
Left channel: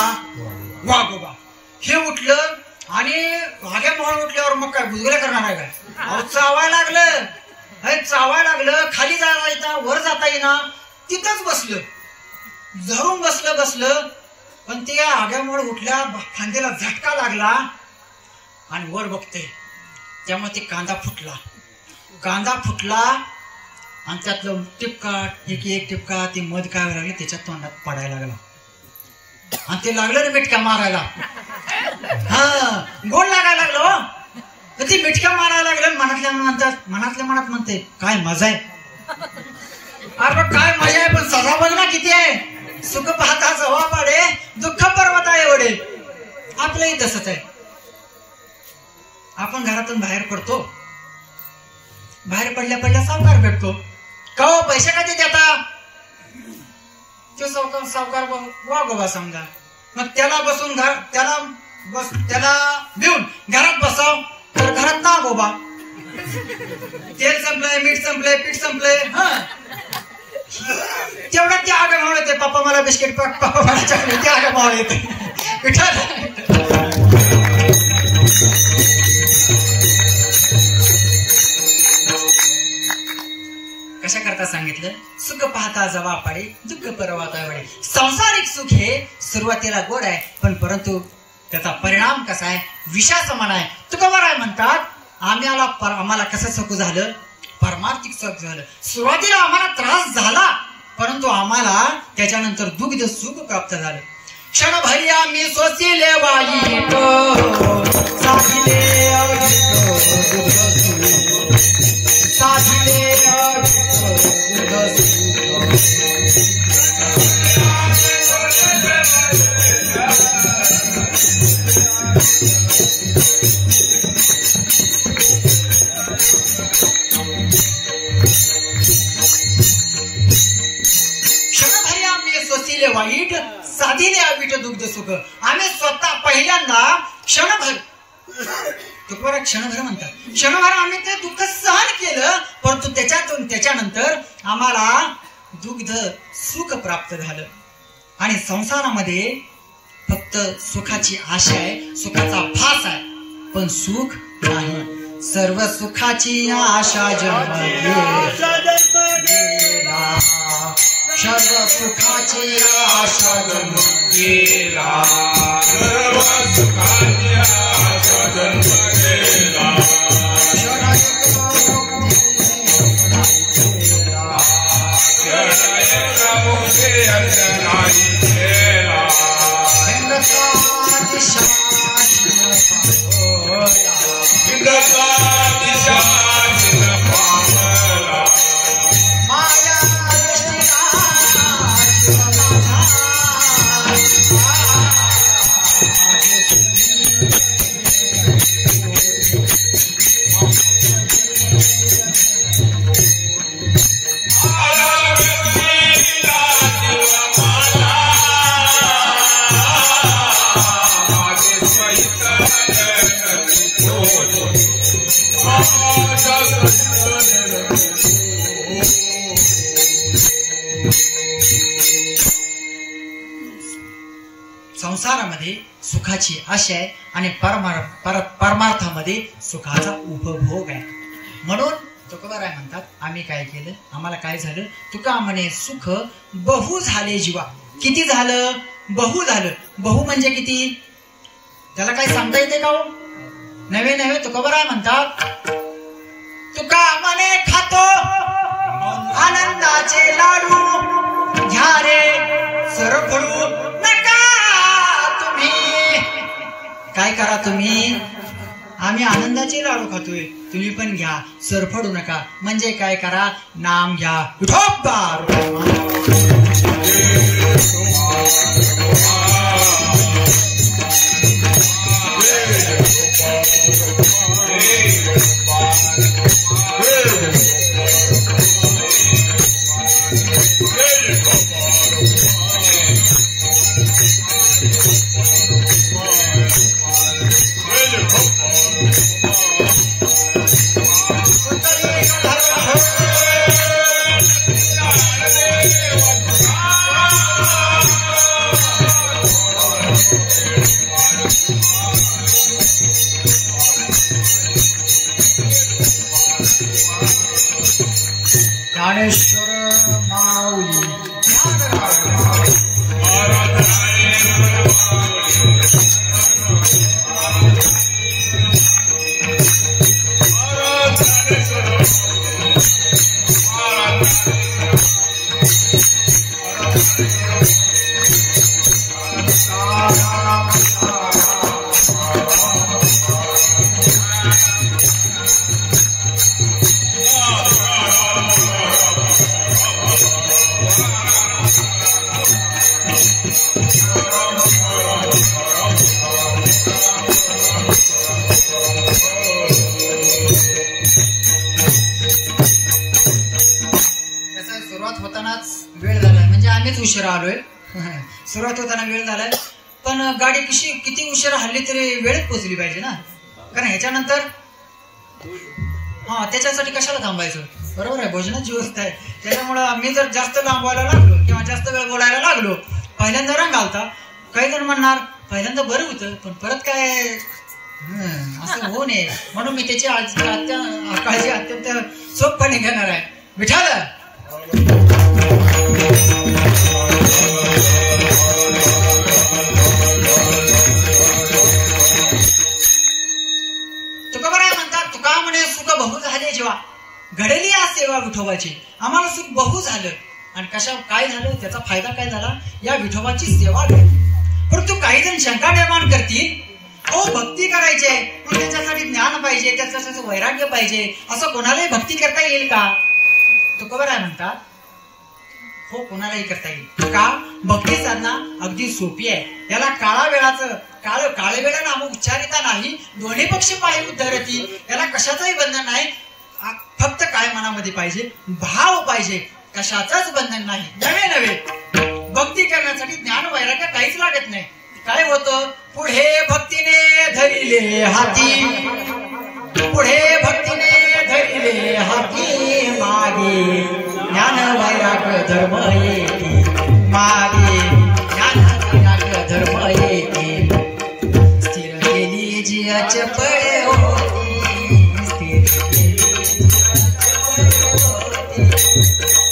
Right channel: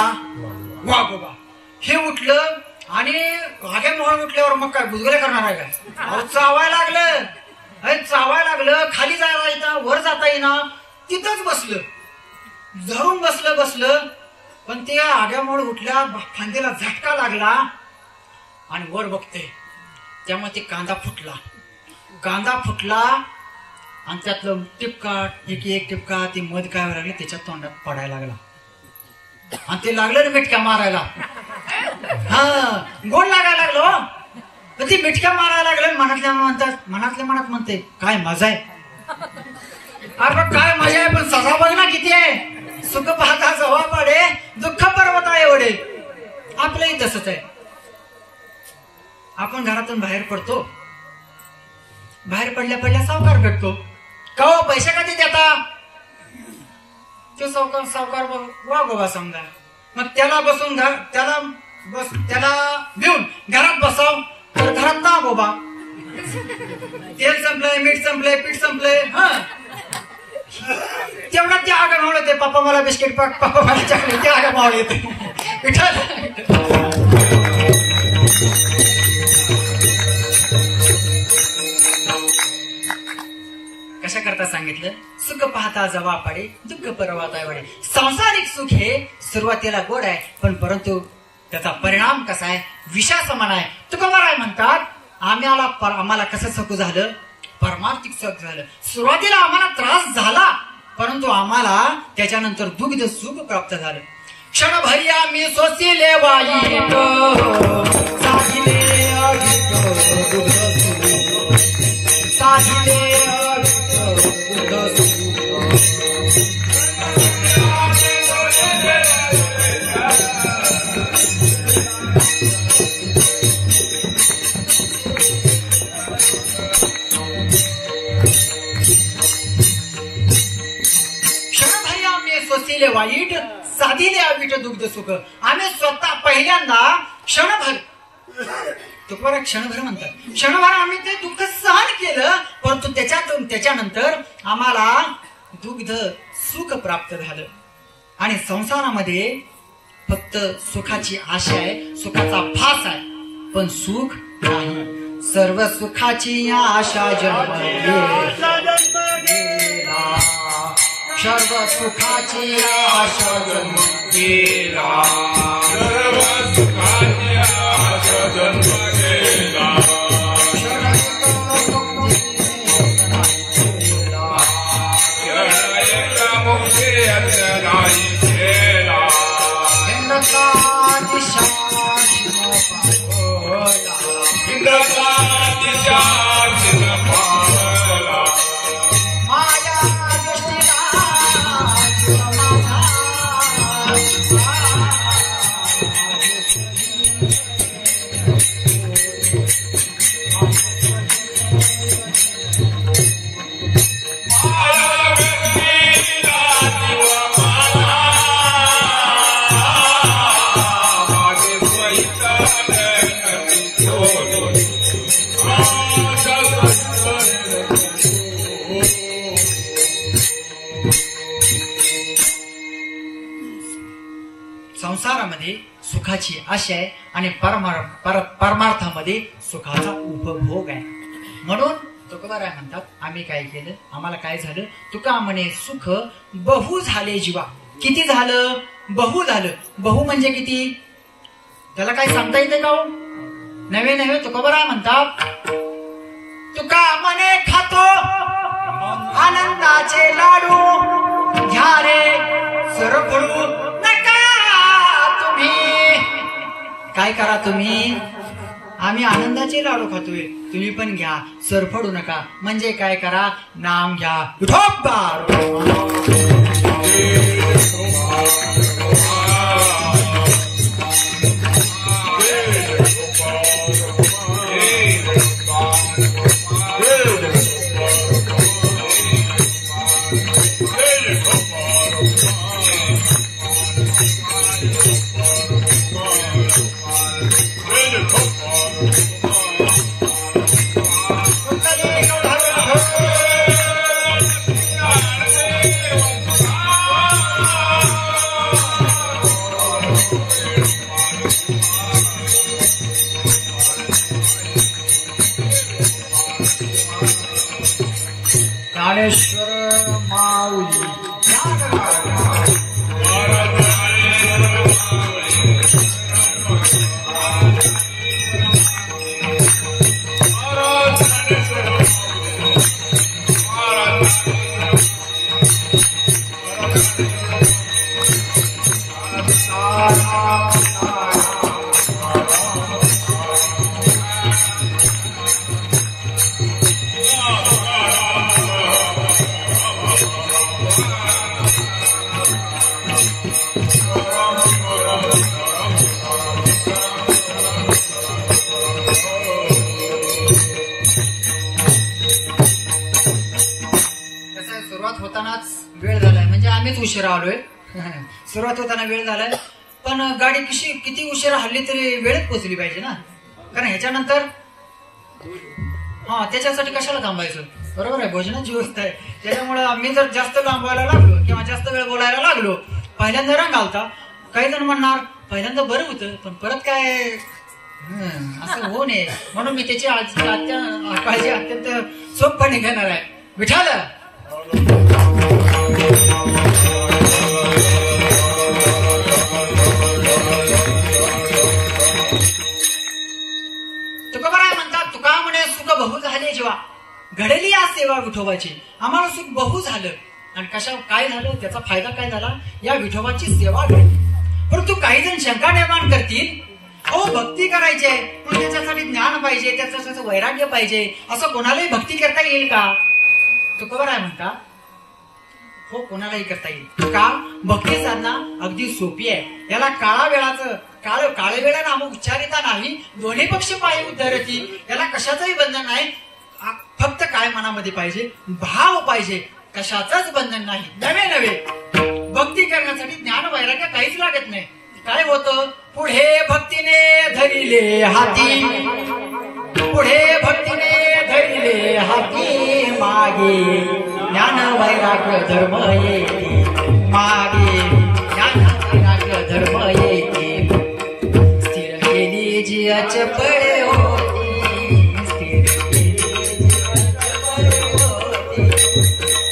वाघोबा. हे उठलं आणि आग्या मूळ उठल्यावर मग काय गुजगुले करणार आहे का? चावायला लागलं. खाली जायला येता, वर जाता येईना. तिथंच बसलं, धरून बसलं. पण ते आग्यामुळे उठल्या, खांद्याला झटका लागला आणि वर बघते, त्यामुळे ते कांदा फुटला आणि त्यातलं टिपका, एक टिपका ती मध काय लागली त्याच्या तोंडात पडायला लागला. आणि ते लागलं रे मिटक्या मारायला. गोड लागायला लागलो. ती मिटक्या मारायला लागलं. मनातल्या मनात म्हणते, काय मजा आहे. अरे काय मजा आहे, पण सजा बघ ना किती आहे. सुख पाहता जवा पाडे, दुःख पर्वत आहे एवढे. आपलंही तसंच आहे. आपण घरातून बाहेर पडतो, बाहेर पडल्या सावकार भेटतो. का हो, पैसे कधी देता? तो सावकार वाघोबा समजा. मग त्याला देऊन घरात बसाव तर घरात ना गोबा. तेल संपलंय, मीठ संपलंय, पीठ संपलंय. तेवढ्यात ते आग मावळ येते. पप्पा मला बिस्किट पाक, पप्पा मला चॉकलेट, ते आग मावळ येते. कशा करता सांगितलं? सुख पाहता जवा पाडे, दुःख परवाता वडे. सांसारिक सुख हे सुरुवातीला गोड आहे, पण परंतु त्याचा परिणाम कसा आहे? विषासमान आहे. तुकोबाराय म्हणतात, आम्हाला कसं सुख झालं? परमार्थिक सुख झालं. सुरुवातीला आम्हाला त्रास झाला, परंतु आम्हाला त्याच्यानंतर दुग्ध सुख प्राप्त झालं. क्षण भैया मी सोसिले वाईट, साधिले वाईट, साधिले अवीट दुग्ध सुख. आम्ही स्वतः पहिल्यांदा क्षणभर, तुकोबाराय क्षणभर म्हणतात, क्षणभर आम्ही ते दुःख सहन केलं, परंतु त्याच्यानंतर आम्हाला दुग्ध सुख प्राप्त झालं. आणि संसारामध्ये फक्त सुखाची आशा आहे, सुखाचा भास आहे, पण सुख नाही. सर्व सुखाची आशा जन्मली, सर्व सुखाची आशा जन्म गेला, सर्व सुखाची आशा जन्म गेला. संसारामध्ये सुखाची आशा आहे आणि परमार्थामध्ये सुखाचा उपभोग आहे. म्हणून तुकोबाराय म्हणतात, आम्ही काय केलं, आम्हाला काय झालं, तुका म्हणे सुख बहु झाले जीवा. किती झालं? बहु झालं. बहु म्हणजे किती? त्याला काय सांगता येते का हो? नवे नवे तुकोबाराय म्हणतात, तुका म्हणे खातो आनंदाचे लाडू, घ्या रे सरफळू नका तुम्ही. काय करा तुम्ही? आम्ही आनंदाचे लाडू खातोय, तुम्ही पण घ्या, सरफडू नका. म्हणजे काय करा? नाम घ्या. विठोबा ज्ञानेश्वर माऊली उशिरा आलोय. सुरुवात होताना वेळ झालाय, पण गाडी किती उशिरा हल्ली तरी वेळेत पोहोचली पाहिजे ना, कारण ह्याच्यानंतर त्याच्यासाठी कशाला थांबायचं? बरोबर आहे, भोजनाची व्यवस्था आहे. त्याच्यामुळं मी जर जास्त लांबवायला लागलो किंवा जास्त वेळ बोलायला लागलो, पहिल्यांदा रंग घालता. काही जण म्हणणार पहिल्यांदा बरं होतं, पण परत काय असं होऊ नये म्हणून मी त्याची काळजी अत्यंत सोपपणे घेणार आहे. विठाल तुकोबाराय म्हणतात, तुका म्हणे सुख बहु झाले जेव्हा. घडली आज सेवा विठोबाची, आम्हाला सुख बहु झालं. आणि काय झालं, त्याचा फायदा काय झाला? या विठोबाची सेवा घडली. परंतु काही जण शंका निर्माण करतील, हो भक्ती करायची पण त्याच्यासाठी ज्ञान पाहिजे, त्याच्यासाठी वैराग्य पाहिजे, असं कोणालाही भक्ती करता येईल का? तुकोबाराय म्हणतात, हो कोणालाही करता येईल. का? भक्ती साधना अगदी सोपी आहे. याला काळ वेळा नाम उच्चारिता नाही, दोन्ही पक्ष पाय उद्धरती. याला कशाचंही बंधन नाही, फक्त काय मनामध्ये पाहिजे? भाव पाहिजे, कशाचंच बंधन नाही. नवे भक्ती करण्यासाठी ज्ञान वैराग्य काहीच लागत नाही. काय होतं? पुढे भक्तीने धरिले हाती, पुढे भक्तीने धरिले हाती, मागे ज्ञान वैराग्य धर्म येते, मागे ज्ञान वैराग्य धर्म येते. स्थिर केली जियाच पळे होती, स्थिर केली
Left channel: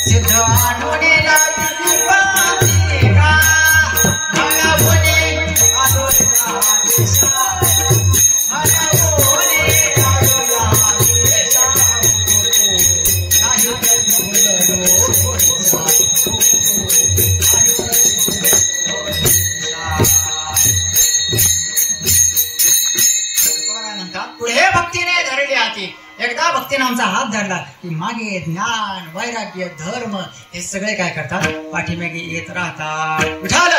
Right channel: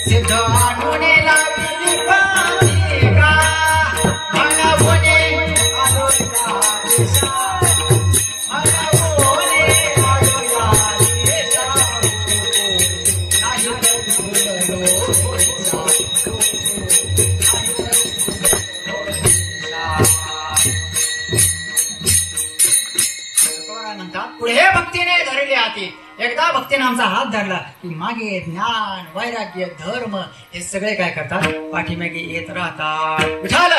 सिद्ध आणुनेला पिपाचे का, मला बोले पुढे भक्तीने धरले हाती. एकदा भक्तीने आमचा हात धरला की मागे ज्ञान वैराग्य धर्म हे सगळे काय करतात? पाठीमागे येत राहतात. विठाल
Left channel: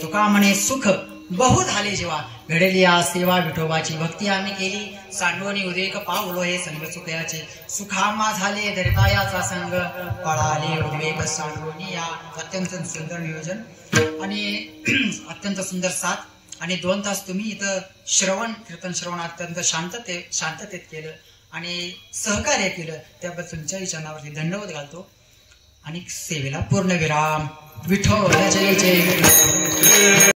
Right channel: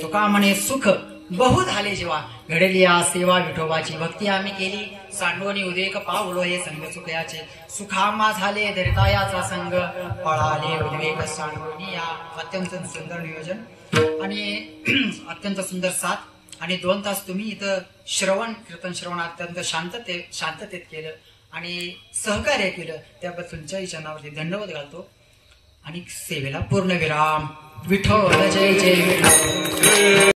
तुका म्हणे सुख बहु झाले जेव्हा घडली या सेवा विठोबाची भक्ती आम्ही केली सांडोनी उदेक पावलो हे संग चुकयाचे सुखामा झाले दर्तायाचा संग पळाले उद्वेग सांडोनी या अत्यंत सुंदर नियोजन आणि अत्यंत सुंदर साथ आणि 2 तास तुम्ही इथं कीर्तन श्रवण अत्यंत शांततेत केलं आणि सहकार्य केलं त्याबद्दल तुमच्याही चरणावरती धन्यवाद घालतो आणि सेवेला पूर्ण विराम विठोबा जय जय